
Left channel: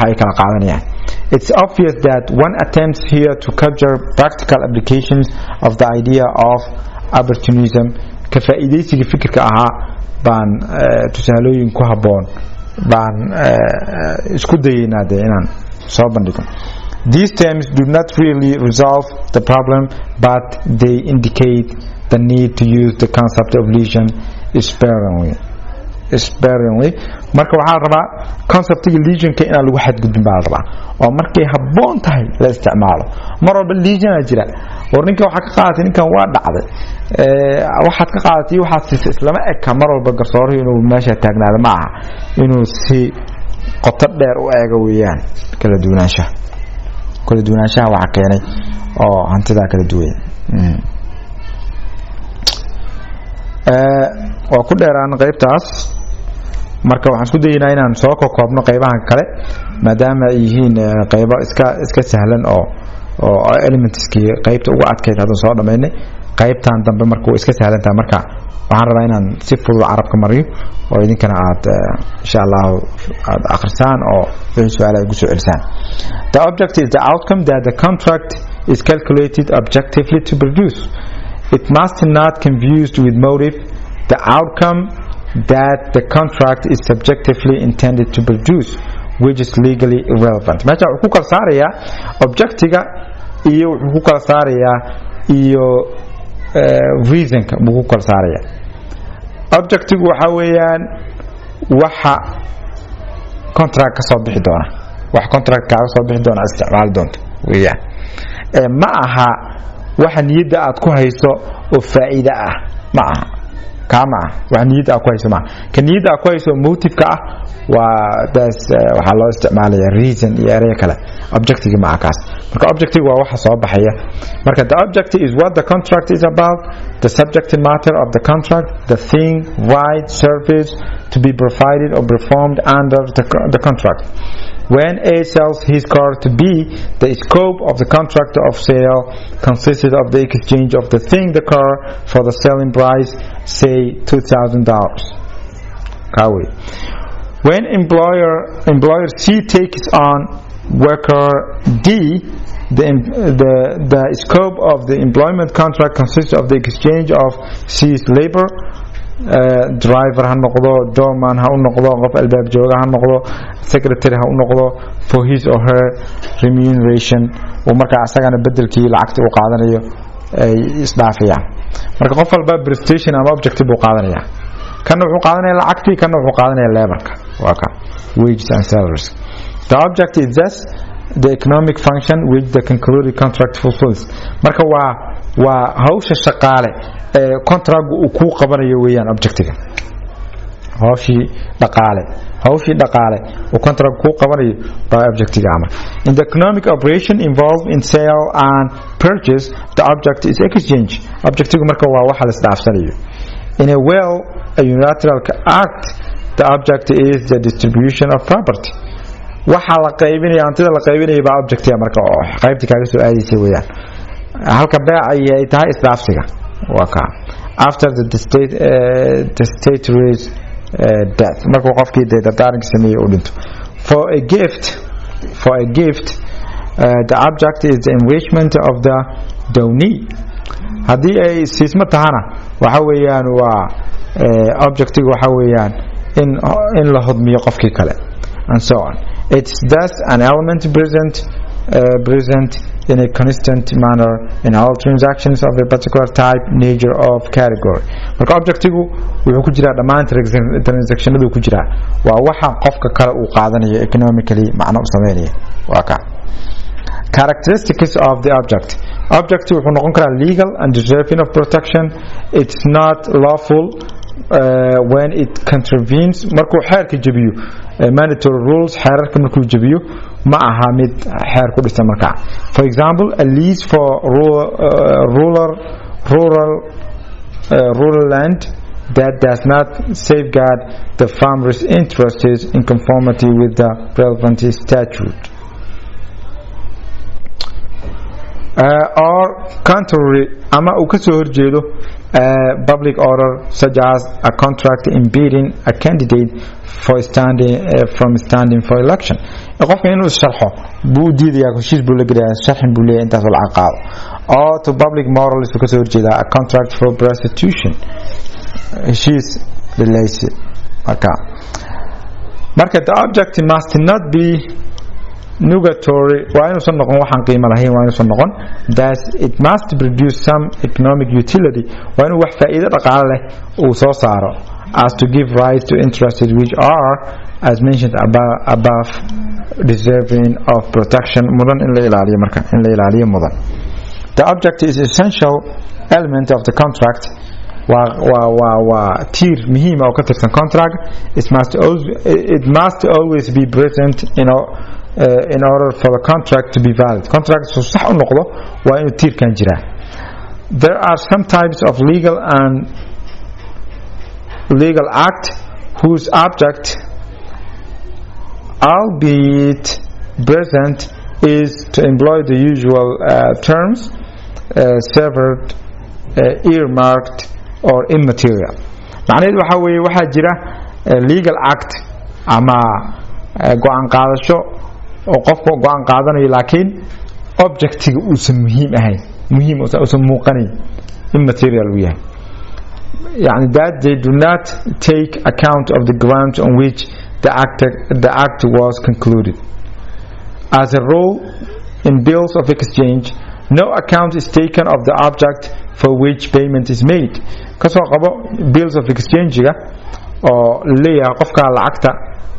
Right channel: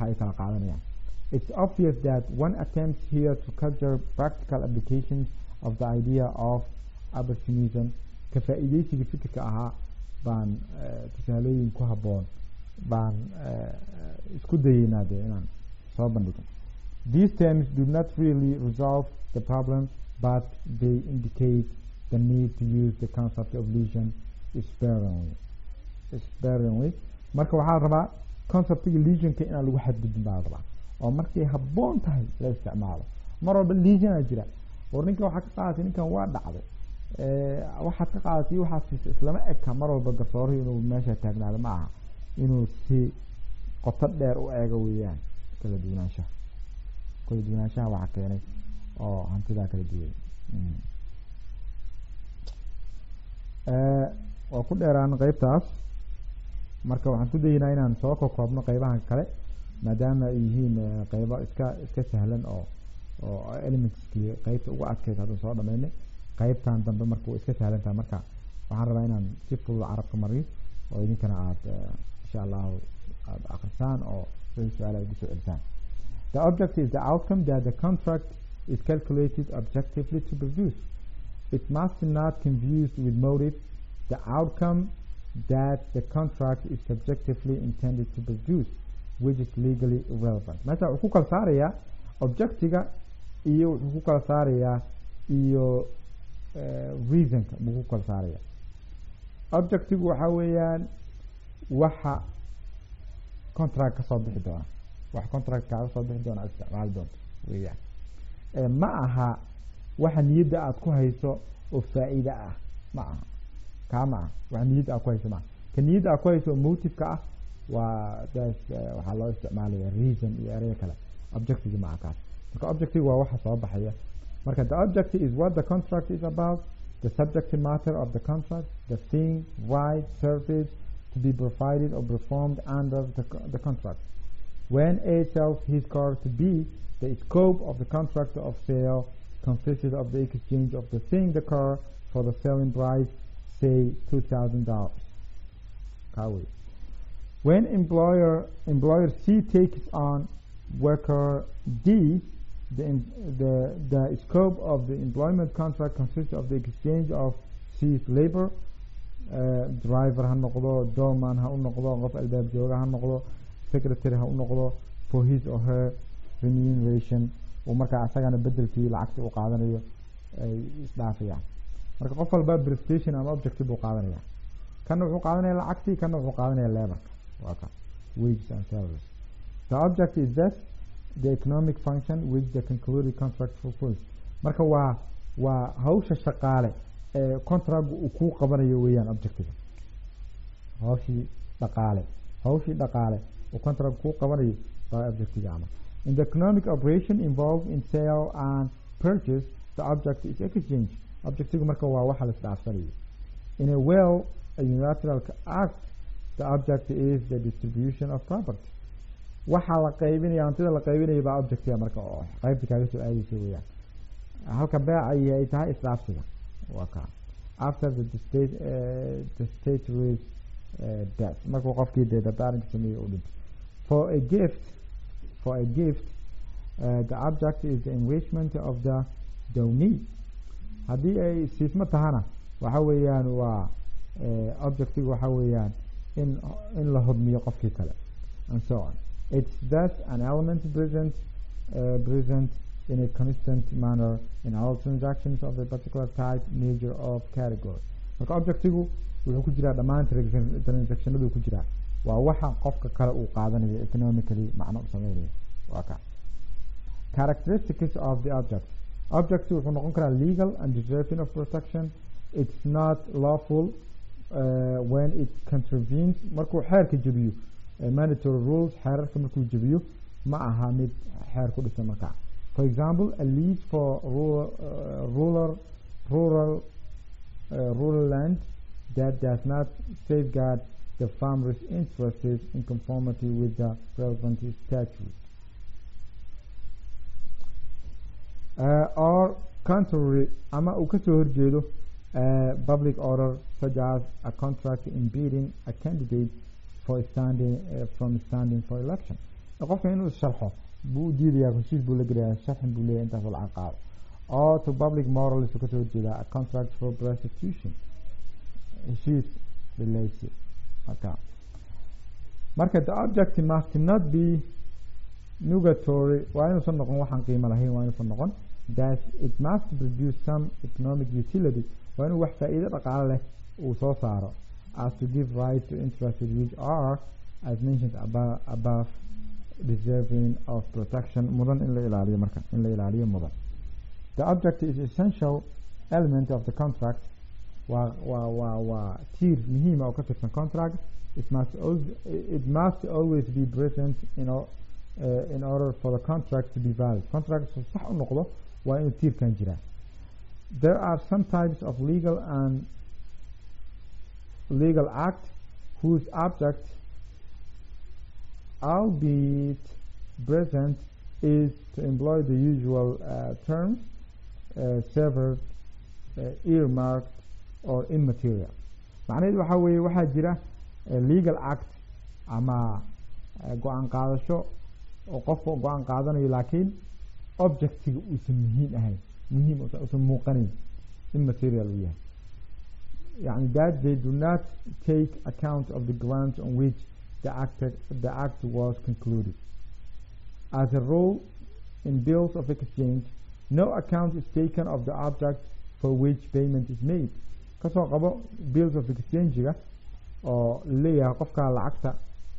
ay kala qaadanayaan. It's obvious that one attempts here to capture practical applications of the idea of opportunism ka faa'iideysiga fikirka ahaa baan tusaalooyin ku haboon baan isku dayeynaa inaan soo bandhigo. These terms do not really resolve the problem, but they indicate the need to use the concept of lesion sparingly. marka waxaa rabaa conceptiga lesionka inaan lagu xadgudbin baa rabaa oo markay haboon tahay la isticmaalo. mar walba lesion jira war ninka waxa ka qaadatay ninkan waa dhacday waxaad ka qaadatay waxaad islama eka mar walba garsooruhu inuu meesha taagnaado ma aha inuu si qoto dheer u eego weeyaan. kala duwanaanshaha waxa keenay oo hantida kala duwan waa ku dheeraan qaybtaas marka waxaan isku dayeynaa inaan soo koobno qaybahan kale maadaama ay yihiin qaybo iska sahlan oo elementskii qaybta ugu adkeyd haddaan soo dhamaynay qaybtan dambe marka way iska sahlan tahay marka waxaan rabaa inaan si fudud carabka mariyo oo idinkana aad insha Allah aad akhrisaan oo wixii su'aalaha ugu soo celisaan. The object is the outcome that the contract is calculated objectively to produce. it must not confused with motive, the outcome that the contract is subjectively intended to produce, which is legally irrelevant. meesha wuxuu kala saarayaa objectiga iyo wuxuu kala saarayaa iyo reasonka buu kala saarayaa. objectigu waxa weeyaan waxa contract ka soo bixi doona, wax contract ka soo bixi doona isticmaal doonto weeyaan, ma aha waxa niyada aad ku hayso oo faa'iido ah, ma aha kama wax niyada aad ku hayso, ma ka niyada aad ku hayso motive ka ah waa daas waxa loo isticmaalaya reason iyo eray kale. objective ma akaas, marka objective waa waxa soo baxaya. marka the objective is what the contract is about, the subject matter of the contract, the thing, right, service to be provided or performed under the contract. When A sells his car to B, the scope of the contract of sale consisted of the exchange of the thing, the car, for the selling price, say $2,000. When employer C takes on worker D, the scope of the employment contract consists of the exchange of C's labor, driver ha noqdo, doorman ha u noqdo, qof albaab jooga ha noqdo, secretary ha u noqdo, for his or her remuneration, oo marka asagana bedelkii lacagta uu qaadanayo ay isdhaafiyaan. marka qof walba prestation ama objective uu qaadanaya, kana wuxuu qaadanaya lacagtii, kana wuxuu qaadanaya laborka, waa ka wages and salaries. The object is thus the economic function which the concluded contract fulfills. marka waa hawsha shaqaale contract uu ku qabanayo weeyaan objective. hawshii dhaqaale uu contract ku qabanayo baa objective ama. In the economic operation involved in sale and purchase, the object is exchange. objective marka waa waxa la isdhaafsanayo. In a unilateral act, the object is the distribution of property. waxa la qaybinayo, antida la qaybinayo baa objective marka oo qaybta kaaga soo aadaysa weeyaan. halka baac ay tahay isdhaafsiga waa ka after the state raise death, marka qofkii dardaaranka sameeyay uu dhinto. For a gift the object is the enrichment of the donee. haddii ay siismo tahana waxa weeyaan waa objective waxa weeyaan in la hodmiyo qofkii kale, and so on. It's thus an element present in a constant manner in all transactions of a particular type, nature of category. marka objective wuxuu ku jiraa dhammaan transactionadu ku jiraa, waa waxa qofka kale uu qaadanayo economically macno u sameynaya. waa ka characteristics of the object wuxuu noqon karaa legal and deserving of protection. It's not lawful when it contravenes, markuu xeerka jabiyo mandatory rules, xeerarka markuu jabiyo ma aha mid xeer ku dhisan markaa. For example, a lease for rural land that does not safeguard the farmer's interests in conformity with the relevant statute. Or contrary, ama uu ka soo horjeedo public order, such as a contract impeding a candidate from standing for election. qofka inuu sharxo buu diidayaa, heshiis buu la gelayaa, sharxin buu leeyahay intaas oo lacag qaado. Or to public morals buu ka soo horjeedaa, a contract for prostitution, heshiis lilaysi. marka the object must not be nugatory, waa inuusan noqon waxaan qiimo lahayn, waa inuusan noqon. That it must produce some economic utility, waa inuu wax faa'iido dhaqaale leh uu soo saaro, as to give rise to interests which are, as mentioned above, deserving of protection, mudan in la ilaaliyo. marka in la ilaaliyo mudan. The object is essential element of the contract, waa tiir muhiim ah oo ka tirsan contract. It must always be present in order for the contract to be valid. contract soo sax u noqdo waa inuu tiirkan jiraa. There are some types of legal act whose object, albeit present, is to employ the usual terms, severed, earmarked, or immaterial. macnaheedu waxa weeye waxaa jira legal act ama go-aan qaadasho oo qofka go-aan qaadanayo, laakiin objectiga uusan muhiim ahayn, uusan muuqanayn, immaterial uu yahay يعني that they do not take account of the grounds on which the act was concluded. As a rule, in bills of exchange, no account is taken of the object for which payment is made. Kasoo qabo bills of exchange oo leeyahay qofka lacagta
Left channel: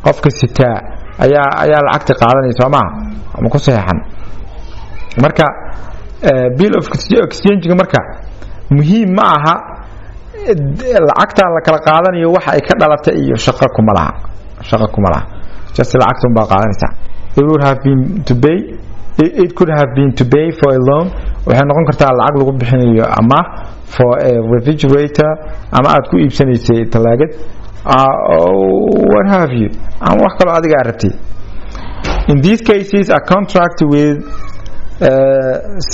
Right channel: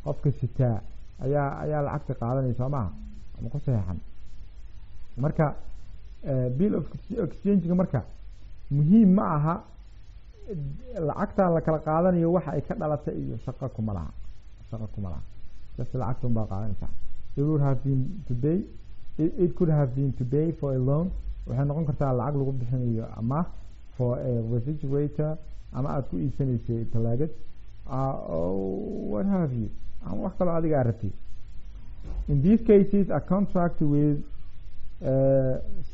qofka sitaa ayaa lacagta qaadanaysa ma ama ku saxan marka bill of exchange marka muhiim ma aha lacagta la kala qaadanayo waxa ay ka dhalatay iyo shaqo kuma laha just lacagta baa qaadanaysa. It would have been to pay it could have been to pay for a loan waxay noqon kartaa lacag lagu bixinayo ama for a refrigerator ama aad ku iibsanaysay talaagad what have you ama wax kale adiga rabtay. In these cases a contract with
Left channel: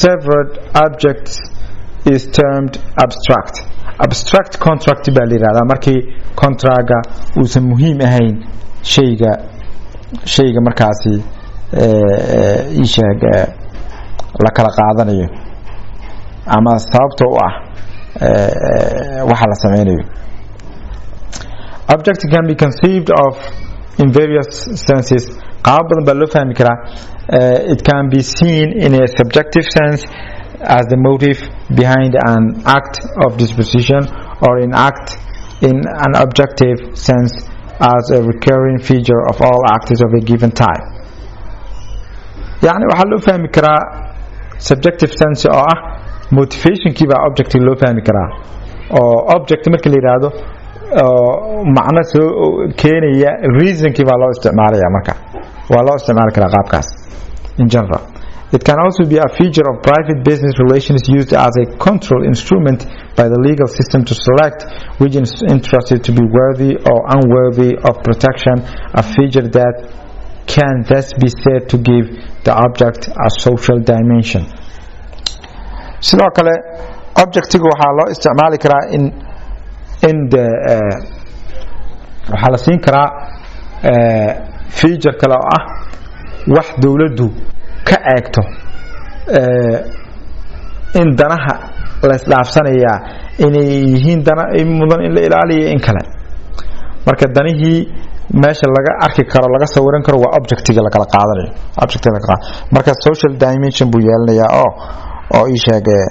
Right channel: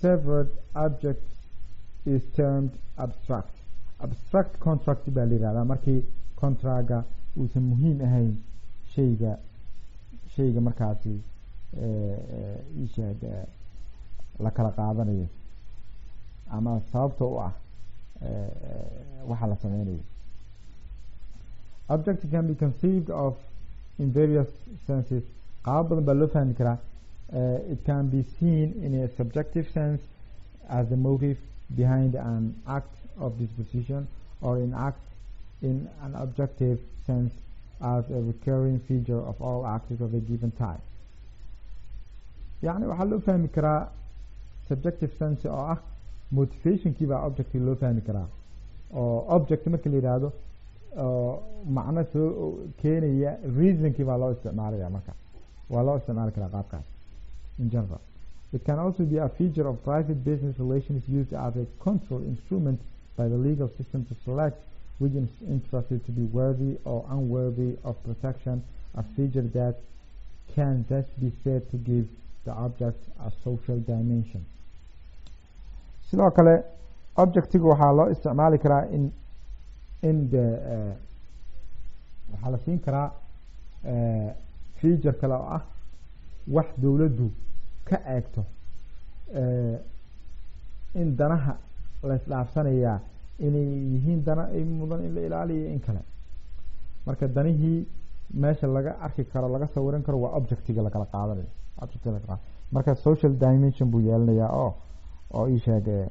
severed objects is termed abstract contract baa la yiraahdaa markii contractga uusan muhiim ahayn shayga markaasi ishaag la kala qaadanayo ama sababta u ah waxa la sameynayo. Object can be conceived of in various senses. qaab badan baa loo fahmi karaa. It can be seen in a subjective sense as the motive behind an act of disposition, or in an objective sense as a recurring feature of all acts of a given type. يعني waxaa loo fahmi karaa subjective sense oo ah motivation kii baa object loo fahmi karaa oo object marka la yiraahdo macna soo keenaya reason kii baa loo isticmaalaya marka waa loo isticmaali karaa qaabkaas in general. It can also be a feature of private business relations used as a control instrument by the legal system to select which is interested to be worthy or unworthy of protection, a feature that can thus be said to give the object a social dimension. sidoo kale objectiga waxaa loo isticmaali karaa in the waxaa la siin karaa feature kale oo ah wax dawladdu ka eegto in danaha la isdhaafsanaya inay yihiin dana mudan in la ilaaliyo in kale marka danihii meesha laga arki karo laga sawiran karo waa objectiga la kala qaadanayo marka social dimension buu yeelanayaa oo ii sheegay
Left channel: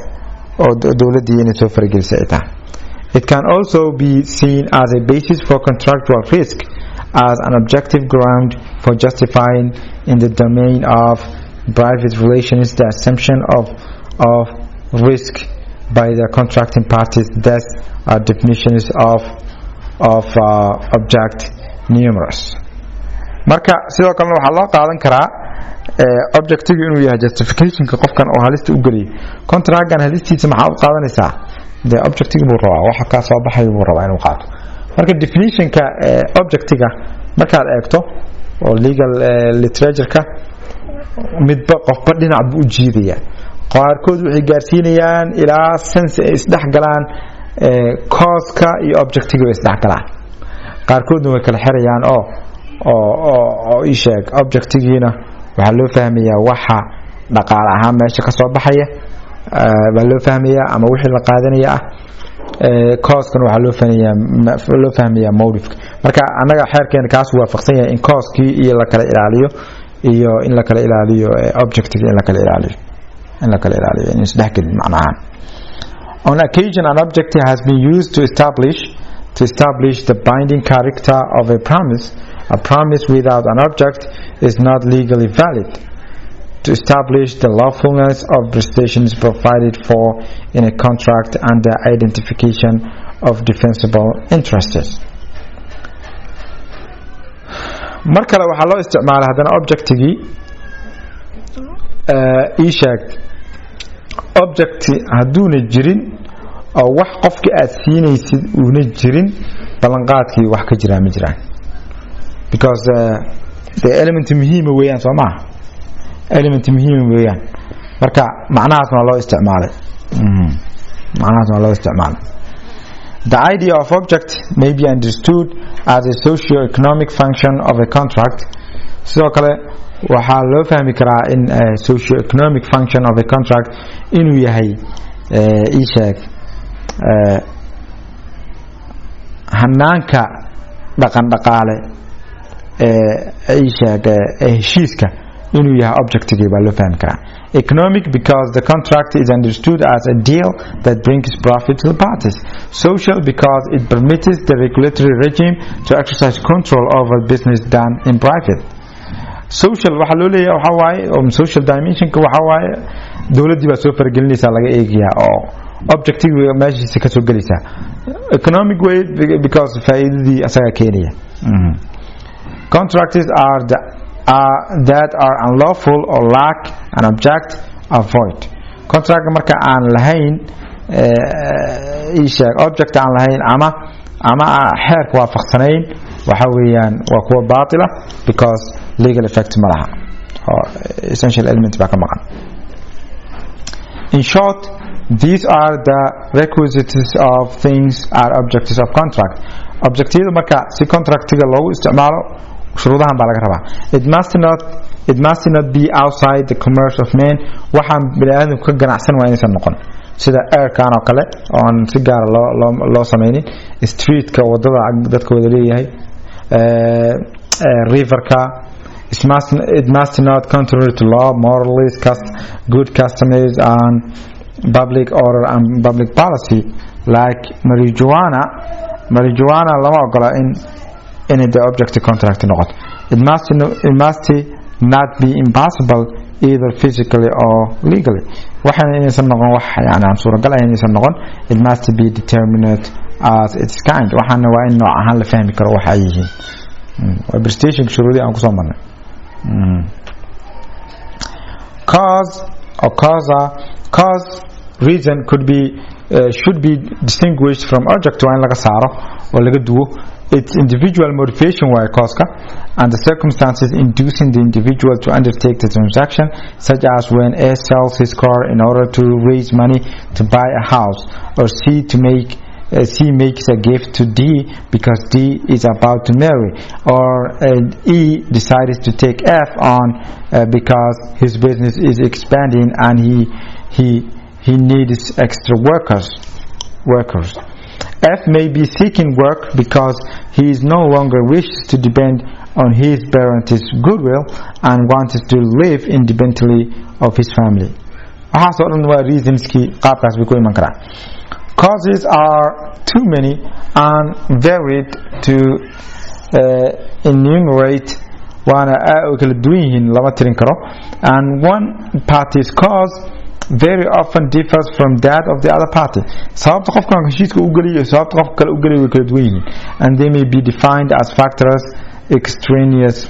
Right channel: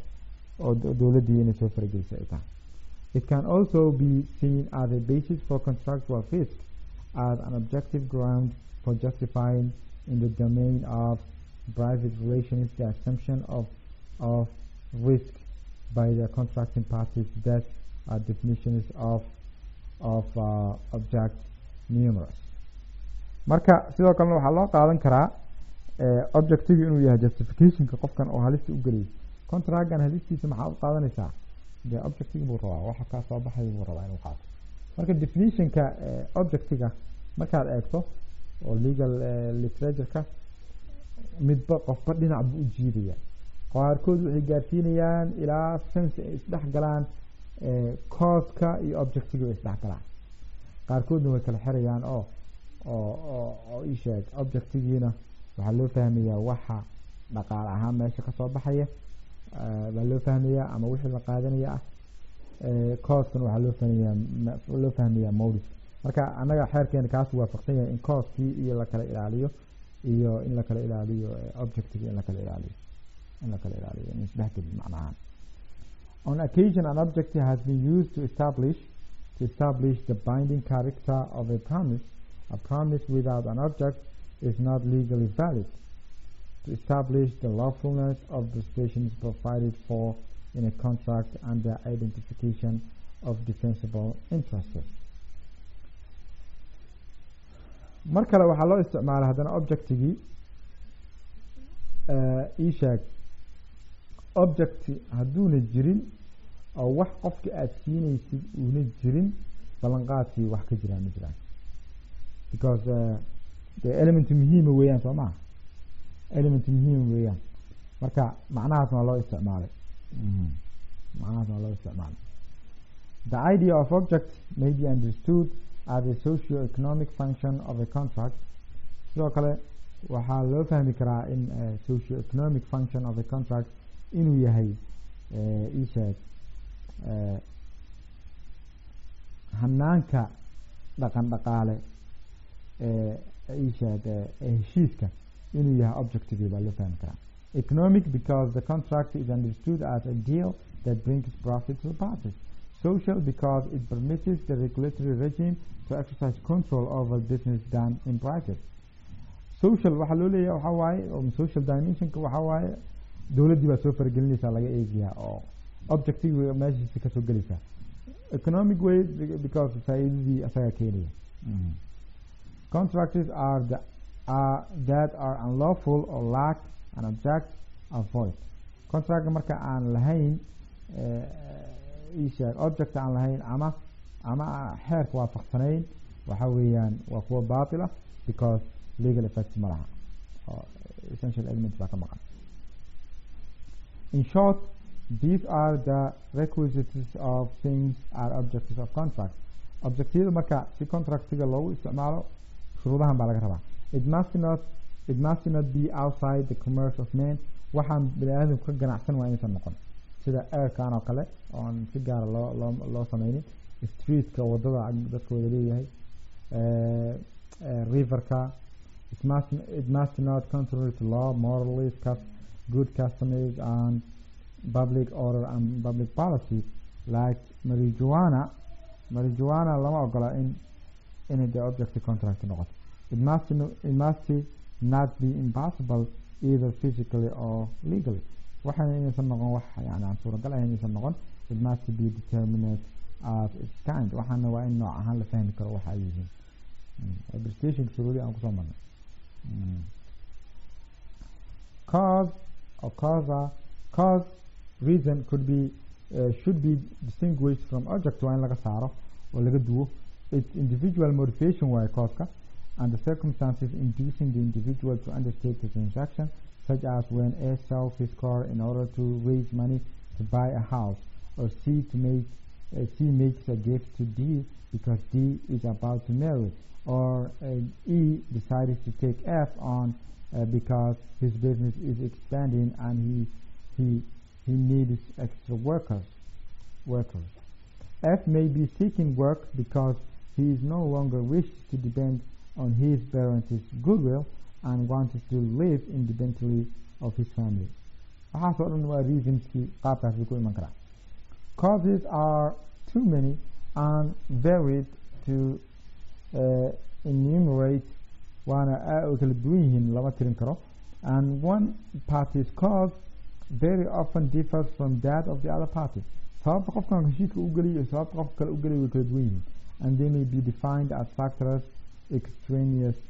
oo dawladdu inay soo faragelisay ay tahay. It can also be seen as a basis for contractual risk, as an objective ground for justifying in the domain of private relations the assumption of risk by the contracting parties. Thus are definitions of object numerous. marka sidoo kale waxa loo qaadan karaa objectiga inuu yahay justificationka qofkan oo halista u galiyo contractgan halistiisa maxaa u qaadanaysaa the objectiga buu rabaa waxa ka soo baxay buu rabaa inuu qaato. marka definitionka objectiga markaad eegto oo legal literature-ka midba qofba dhinac buu u jiidaya qaarkood waxay gaarsiinayaan ilaa sense ay isdhexgalaan cause-ka iyo objectiga ay isdhexgalaan qaarkoodna way kala xirayaan oo ii sheeg objectigiina waxaa loo fahmayaa waxa dhaqaale ahaan meesha ka soo baxaya baa loo fahmayaa ama wixii la qaadanaya cause-kan waxaa loo fahmayaa motive-ka. marka annaga xeerkeena kaas waafaqsan yahay in cause-kii iyo la kala ilaaliyo iyo in la kala ilaaliyo objective in la kala ilaaliyo in isdhexgelin macnaha. On occasion an objective has been used to establish the binding character of a promise. A promise without an object is not legally valid. To establish the lawfulness of prestations provided for in a contract and the identification of defensible interests. mar kale waxaa loo isticmaalaa haddana objectigii ii sheeg object hadduuna jirin oo wax qofka aad siinaysid uuna jirin ballanqaadkii wax ka jiraa ma jiraan because the element muhiima weeyaan soo maaha element muhiima weeyaan marka macnahaasna waa loo isticmaalay. The idea of object may be understood as a socio-economic function of a contract. sidoo kale waxaa loo fahmi karaa in socio-economic function of a contract inuu yahay ii sheeg hanaanka dhaqan dhaqaale ay sheegay heshiiska inuu yahay objective baa loo fahmi karaa. Economic, because the contract is understood as a deal that brings profit to the parties. Social, because it permits the regulatory regime to exercise control over business done in private. Social waxa loo leeyahay waxa waaye social dimensionka waxa waaye dawladii baa soo faragelinaysa laga eegayaa oo objective meeshiisa ka soo galaysa. Economic way, because faa'iidadii asaga keenaya. Contracts are that are unlawful or lack an object are void. Contract marka aan lahayn object aan lahayn ama xeerka waafaqsanayn waxa weeyaan waa kuwa baatila because legal effect ma laha or essential element baa ka maqan. In short, these are the requisites of things are objectives of contract. Objectives marka si contractiga loogu isticmaalo shuruudahan baa laga rabaa. It must not be outside the commerce of men. waxaan bini'aadamku ka ganacsan waa inaysan noqon sida airkan oo kale oo aan si gaar loo samaynin, streetka wadada dadka wada leeyahay, riverka. It must not contrary to law, morals, good customs and public order and public policy. Like marijuana lama ogola in the object contract noqoto. It must not be impossible either physically or legally. waxaan inaysan noqon wax yani aan suuragal ahayn inaysan noqon. It must be determined as its kind. waxaana waa in nooc ahaan la fahmi karo waxa ay yihiin. waa prestation shuruudii aan kusoo marnay. Cause reason should be distinguished from object. waa in laga saaro oo laga duwo. Its individual motivation waa cause-ka and the circumstances inducing the individual to undertake the transaction, such as when A sells his car in order to raise money to buy a house, or C makes a gift to D because D is about to marry, or E decides to take F on because his business is expanding and he needs extra workers. F may be seeking work because he is no longer wishes to depend on his parents' goodwill and wants to live independently of his family. waxaasoo dhan waa reasonskii qaabkaas bay ku iman karaa. Causes are too many and varied to enumerate. waana kala duwan yihiin lama tirin karo. And one party's cause very often differs from that of the other party. sababta qofkan heshiiska u galiyo sababta qofka kale u galiyo way kala duwan yihiin, and they may be defined as factors extraneous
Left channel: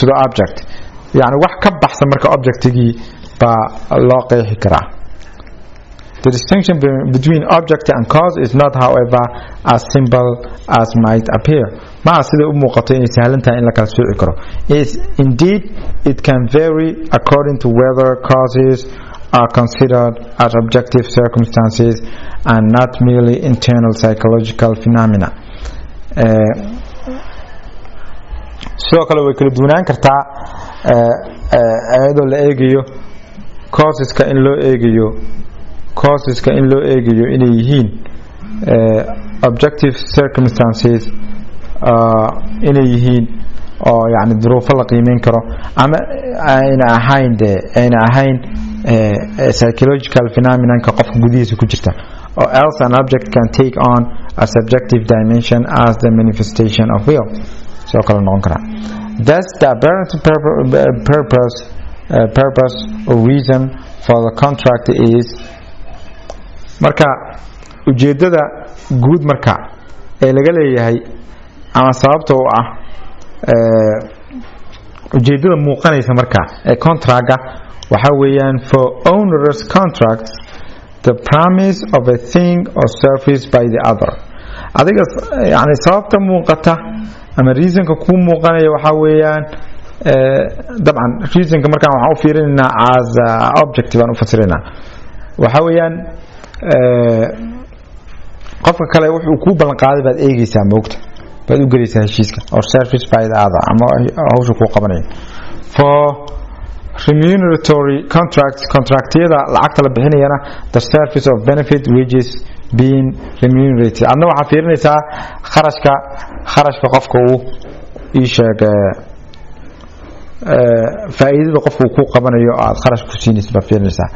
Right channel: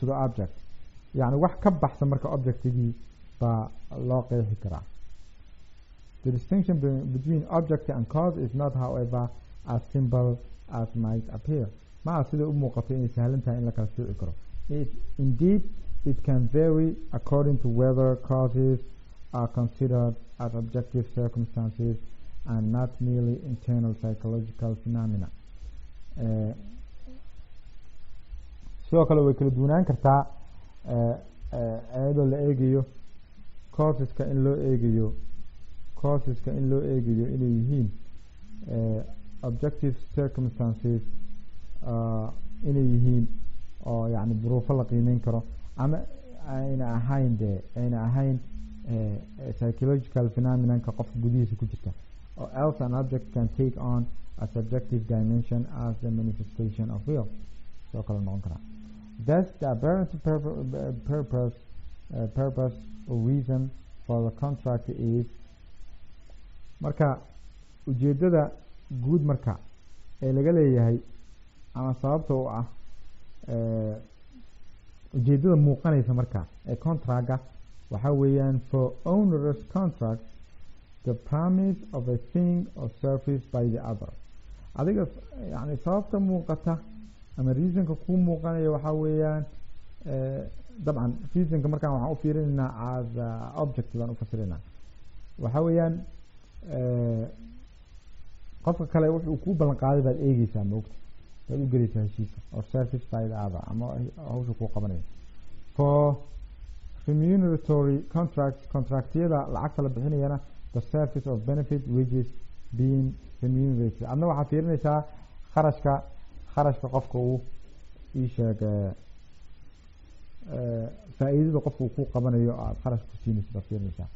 to the object. yani wax ka baxsan marka objectigii baa loo qeexi karaa. The distinction between object and cause is not, however, as simple as might appear. ma sida u muuqato inay sahlan tahay in la kala sooci karo. Indeed, it can vary according to whether causes are considered as objective circumstances and not merely internal psychological phenomena. sidoo kale way kala duwanaan kartaa iyadoo la eegayo causeska in loo eegayo inay yihiin objective circumstances, inay yihiin oo yani duruufo la qiimeyn karo, ama ayna ahayn psychological phenomenon ka qofka gudihiisa ku jirta. Or else an object can take on a subjective dimension as the manifestation of will. sidoo kale noqon karaa. Thus the apparent purpose or reason for the contract is, marka ujeedada guud marka ee laga leeyahay ama sababta oo ah ujeedada muuqanaysa marka ee contractga waxa weeyaan for onerous contracts the promise of a thing or service by the other. adiga yani sababta muuqata ama reasonka ku muuqanaya waxa weeyaan dabcan reasonka markaan waxaan u fiirinaynaa as objective aan u fasirina waxa weeyaan qofka kale wuxuu ku ballan qaaday baad eegaysaa moogta baad u gelaysaa heshiiska or service by the other ama hawsha ku qabanayo. For remuneratory contractyada lacagta la bixinayana the service of benefit wages being remunerated adna waxaa fiirinaysaa kharashka qofka uu ii sheeg faa'iidada qofku ku qabanayo aad kharash ku siinaysid baa fiirinaysaa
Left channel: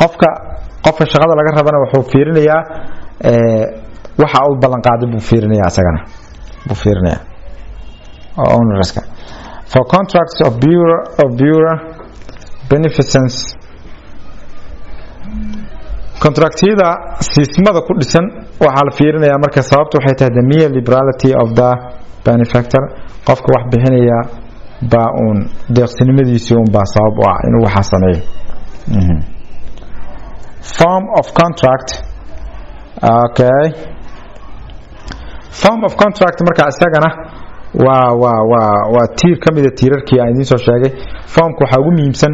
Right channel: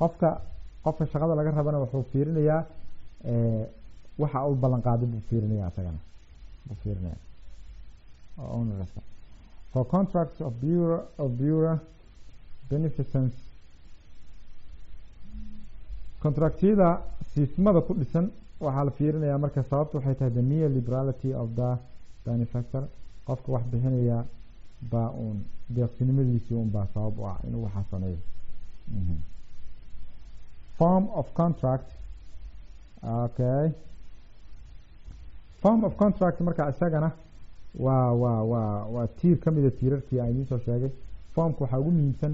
qofka shaqada laga rabana wuxuu fiirinayaa waxa uu ballan qaaday buu fiirinayaa asagana buu fiirinayaa ownerska for contracts of bureau beneficence contractyada siismada ku dhisan waxaa la fiirinayaa marka sababtu waxay tahay the mere liberality of the benefactor qofka wax bixinaya baa uun deeqsinimadiisii uun baa sabab u ah inuu waxa sameeyo form of contract okay form of contract marka isagana waa tiir ka mid ah tiirarkii aan idiin soo sheegay formku waxa ugu muhiimsan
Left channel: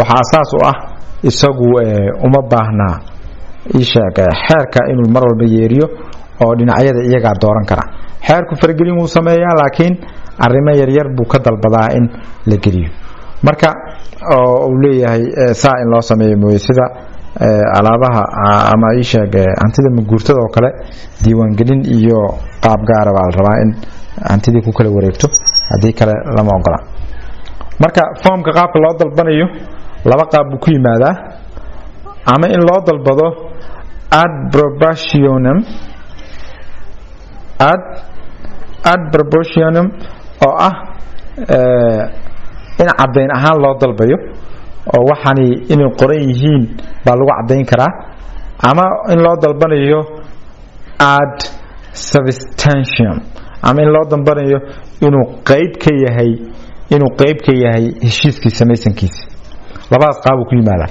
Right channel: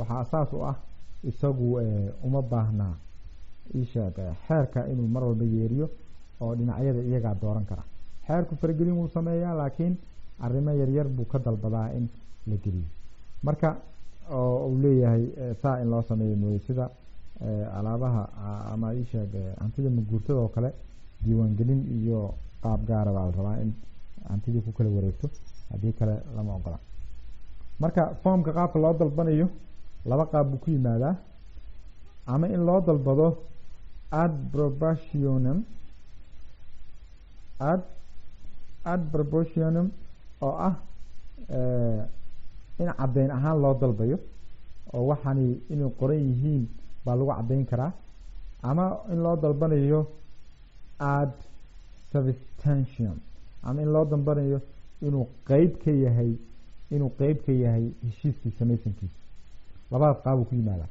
waxa asaas u ah isagu uma baahna xeerka inuu mar walba yeeriyo oo dhinacyada iyaga dooran kara xeerku fargelin uu sameeyaa laakiin arrimo yar yar buu ka dalbadaa in la geliyo marka uu leeyahay saa in loo sameeyo mooy sida alaabaha ama hantida maguurtada oo kale diiwaan gelin iyo qaab gaar ah baa la rabaa in hantidii ku kala wareegto hadii kale lama ogola marka formka qaabka loo dalbanayo laba qaab buu ku yimaadaa ama in loo dalbado ad proportionum oo ah in cadeyn ahaan loo dalbayo oo waxani inay qoran yihiin baa lagu cadeyn karaa ama in loo dalbanayo ad substantium ama in loo dalbanayo inuu qayb ka yahay heshiiskii samaysankiisa labadaas qaab ku yimaada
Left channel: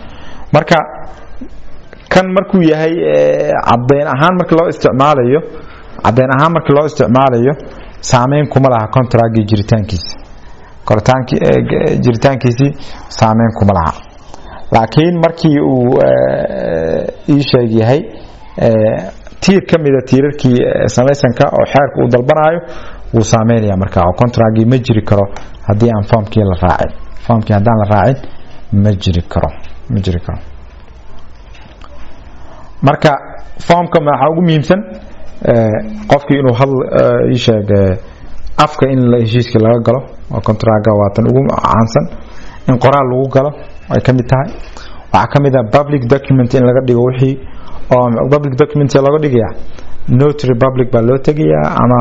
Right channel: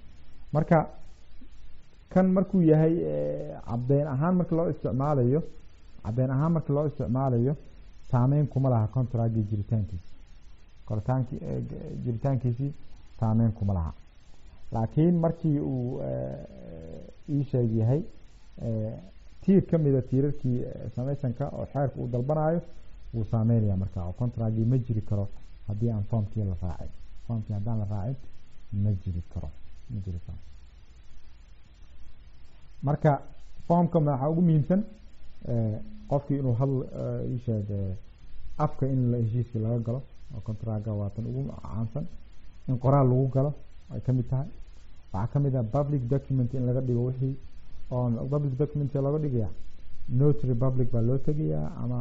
marka kan markuu yahay cadeyn ahaan marka loo isticmaalayo saameyn kuma laha contract jiritaankiisa saameyn kuma laha laakiin markii uu ii sheeg yahay tiir kamida tiirarkii samaysanka oo xeerka uu dalbanayo wuu saameynaya marka oo contract ma jiri karo hadii aan formkii hadaan la raacin ma jiri karo marka formka waxa ugu muhiimsan qofkii inuu ii sheeg afka in la heshiiska laga galo oo contract waatan ugu caansan in qoraal lagu galo ay kamid tahay waxa kamid ah public document in laga dhigo wixii oo public document laga dhigaya notary public baa loo tagayaa ama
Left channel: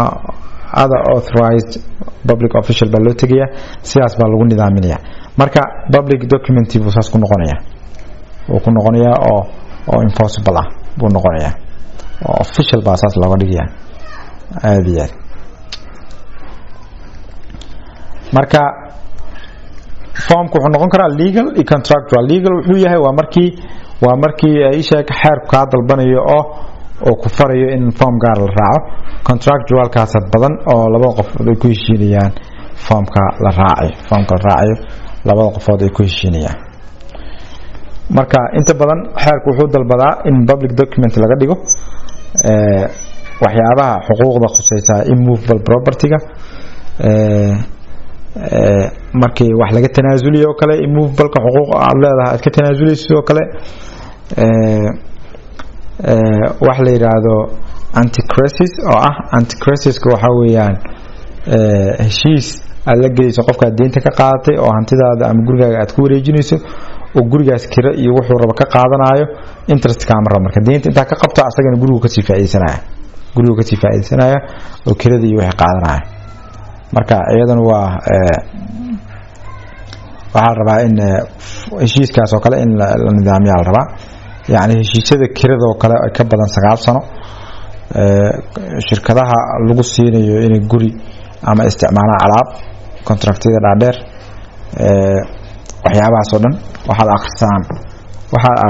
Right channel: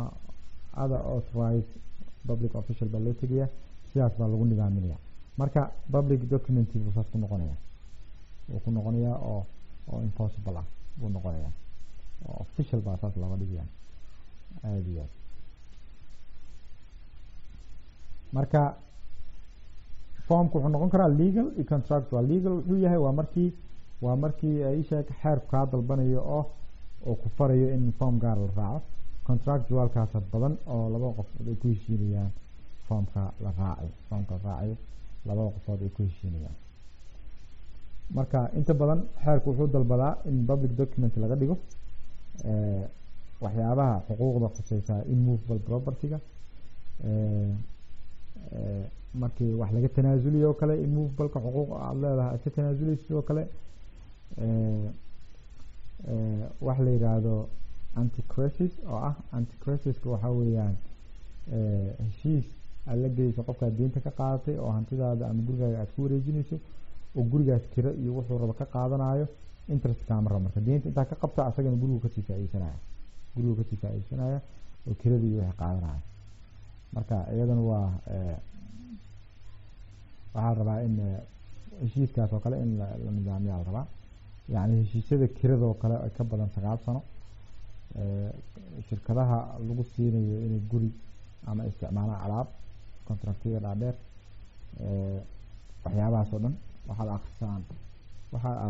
other authorized public official baa loo tagayaa sidaas baa lagu nidaaminaya marka public document buu saas ku noqonayaa oo enforceable ah buu noqonayaa oo official baa saas looga dhigayaa aad iyo aad marka formku wuxuu noqon karaa legal iyo contractual legal wuxuu yahay waa markii ay sheeg xeerku ka dalbanayo oo ku farayo in form gaar la raaco contractual kaas badan oo laba qof ay ku heshiinayaan formka la raacayo labada qofood ay ku heshiinayaan marka inta badan xeerku wuxuu dalbadaa in public document laga dhigo waxyaabaha xuquuqda khusaysa immovable property-ga markii wax laga tanaasuliyo kale immovable-ka xuquuq aad leedahay aad ka tanaasuleyso oo kale wax la yiraahdo anti-crisis oo ah anti-crisis-ka waxa weeyaan heshiis aad la gelayso qofka deynta ka qaadatay oo hantidaada ama gurigaaga aad ku wareejinayso oo gurigaas kira iyo wuxuu raba ka qaadanayo interest ka amar marka deynta inta ka qabto asagana gurigu ka sii faa'iideysanaya oo kirada iyo wixii qaadanaya marka iyadana waxaa rabaa in heshiiskaas oo kale in la nidaamiyo la rabaa yani heshiisyada kirada oo kale ay ka badan 9 sano shirkadaha lagu siinayo inay guri ama isticmaalaan alaab contractyada dhaadheer waxyaabahaas oo dhan waxaad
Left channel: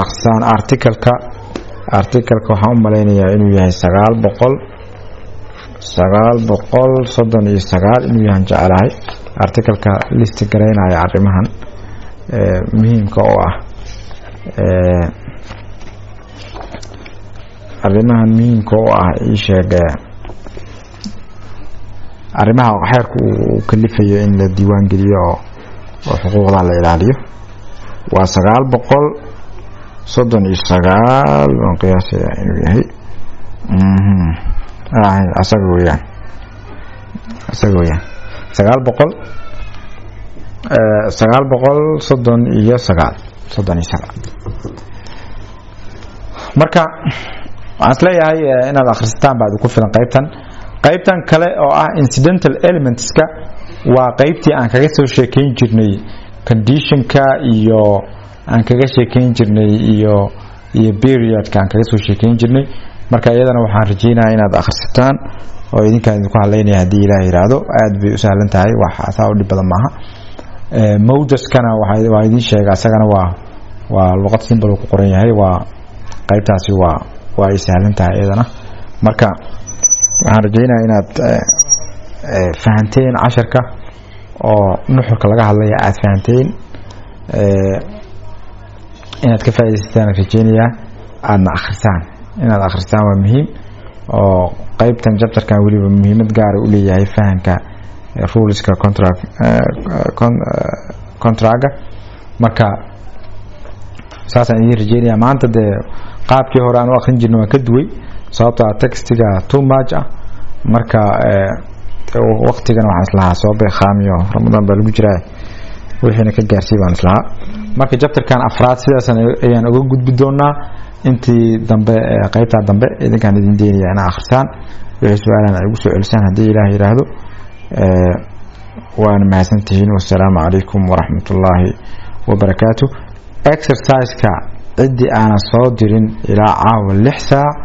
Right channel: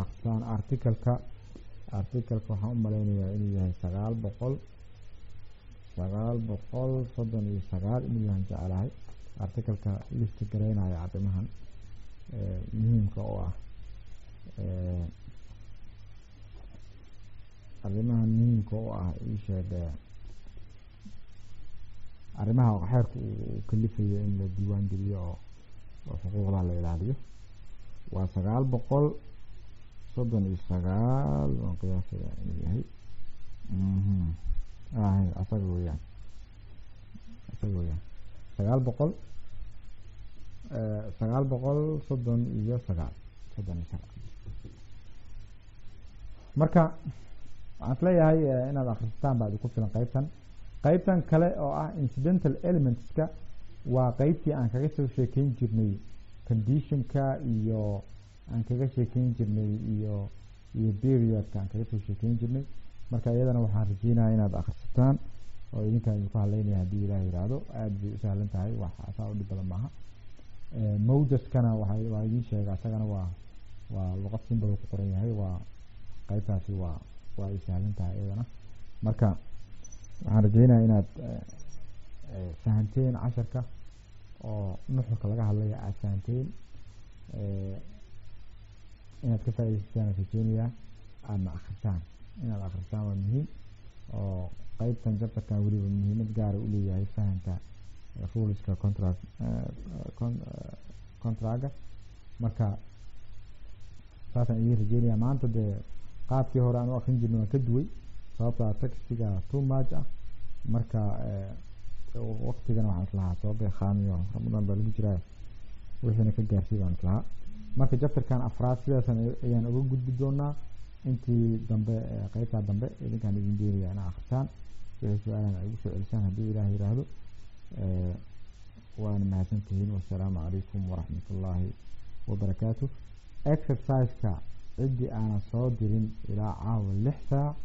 akhrisaan article-ka waxaan u maleynayaa inuu yahay 939 inuu yahay jecelahay article-ka list gareynaya arrimahan muhiimka oo ah ii sheeg arrimaha xeerku uu kalifayo in la diiwaan geliyo oo xuquuqda la ilaaliyo waa 939 aan qiyaasaya inuu yahay asaga weeyaan 939 marka waxaan isleeyahay inaad akhrisataan baad ku filan qaybtan kale oo ah incidental elementska waa qaybtii aan kaga soo sheekeyn jirnay conditionka iyo aan kaga sheekeyn jirnay iyo periodka aan kaga soo sheekeyn jirnay marka iyadana waxaan rajeynayaa inaad akhrisataan oo idinkaan idinku haleynaya haddii Ilaahay yiraahdo aad bay u sahlan tahay wax asaa u dhib badan maaha mawdaskana waa idin sheega asagana waa luqad simple ku qoran yahay waa qaybtaasi waa ay sahlan tahay iyadana marka waxaan rajeynayaa inaad fahanteen casharka oo nuxurka laga hadlaya aad fahanteen inaad ka faa'iideysataan rajeynayaa aadna akhrisaan inaad akhristaan waa muhiim oo qaybtan chapterkan waliba muhiimad gaar ah u leeyahay fahanka ruleska contractka marka saasaan idin rajeynayaa maanta dee qaabkii hore aan u akhrin jirnay waan ka duway sababtoo textiga too much ah marka waqtigan waxaan islahaa soo beeqaamiyo Ramadan baa lagu jiraa wixiina ka gaarsii baan islahaa marka chapterkan afraad sidaas ayaan uga gudbi doonaa intii dambe qaybta dambe idinkaan idin deenaya inaa akhrisaan wixii su'aalahan ay ugu soo celisaan haddii Ilaahay yiraahdo waan mahadsantihiin wassalaamu calaykum waraxmatullaahi wabarakaatuh exercise-ka ciddii aanan soo dirin ilaa caawa 6 saac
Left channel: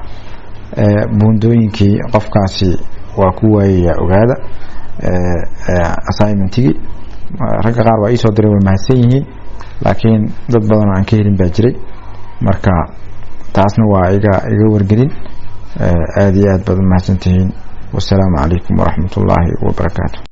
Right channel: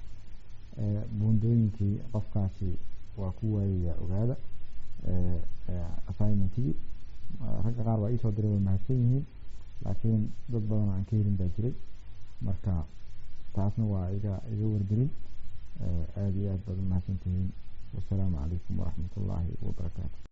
buundooyinkii qofkaasi waa ku waayaya ogaada assignmentigii ragga qaar waa ii soo diray way mahadsan yihiin laakiin dad badan oo aan ka helin baa jiray marka taasna waa iga wargelin aad iyo aad baad mahadsantihiin wassalaamu calaykum waraxmatullaahi wabarakaatuh